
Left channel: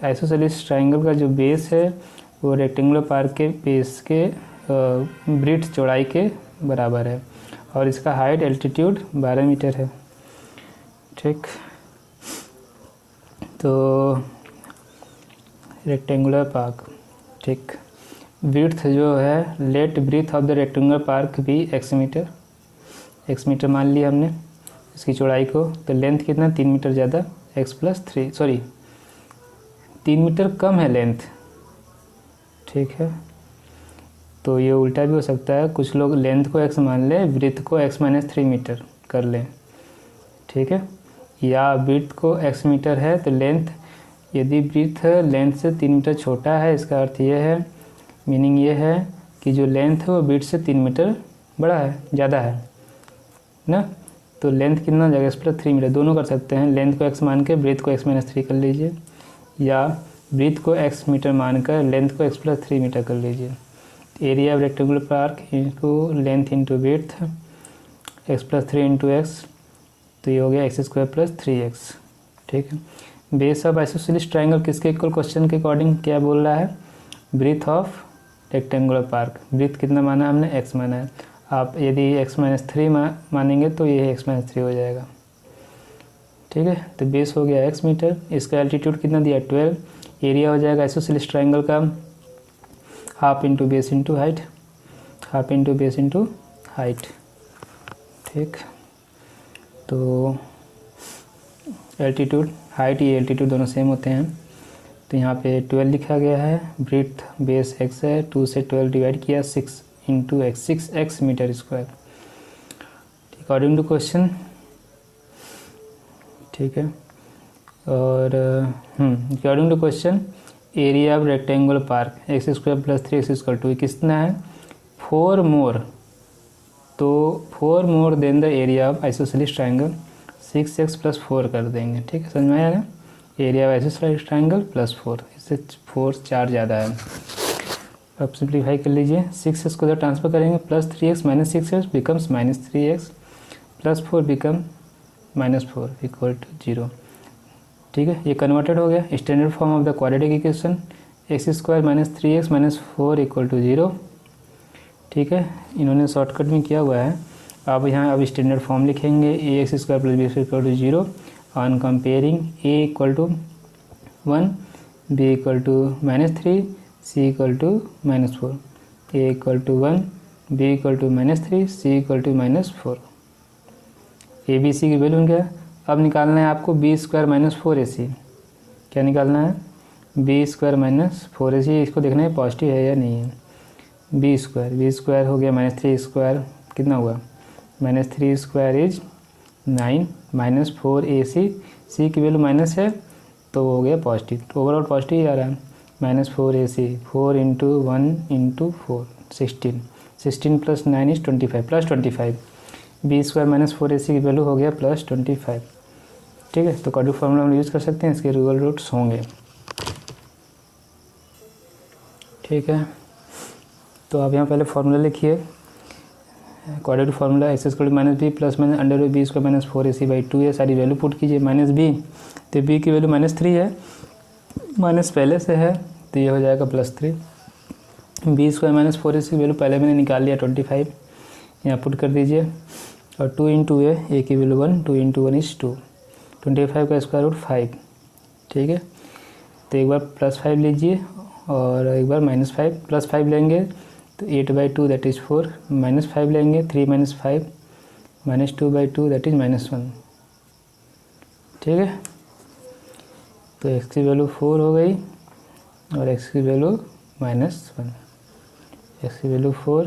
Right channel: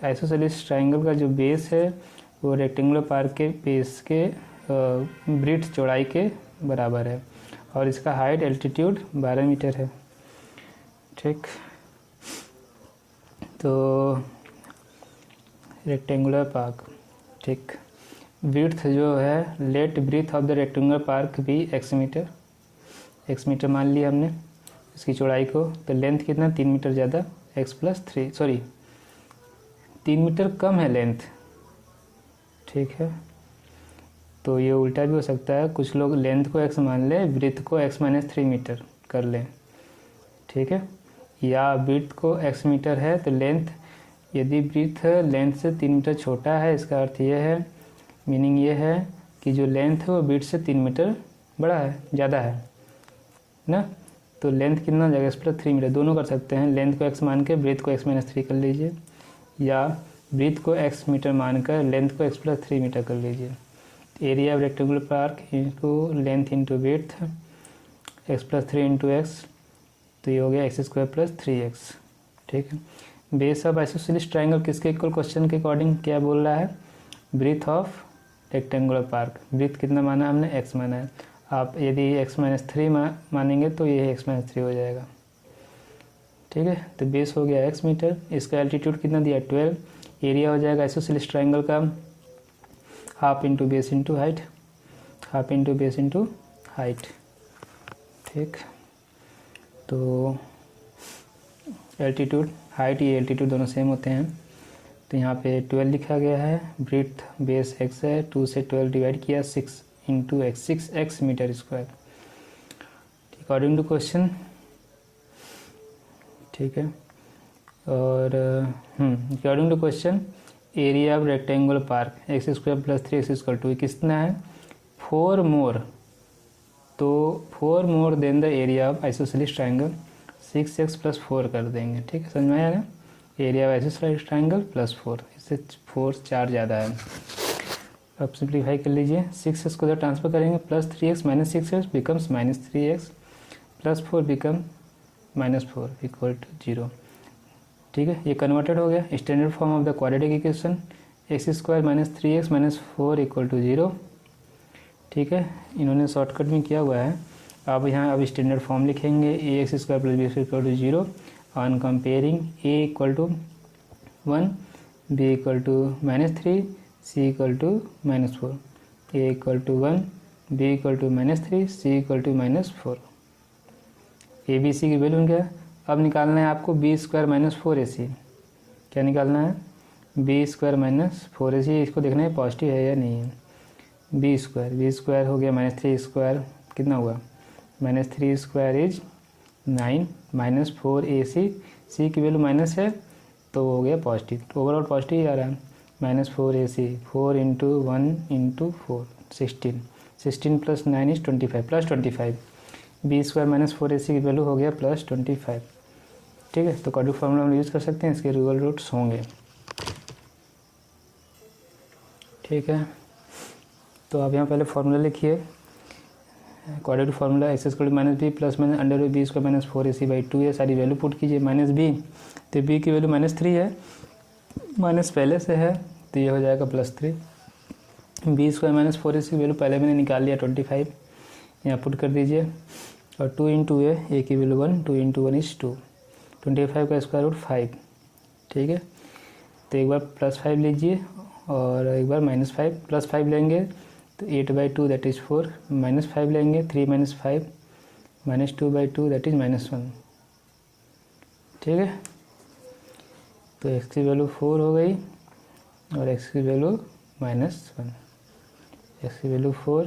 आइसोसेलेस ट्रायंगल का जो बेस है वो रेक्टेंगुलर पार्क के बेस के ब्रेड्थ चौड़ाई के बराबर है, और इसका हाइट एल्टीट्यूड 12 मीटर है। ठीक, तो रेक्टेंगुलर पार्क, ठीक, ब्रीथ जो है, let breadth of the rectangular park भी x मीटर मान लिया हमने इसकी चौड़ाई को। तो लेंथ कितना, 3 मीटर ज़्यादा, x + 3, सॉरी 3 मीटर कम है लेंथ। ठीक है, तो ये उल्टा भी हो सकता है, कुछ लोग लेंथ को x मान लें, ब्रीथ को x - 3 मीटर कर लें। ठीक है, या ब्रीथ को x मीटर है तो लेंथ, यदि ब्रीथ लेंथ से 3 मीटर छोटा है, इसका अर्थ ये है, मीनिंग ये है कि जो लेंथ है वो ब्रीथ से 3 मीटर बड़ा है, ज़्यादा है ना। तो लेंथ कितना हो जाएगा, एक्स प्लस 3 मीटर। दोनों कर सकते हैं, लेंथ को एक्स मान के ब्रीथ को एक्स माइनस 3 कर लीजिए, या ब्रीथ को एक्स मीटर मानकर लेंथ को एक्स प्लस 3 मीटर कर लीजिए। Area of rectangular park into length into breadth, x plus 3 into x, तो ये हो गया एक्स स्क्वायर प्लस 3x। ठीक है। बेस ऑफ आइसोसेलेस ट्राइंगल किसके इक्वल, क्वेश्चन के अकॉर्डिंग क्या बोल रहा है, breadth of rectangular park. Breadth कितना माना है हमने, x माना है। आप यदि x माइनस 3 मानेंगे तो ये x माइनस 3 हो जाएगा। ठीक है। तो बेस हो गया x मीटर, इसका एल्टीट्यूड कितना दिया 12, एरिया हो जाएगा आइसोसेलेस ट्राइंगल का half into base into height, half into base into height. ठीक। तो एल्टीट्यूड हाइट ये एल्टीट्यूड दोनों सेम होते हैं, तो यहाँ पे 12 लिखा गया है, ब्रीथ बेस x है, 2 से 12 डिवाइड किया 6 into x, 6x metre square according to question. ठीक है। और according to question area of rectangular park x square plus 3x equal to कितना है 4 मोर, तो 4 more than the area of isosceles triangle 6x plus 4 कर देंगे। ठीक है, समझ में आया ना। Area of isosceles triangle plus 4, इससे 4 ज़्यादा है। अब सिंप्लीफाई कर लीजिए, 6x को जब ट्रांसफर करेंगे plus 3x minus 6x becomes minus 3x plus 4 become minus 4 equal to 0। ठीक है, ये कन्वर्टेड हो गया standard form of the quadratic equation, x square minus 3x minus 4 equal to 0। ठीक है, इन्होंने शॉर्टकट में किया हुआ है। अब यहाँ अब स्टैंडर्ड फॉर्म लिखेंगे, a x square plus b square equal to 0 on comparing a equal to 1, b equal to minus 3, c equal to minus 4, a equal to 1, b equal to minus 3, c equal to minus 4। A b c की value क्या है, अब निकालना है आपको B square minus 4ac। क्या निकालना है, बी स्क्वायर माइनस 4ac, इसको देखना है पॉजिटिव है या नहीं है। बी स्क्वायर हो गया माइनस 3 स्क्वायर कितना हुआ, minus 3 square is 9 minus 4ac, सी की वैल्यू माइनस है तो हो गया पॉजिटिव, तो ओवरऑल पॉजिटिव ही आ रहा है। Minus 4ac, 4 into 1 into 4 16, 16 plus 9 is 25 plus 25, b square minus 4ac की वैल्यू हो गया प्लस 25। ठीक है, तो क्वाड्रेटिक फार्मूला हम यूज़ कर सकते हैं, इसके रियल रूट्स होंगे। ठीक है, तो आप यहाँ पहले फार्मूला लिखिए, quadratic formula x square minus b plus minus under b square minus 4ac by 2 है, सारी वैल्यू पुट कीजिए। माइनस बी, तो बी की वैल्यू माइनस 3 है, माइनस पहले से है तो ये हो जाएगा plus 3। B square minus 4ac की वैल्यू पहले मैंने निकाल लिया 25, यहाँ पुट कर दीजिए, और 2 इंटू ए की वैल्यू 1, 2 इंटू 1 इज 2, 25 का स्क्वायर रूट 5। ठीक है, तो एक बार प्लस 5 लीजिए और एक बार माइनस 5, प्लस 5 लेंगे तो 8/2 दैट इज़ 4, माइनस 5 लेंगे 3 minus 5 minus 2/2 that is minus 1। ठीक है, तो x की वैल्यू 4 हो गई और x की वैल्यू -1, x की वैल्यू 4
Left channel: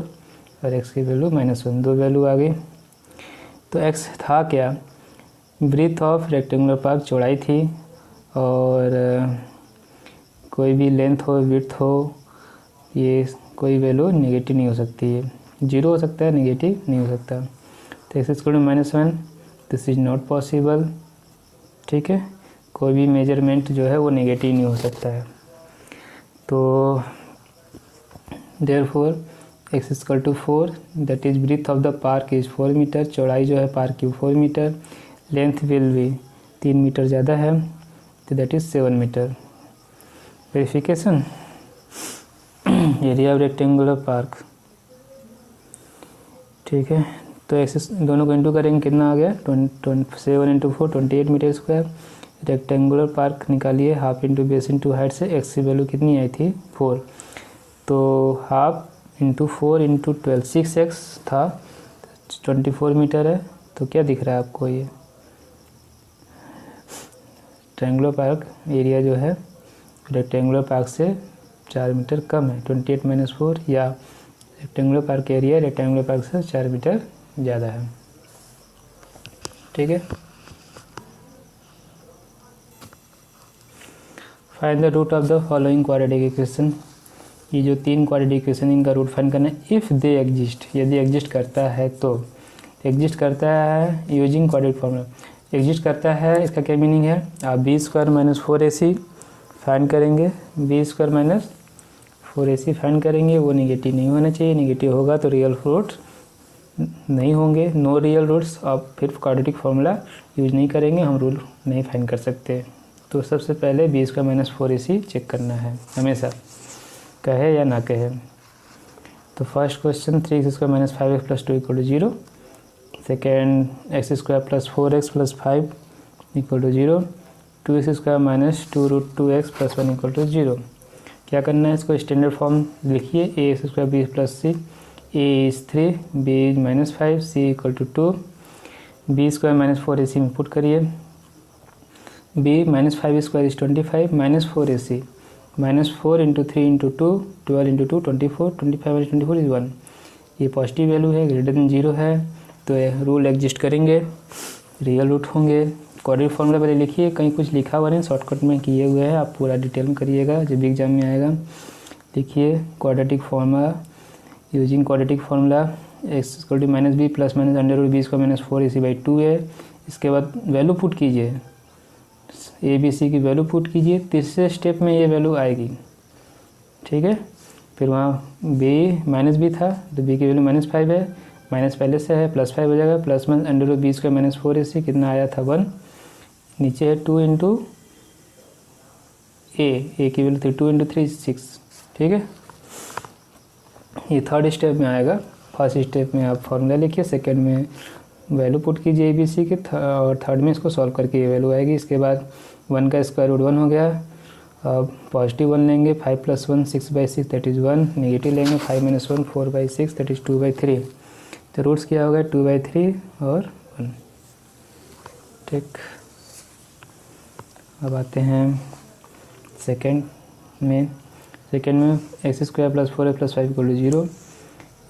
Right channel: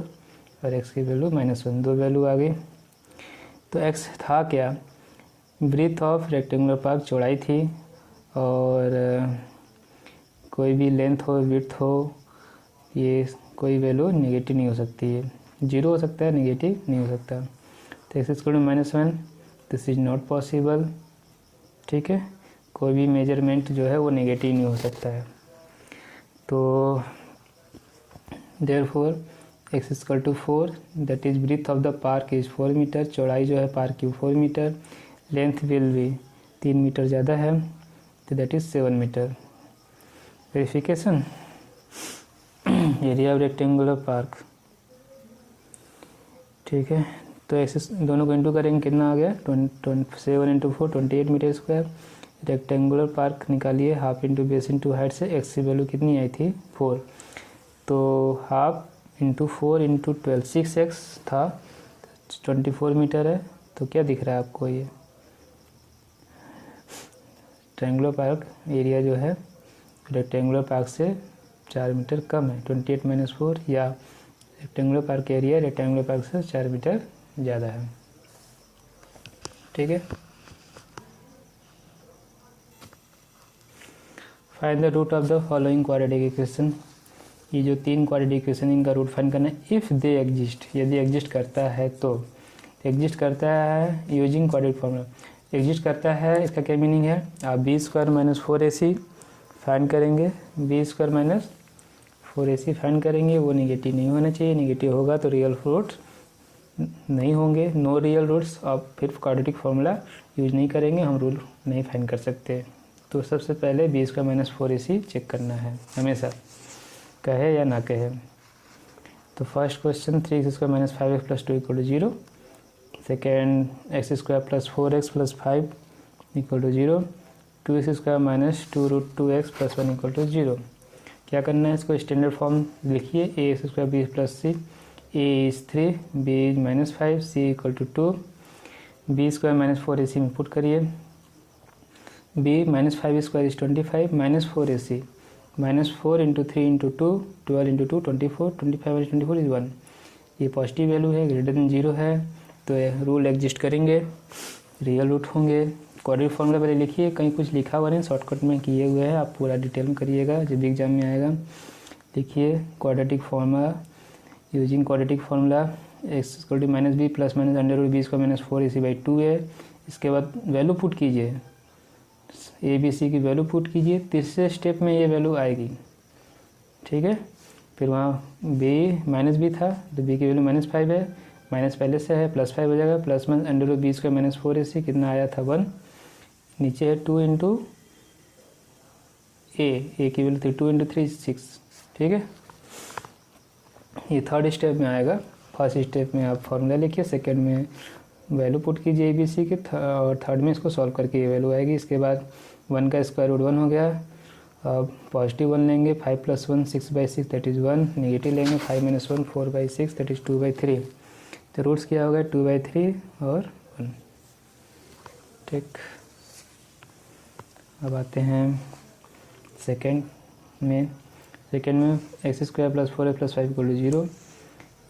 और x की वैल्यू -1, दो वैल्यू आ गई। तो x था क्या, ब्रीथ ऑफ रेक्टेंगुलर पार्क चौड़ाई थी, और कोई भी लेंथ हो विड्थ हो, ये कोई वैल्यू नेगेटिव नहीं हो सकती है, 0 हो सकता है, नेगेटिव नहीं हो सकता। तो x equal to -1, this is not possible. ठीक है, कोई भी मेजरमेंट जो है वो नेगेटिव नहीं हो सकता है। तो therefore x equal to 4, that is breadth of the park is 4 metre, चौड़ाई जो है पार्क की 4 मीटर, लेंथ विल भी 3 मीटर ज़्यादा है, तो that is 7 metre. Verification, area of rectangular park. ठीक है, तो एक्स दोनों को इंटू करेंगे, कितना आ गया 7 into 4 28 metre square. Rectangular park निकालिए, half into base into height से एक्स की वैल्यू कितनी आई थी 4, तो हाफ इंटू 4 इंटू 12 6x था, 24 मीटर है। तो क्या दिख रहा है आपको, ये रेक्टेंगुलर पार्क एरिया जो है रेक्टेंगुलर पार्क से 4 मीटर कम है, 28 माइनस 4, या rectangular park area rectangular park से 4 मीटर ज़्यादा है। ठीक है, find the root of the following quadratic equation, ये जो 3 क्वाड्रेटिक इक्वेशन इनका रूट फाइंड करना है। इफ़ दे एग्जिस्ट, यदि एग्जिस्ट करता है तो एग्जिस्ट करता है यूजिंग क्वाड्रेटिक फॉर्मूला। एग्जिस्ट करता है इसका क्या मीनिंग है, आप b square minus 4ac find करेंगे, b square minus 4ac find करेंगे। वो निगेटिव नहीं होना चाहिए, निगेटिव होगा तो रियल रूट नहीं होंगे, नो रियल रूट्स। आप फिर क्वाड्रेटिक फार्मूला यूज नहीं करेंगे, हम रूल नहीं फाइंड कर सकते। तो सबसे पहले B square minus 4ac check करना है हमेशा, कहे या ना कहे। तो first question 3x square minus 5x plus 2 equal to 0। Second x square plus 4x plus 5 equal to 0। 2x square minus 2 root 2x plus 1 equal to 0। क्या करना है, इसको स्टैंडर्ड फॉर्म लिखिए, ax square b plus c, a is 3, b is minus 5, c equal to 2। b square minus 4ac में put करिए, b minus 5 square is 25 minus 4ac, minus 4 into 3 into 2, 12 into 2 24, 25 minus 24 is 1। ये positive value है, greater than 0 है, तो rule exist करेंगे, real root होंगे। Quadratic formula पहले लिखिए, कहीं कुछ लिखा हुआ नहीं, शॉर्टकट में किए हुए हैं, आप पूरा डिटेल में करिएगा जब भी एग्जाम में आएगा। लिखिए quadratic formula, using quadratic formula x equal to minus b plus minus under root b square minus 4ac by 2 है। इसके बाद वैल्यू पुट कीजिए, ए बी सी की वैल्यू पुट कीजिए, तीसरे स्टेप में ये वैल्यू आएगी, ठीक है। फिर वहाँ बी माइनस बी था तो बी की वैल्यू माइनस 5 है, माइनस पहले से है, प्लस 5 हो जाएगा, plus minus under root b square minus 4ac कितना आया था 1, नीचे है 2 इंटू ए की वैल्यू थी 2 इंटू 3 6, ठीक है। ये थर्ड स्टेप में आएगा। फर्स्ट स्टेप में आप फॉर्मूला लिखिए, सेकंड में वैल्यू पुट कीजिए ए बी सी के, और थर्ड में इसको सॉल्व करके ये वैल्यू आएगी। इसके बाद 1 का स्क्वायर रूट 1 हो गया, अब पॉजिटिव 1 लेंगे, 5 प्लस 1 6/6 दैट इज़ 1, नेगेटिव लेंगे 5 माइनस 1 4/6 दैट इज़ 2/3। तो रूट्स क्या होगा 2/3 और 1, ठीक। अब आते हैं सेकेंड में x square plus 4x plus 5 equal to 0।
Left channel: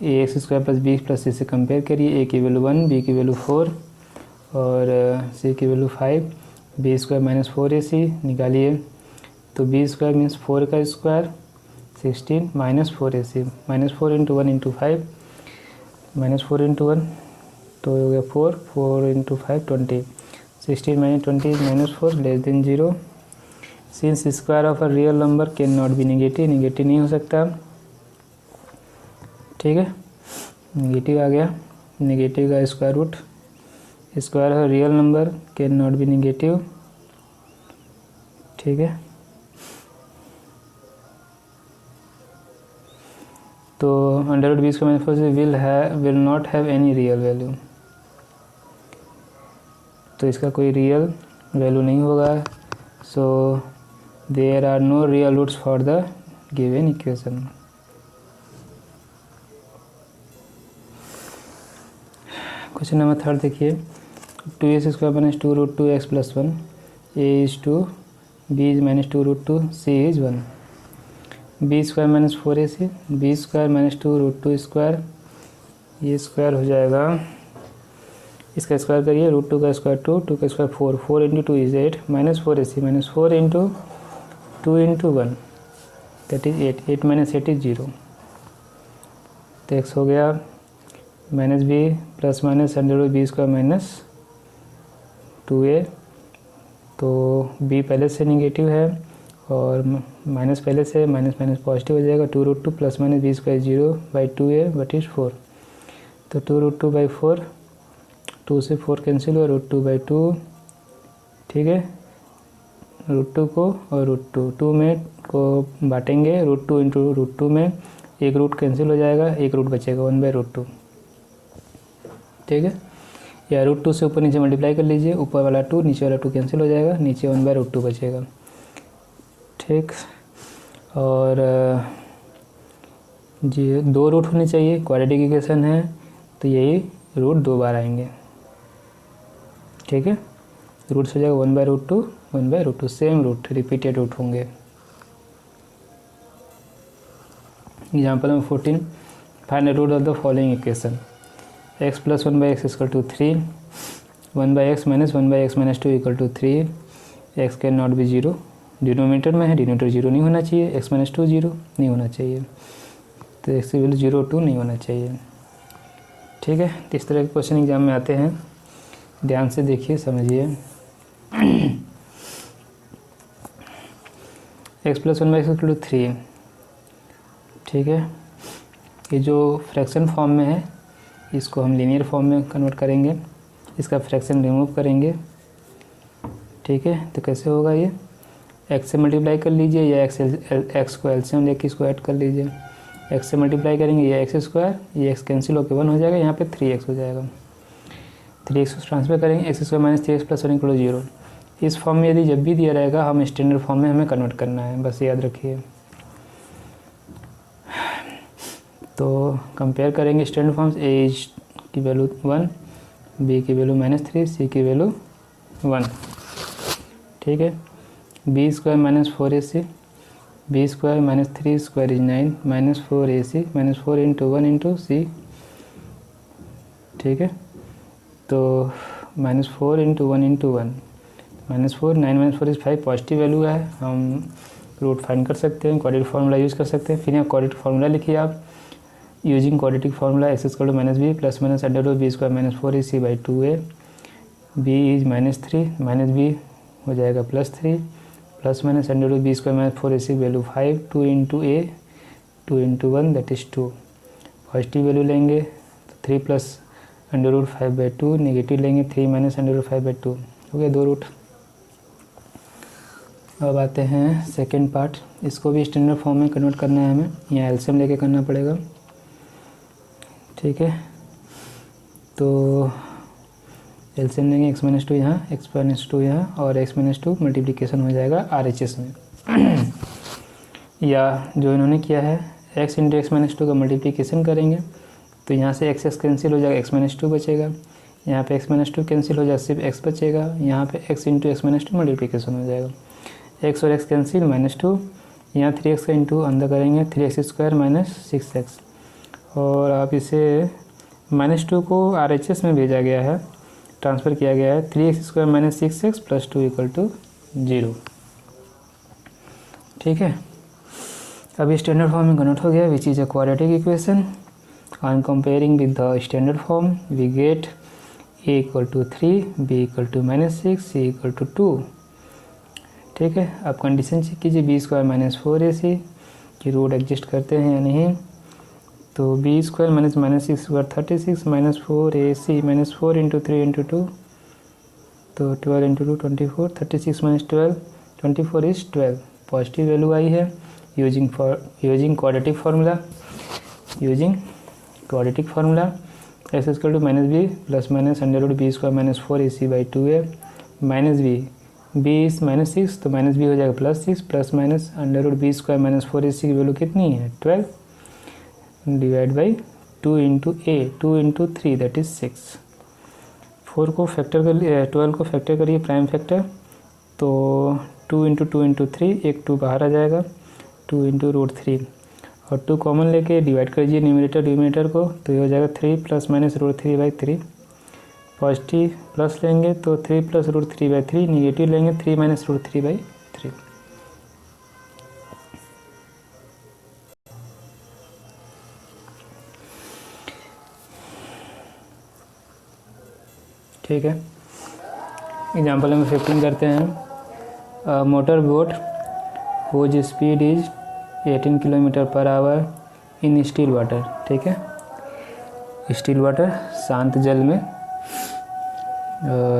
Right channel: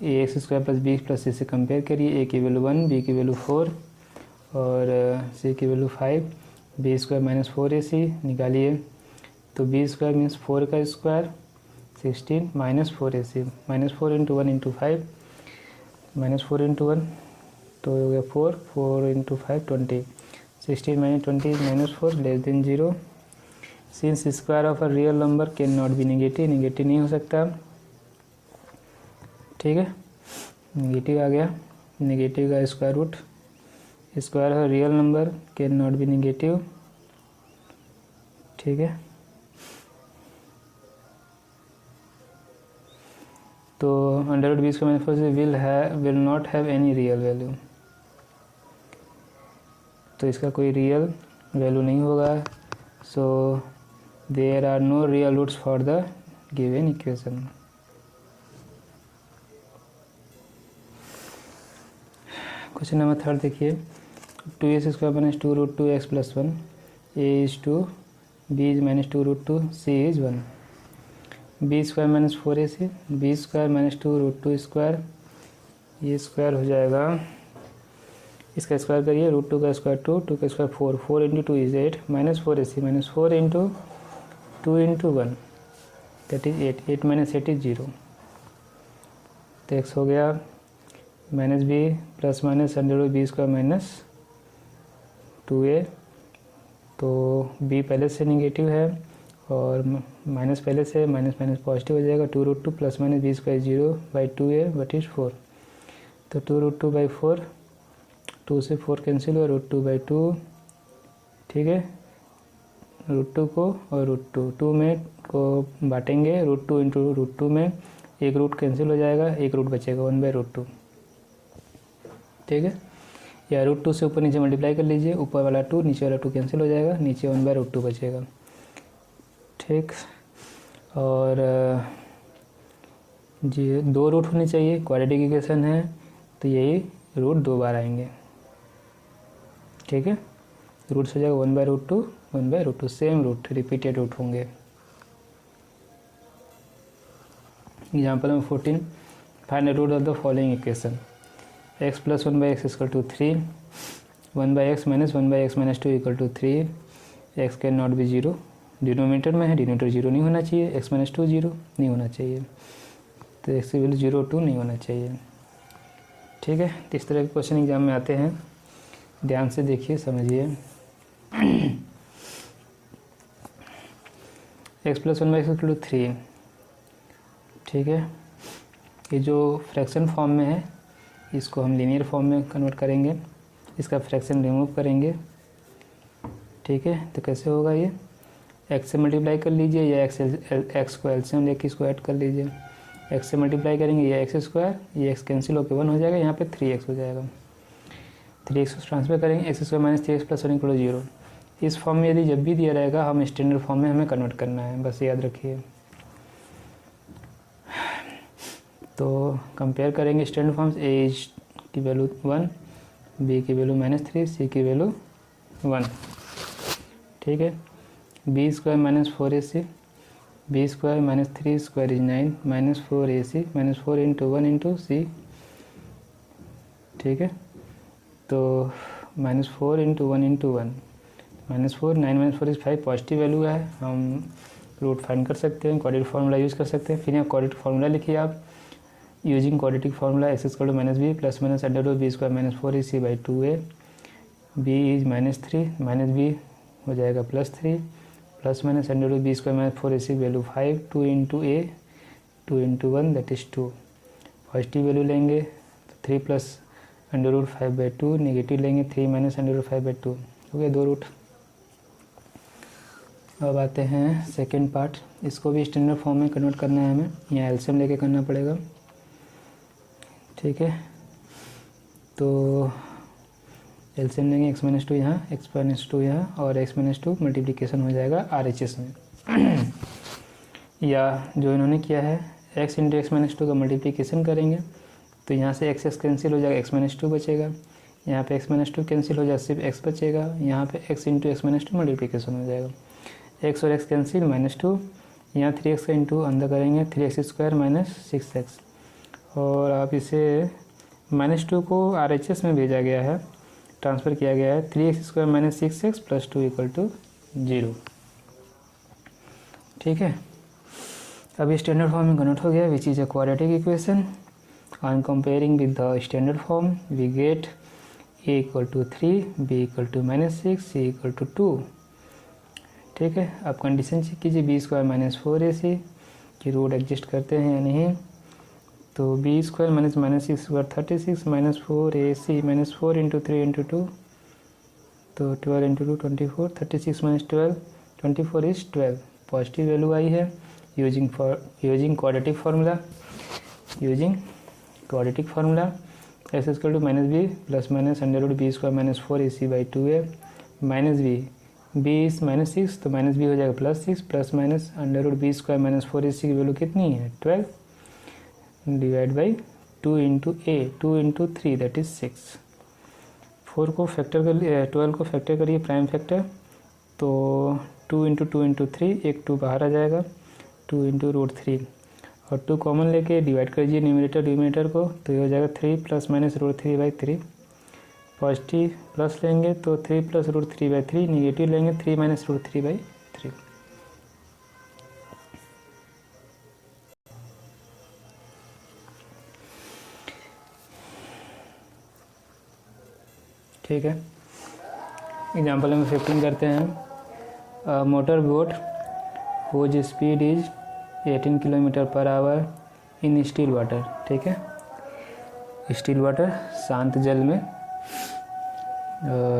A x square plus b plus c से कंपेयर करिए, ए की वैल्यू 1, बी की वैल्यू 4 और सी की value 5। B square minus 4ac निकालिए, तो बी स्क्वायर मीन्स 4 का square 16 minus 4ac, minus 4 into 1 into 5, minus 4 into 1 तो हो गया 4 into 5 20, 16 minus 20 minus 4 less than 0। Since square of a real number can not be negative, negative नहीं हो सकता, ठीक है। नेगेटिव आ गया, नेगेटिव का square root, square of real number can not be negative, ठीक है। तो under root b square minus 4 will not have any real value, तो इसका कोई रियल वैल्यू नहीं होगा। So there are no real roots for the given equation। Question number 3 देखिए, 2x square minus 2 root 2x plus 1, a is 2, b is minus 2 root 2, c is 1। b square minus 4ac, b square minus 2 root 2 square, ये square हो जाएगा, इसका square करिए, root 2 का square 2, 2 का square 4, 4 into 2 is 8, minus 4ac minus 4 into 2 into 1 that is 8, 8 minus 8 is 0। तो x हो गया minus b plus minus under root b square minus 2a, तो b पहले से नेगेटिव है और माइनस पहले से, माइनस माइनस पॉजिटिव हो जाएगा, 2 root 2 plus minus b square 0/2a but is 4, तो 2 रूट 2/4, 2 से 4 कैंसिल हुआ, रूट 2/2, ठीक है। रूट 2 को और रूट 2 में को बांटेंगे, रूट 2 इंटू रूट 2 में एक रूट कैंसिल हो जाएगा, एक रूट बचेगा 1/√2, ठीक है। या रूट 2 से ऊपर नीचे मल्टीप्लाई कर लीजिए, ऊपर वाला 2 नीचे वाला 2 कैंसिल हो जाएगा, नीचे 1/√2 बचेगा, ठीक। और जी 2 रूट होने चाहिए, क्वाड्रेटिक इक्वेशन है तो यही रूट 2 बार आएंगे, ठीक है। रूट्स हो जाएगा 1/√2 1/√2, सेम रूट, रिपीटेड रूट होंगे। Example number 14, find the root of the following equation, x plus 1/x equal to 3, 1/x minus 1/x minus 2 equal to 3, x can not be 0, denominator में है, denominator 0 नहीं होना चाहिए, x minus 2 0 नहीं होना चाहिए, तो x की वैल्यू 0 2 नहीं होना चाहिए। ठीक है, तो इस तरह के क्वेश्चन एग्जाम में आते हैं, ध्यान से देखिए समझिए। x प्लस 1/3, ठीक है, ये जो फ्रैक्शन फॉर्म में है इसको हम लीनियर फॉर्म में कन्वर्ट करेंगे, इसका फ्रैक्शन रिमूव करेंगे। ठीक है, तो कैसे होगा ये, x से मल्टीप्लाई कर लीजिए या x को एलसीएम लेके इसको ऐड कर लीजिए। x से मल्टीप्लाई करेंगे ये x², ये x कैंसिल होकर 1 हो जाएगा, यहाँ पे 3x हो जाएगा। 3x को ट्रांसफर करेंगे, x² माइनस 3x प्लस 1 = 0। इस फॉर्म में यदि जब भी दिया रहेगा हम स्टैंडर्ड फॉर्म में हमें कन्वर्ट करना है, बस याद रखिए। तो कंपेयर करेंगे स्टैंडर्ड फॉर्म्स, a की वैल्यू 1, b की वैल्यू -3, c की वैल्यू 1। ठीक है, b² minus 4ac, b² minus 3² is 9, -4ac, -4 × 1 × c। ठीक है, तो -4 × 1 × 1, -4, 9 - 4 इज 5, पॉजिटिव वैल्यू है, हम रूट फाइंड कर सकते हैं, क्वाड्रेटिक फार्मूला यूज़ कर सकते हैं। फिर यहाँ क्वाड्रेटिक फार्मूला लिखिए आप, using quadratic formula x = -b plus minus √b² minus 4ac/2a, b is -3, -b हो जाएगा +3 plus minus √b² minus 4ac value 5, 2 × a, 2 × 1 that is 2, positive value लेंगे तो 3 प्लस √5/2, नेगेटिव लेंगे 3 माइनस √5/2, हो गया 2 रूट। अब आते हैं सेकेंड पार्ट, इसको भी स्टैंडर्ड फॉर्म में कन्वर्ट करना है हमें, यहाँ एलसीएम लेके करना पड़ेगा। ठीक है, तो एलसीएम लेंगे, x - 2 यहाँ, x - 2 यहाँ, और x - 2 मल्टीप्लिकेशन हो जाएगा RHS में। या जो इन्होंने किया है x × x - 2 का मल्टीप्लिकेशन करेंगे तो यहाँ से x कैंसिल हो जाएगा, x - 2 बचेगा, यहाँ पे x - 2 कैंसिल हो जाएगा, सिर्फ x बचेगा, यहाँ पे x × x - 2 मल्टीप्लिकेशन हो जाएगा, x और x कैंसिल, -2, यहाँ 3x का इंटू अंदर करेंगे, 3x² माइनस 6x, और आप इसे -2 को RHS में भेजा गया है, ट्रांसफ़र किया गया है, 3x² माइनस 6x प्लस 2 = 0। ठीक है, अभी स्टैंडर्ड फॉर्म में कन्वर्ट हो गया, which is a quadratic equation. On comparing with the standard form we get a = 3, b = -6, c = 2। ठीक है, आप कंडीशन चेक कीजिए, b² माइनस 4ac की रूट एडजस्ट करते हैं या नहीं, तो b² minus -6² 36 minus 4ac minus 4 × 3 × 2, तो 12 × 2 24, 36 माइनस 12 24 इज 12, पॉजिटिव वैल्यू आई है। Using quadratic formula, x = -b plus minus √b² minus 4ac/2a minus b is -6, तो -b हो जाएगा +6 plus minus √b² minus 4ac की वैल्यू कितनी है 12, divide by 2 × a, 2 × 3 that is 6। 4 को factor कर लिए, 12 को फैक्टर करिए प्राइम फैक्टर, तो 2 × 2 × 3, एक 2 बाहर आ जाएगा, 2 × √3, और 2 कॉमन लेके डिवाइड करिए न्यूमरेटर को, तो ये हो जाएगा 3 प्लस माइनस √3/3, पॉजिटिव प्लस लेंगे तो 3 प्लस √3/3, निगेटिव लेंगे 3 माइनस √3/3। ठीक है, एग्जाम्पल नंबर 15 करते हैं। Motor boat whose speed is 18 km/h in still water. ठीक है, स्टिल वाटर शांत जल में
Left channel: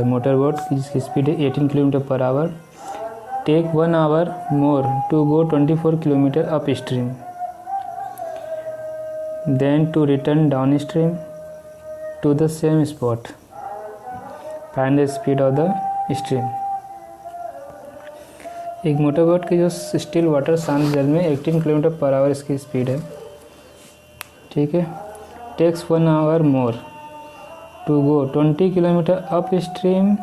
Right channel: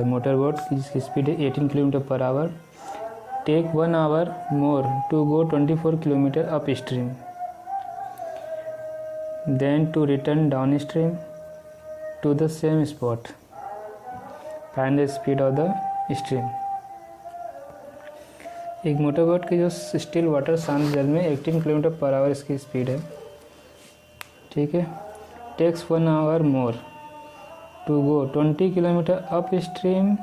मोटर बोट जिसकी स्पीड है 18 km/h, take 1 hour more to go 24 km up stream, then to return down stream to the same spot, find the speed of the stream. एक motor boat की जो still water शांत जल में 18 km/h इसकी speed है। ठीक है, takes 1 hour more to go 20 km up stream,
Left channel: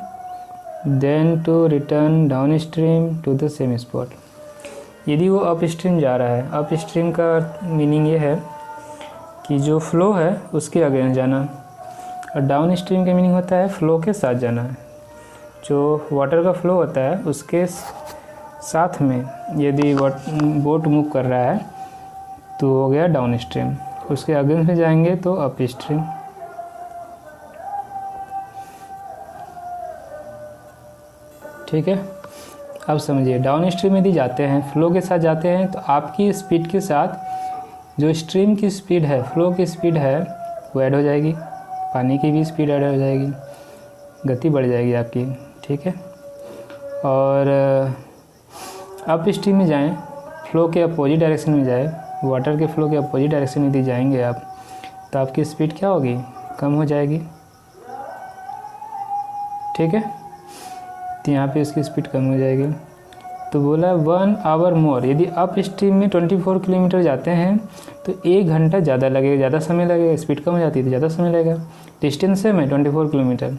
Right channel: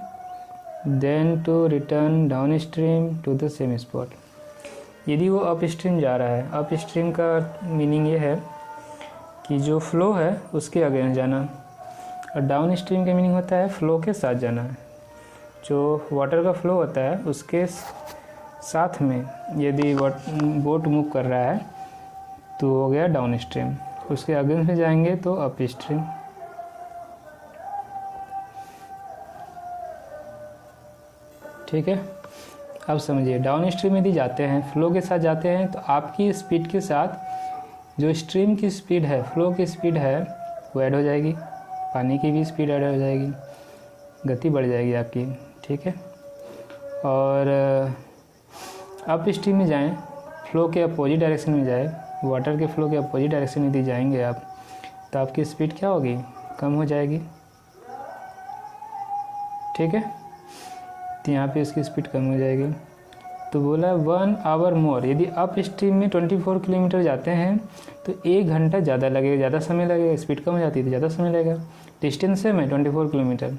then to return down stream to the same spot. यदि वो अप स्ट्रीम जा रहा है, अप स्ट्रीम का मीनिंग ये है कि जो फ्लो है उसके अगेंस्ट जाना, और डाउन स्ट्रीम का मीनिंग होता है फ्लो के साथ जाना है। जो वाटर का फ्लो होता है उसके साथ में यदि बोट मूव कर रहा है तो हो गया डाउन स्ट्रीम, उसके अगेंस्ट में जाएंगे तो अप स्ट्रीम। ठीक है, अब समझिए डाउन स्ट्रीम यदि जाते हैं, फ्लो के साथ जाते हैं, तो आपकी स्पीड के साथ जो स्ट्रीम की स्पीड है, फ्लो की स्पीड है, वो ऐड हो जाएगी, पानी की भी स्पीड ऐड हो जाएगी, गति बढ़ जाएगी आपकी। ठीक है, और अप स्ट्रीम में जाएं, फ्लो के अपोजिट डायरेक्शन में जाए, वाटर के फ्लो के अपोजिट डायरेक्शन में यदि जाएंगे आप, तो आपकी स्पीड क्या होगी, कम हो जाएगी। ठीक है, तो यहाँ पे इसकी स्पीड कम हो जाएगी। तो बोला 1 आवर मोर, यदि अप स्ट्रीम में 24 किलोमीटर जाते हैं तो 1 घंटा ज़्यादा लगेगा, ज़्यादा समय लगेगा, स्पीड कम हो जाती है तो ज़्यादा समय लगेगा। डिस्टेंस है 24 किलोमीटर,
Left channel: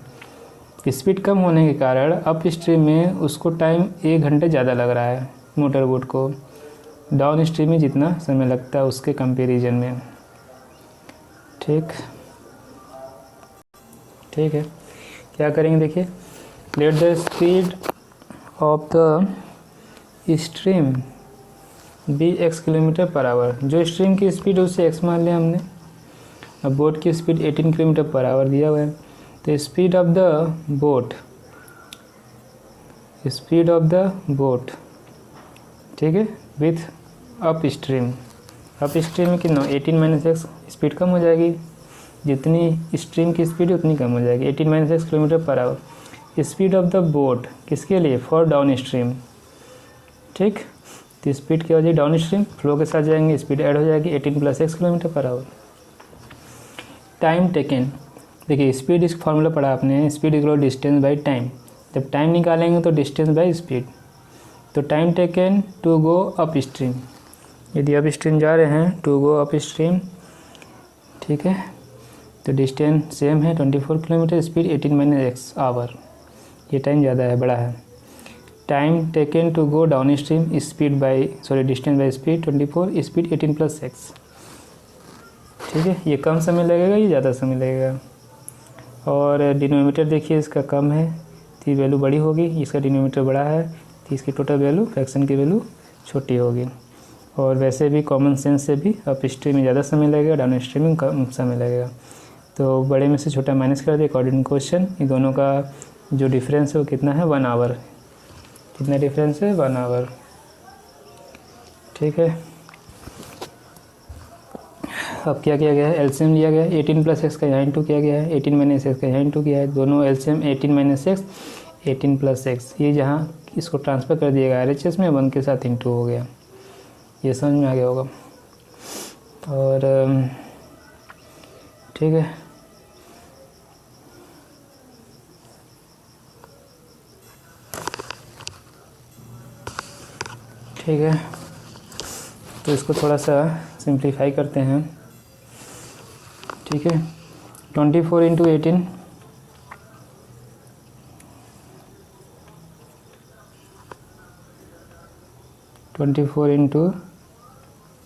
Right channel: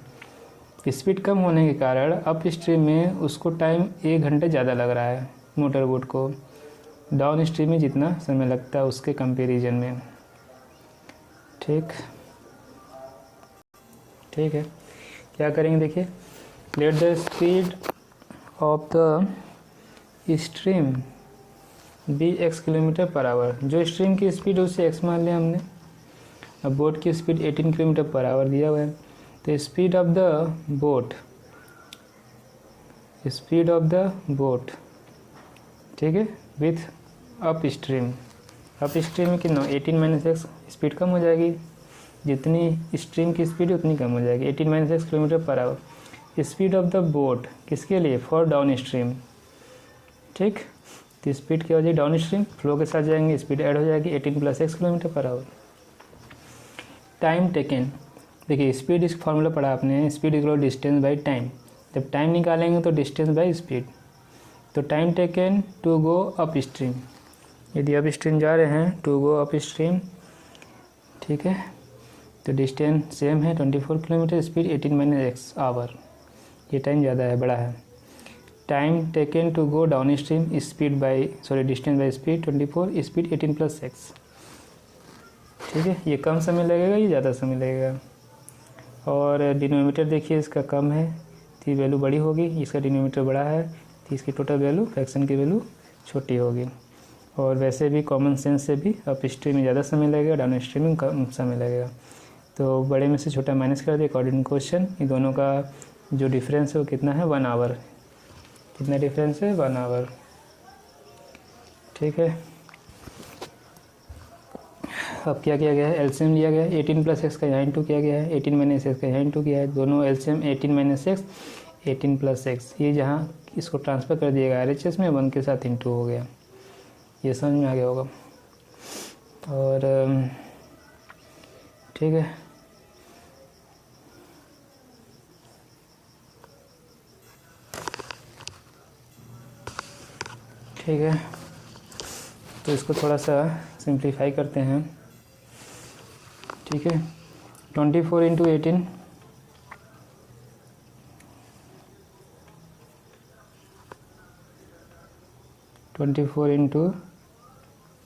स्पीड कम होने के कारण अप स्ट्रीम में उसको टाइम 1 घंटे ज़्यादा लग रहा है मोटर बोट को, डाउन स्ट्रीम में जितना समय लगता है उसके कंपैरिजन में। ठीक है, क्या करेंगे देखिए, let the speed of the stream be x kilometre per hour. जो स्ट्रीम की स्पीड है उसे x मान लिया हमने, अब बोट की स्पीड 18 किलोमीटर पर आवर दिया हुआ है, तो स्पीड ऑफ द बोट, ठीक है, विथ अप स्ट्रीम में कितना 18 - x, स्पीड कम हो जाएगी, जितनी स्ट्रीम की स्पीड उतनी कम हो जाएगी, 18 - x kilometre per our. Speed of the boat किसके लिए, फॉर डाउन स्ट्रीम। ठीक, तो स्पीड क्या हो जाएगी, डाउन स्ट्रीम फ्लो के साथ जाएंगे, स्पीड ऐड हो जाएगी 18 + x kilometre per hour. Time taken, देखिए स्पीड इस फॉर्मूला पढ़ा आपने, speed equal distance by time, जब टाइम निकालेंगे तो डिस्टेंस बाई स्पीड। तो time taken to go up stream, यदि अप स्ट्रीम जा रहे हैं टू गो अप स्ट्रीम, ठीक है, तो डिस्टेंस सेम है 24 किलोमीटर, स्पीड 18 - x आवर, ये टाइम ज़्यादा है, बड़ा है। Time taken to go downstream, distance by speed 24, speed 18 + x। ठीक है, ये कम समय लगेगा, ये ज़्यादा समय लगेगा। और डिनोमीटर देखिए इसका कम है तो वैल्यू बड़ी होगी, इसका डिनोमीटर बड़ा है तो इसकी टोटल वैल्यू, फ्रैक्शन की वैल्यू छोटी होगी। और वैसे भी कॉमन सेंस से भी अप स्ट्रीम में ज़्यादा समय लगेगा, डाउन स्ट्रीम में कम समय लगेगा। तो बड़े में से छोटा माइनस कर दिया अकॉर्डिंग क्वेश्चन। इन दोनों का जो डिफरेंस है वो कितना है, 1 आवर। कितना डिफरेंस है, 1 आवर। ठीक है, अब क्या किया गया है, एलसीएम लिया गया है, 18 + x का यहाँ इंटू किया गया है, 18 - x का यहाँ इंटू किया है, दोनों एलसीएम 18 - x 18 + x, ये जहाँ इसको ट्रांसफ़र कर दिएगा RHS में, 1 के साथ इंटू हो गया। ये समझ में आ गया होगा। और ठीक है, तो इसको थोड़ा सा सिंप्लीफाई करते हैं। ठीक है, 24 ×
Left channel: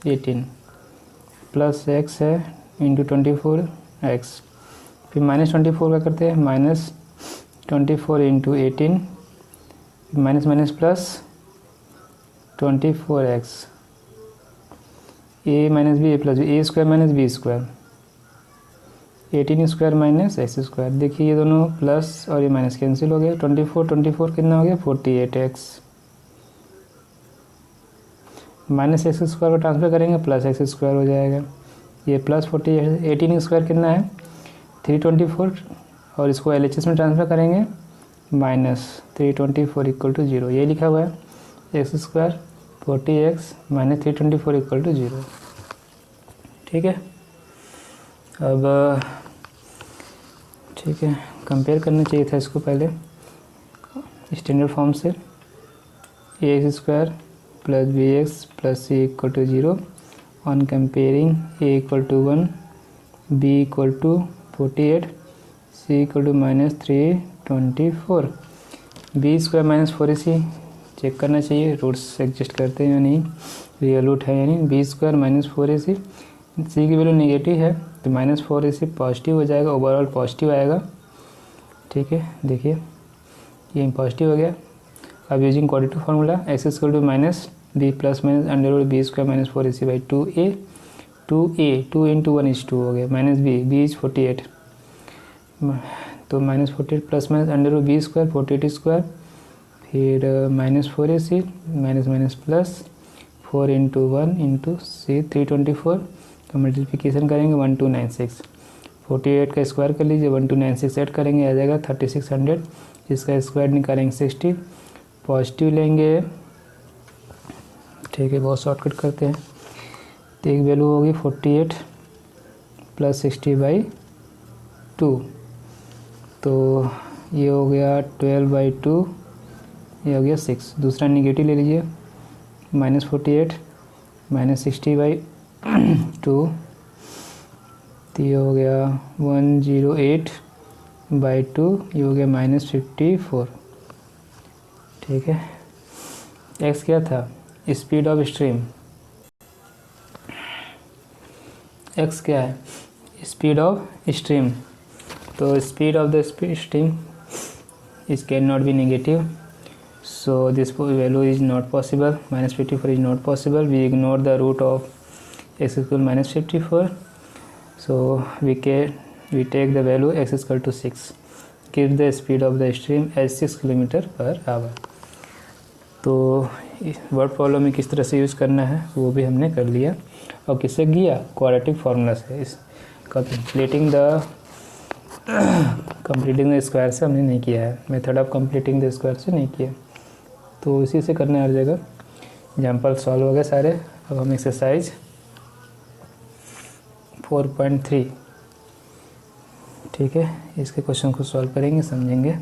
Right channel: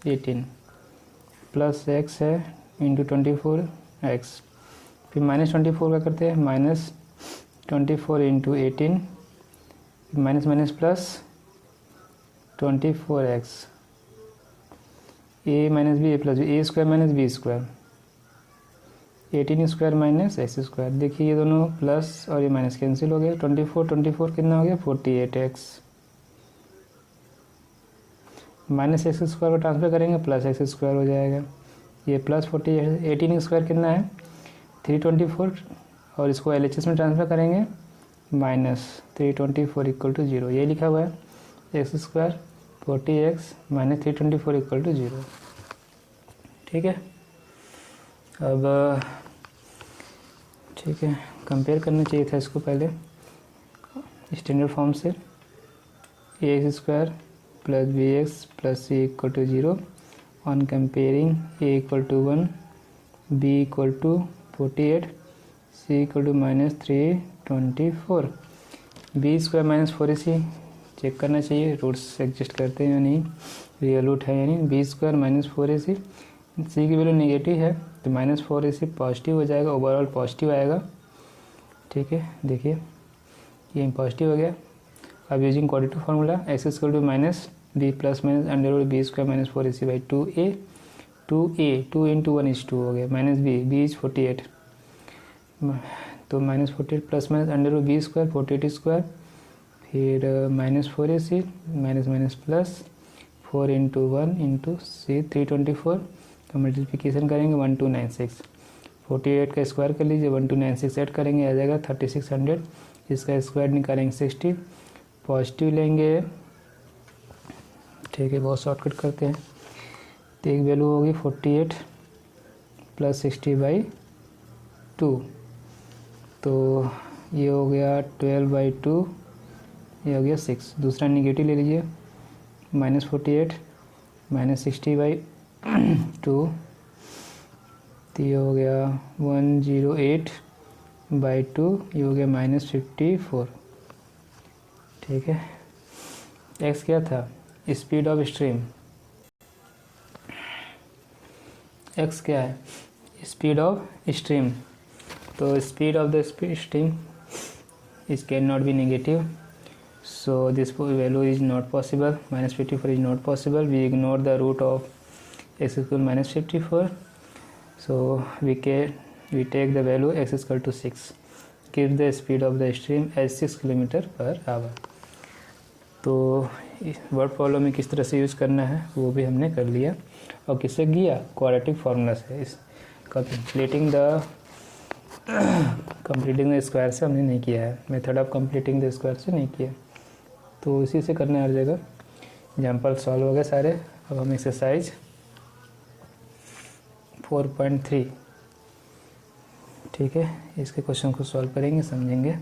18, प्लस x है इंटू 24x, फिर -24 का करते हैं, -24 × 18, minus minus plus 24x, a - b a + b, a² - b², 18² - x²। देखिए ये दोनों प्लस और ये माइनस कैंसिल हो गया, 24 कितना हो गया, 48x, -x² को ट्रांसफर करेंगे प्लस x² हो जाएगा, ये प्लस 48, 18² कितना है 324, और इसको LHS में ट्रांसफर करेंगे -324 = 0, ये लिखा हुआ है, x² 40x - 324 = 0। ठीक है, अब ठीक है, कंपेयर करना चाहिए था इसको पहले स्टैंडर्ड फॉर्म से, ax² + bx + c = 0 on comparing a = 1, b = 48, c = -324, b² - 4ac check करना चाहिए रूट्स एडजस्ट करते हैं या नहीं, रियल रूट है या नहीं। b² - 4ac, c की वैल्यू नेगेटिव है तो -4ac पॉजिटिव हो जाएगा, ओवरऑल पॉजिटिव आएगा। ठीक है, देखिए ये पॉजिटिव हो गया, अब using quadratic formula x equal to minus b plus minus under root b square minus 4ac by 2a 2 into 1 is 2 हो गया माइनस बी इज 48 तो minus 48 plus minus under root b square 48 square फिर minus 4ac minus minus plus 4 into 1 into c 324 तो multiplication करेंगे 1296 48 का square कर लीजिए 1296 add करेंगे आ जाएगा 3600 इसका स्क्वायर निकालेंगे 60 पॉजिटिव लेंगे ठीक है बहुत शॉर्टकट करते हैं तो एक वैल्यू होगी 48 प्लस 60 बाई 2 तो ये हो गया 12 बाई 2 ये हो गया 6 दूसरा निगेटिव ले लीजिए माइनस 48 माइनस 60 बाई 2 तो ये हो गया 108 बाई 2 ये हो गया माइनस 54 ठीक है। एक्स क्या था स्पीड ऑफ स्ट्रीम एक्स क्या है स्पीड ऑफ स्ट्रीम तो speed of the stream is can not be negative so this value is not possible minus 54 is not possible we ignore the root of x equal minus 54 so we take the value x is equal to 6 give the speed of the stream as 6 km/h तो word problem में किस तरह से use करना है वो भी हमने कर लिया और किससे किया क्वाड्रेटिक फार्मूला से इस कंप्लीटिंग द स्क्वायर से हमने नहीं किया है method of completing the square से नहीं किया तो इसी से करने हर जगह एग्जाम्पल सॉल्व हो गए सारे। अब हम एक्सरसाइज 4.3 ठीक है इसके क्वेश्चन को सॉल्व करेंगे समझेंगे।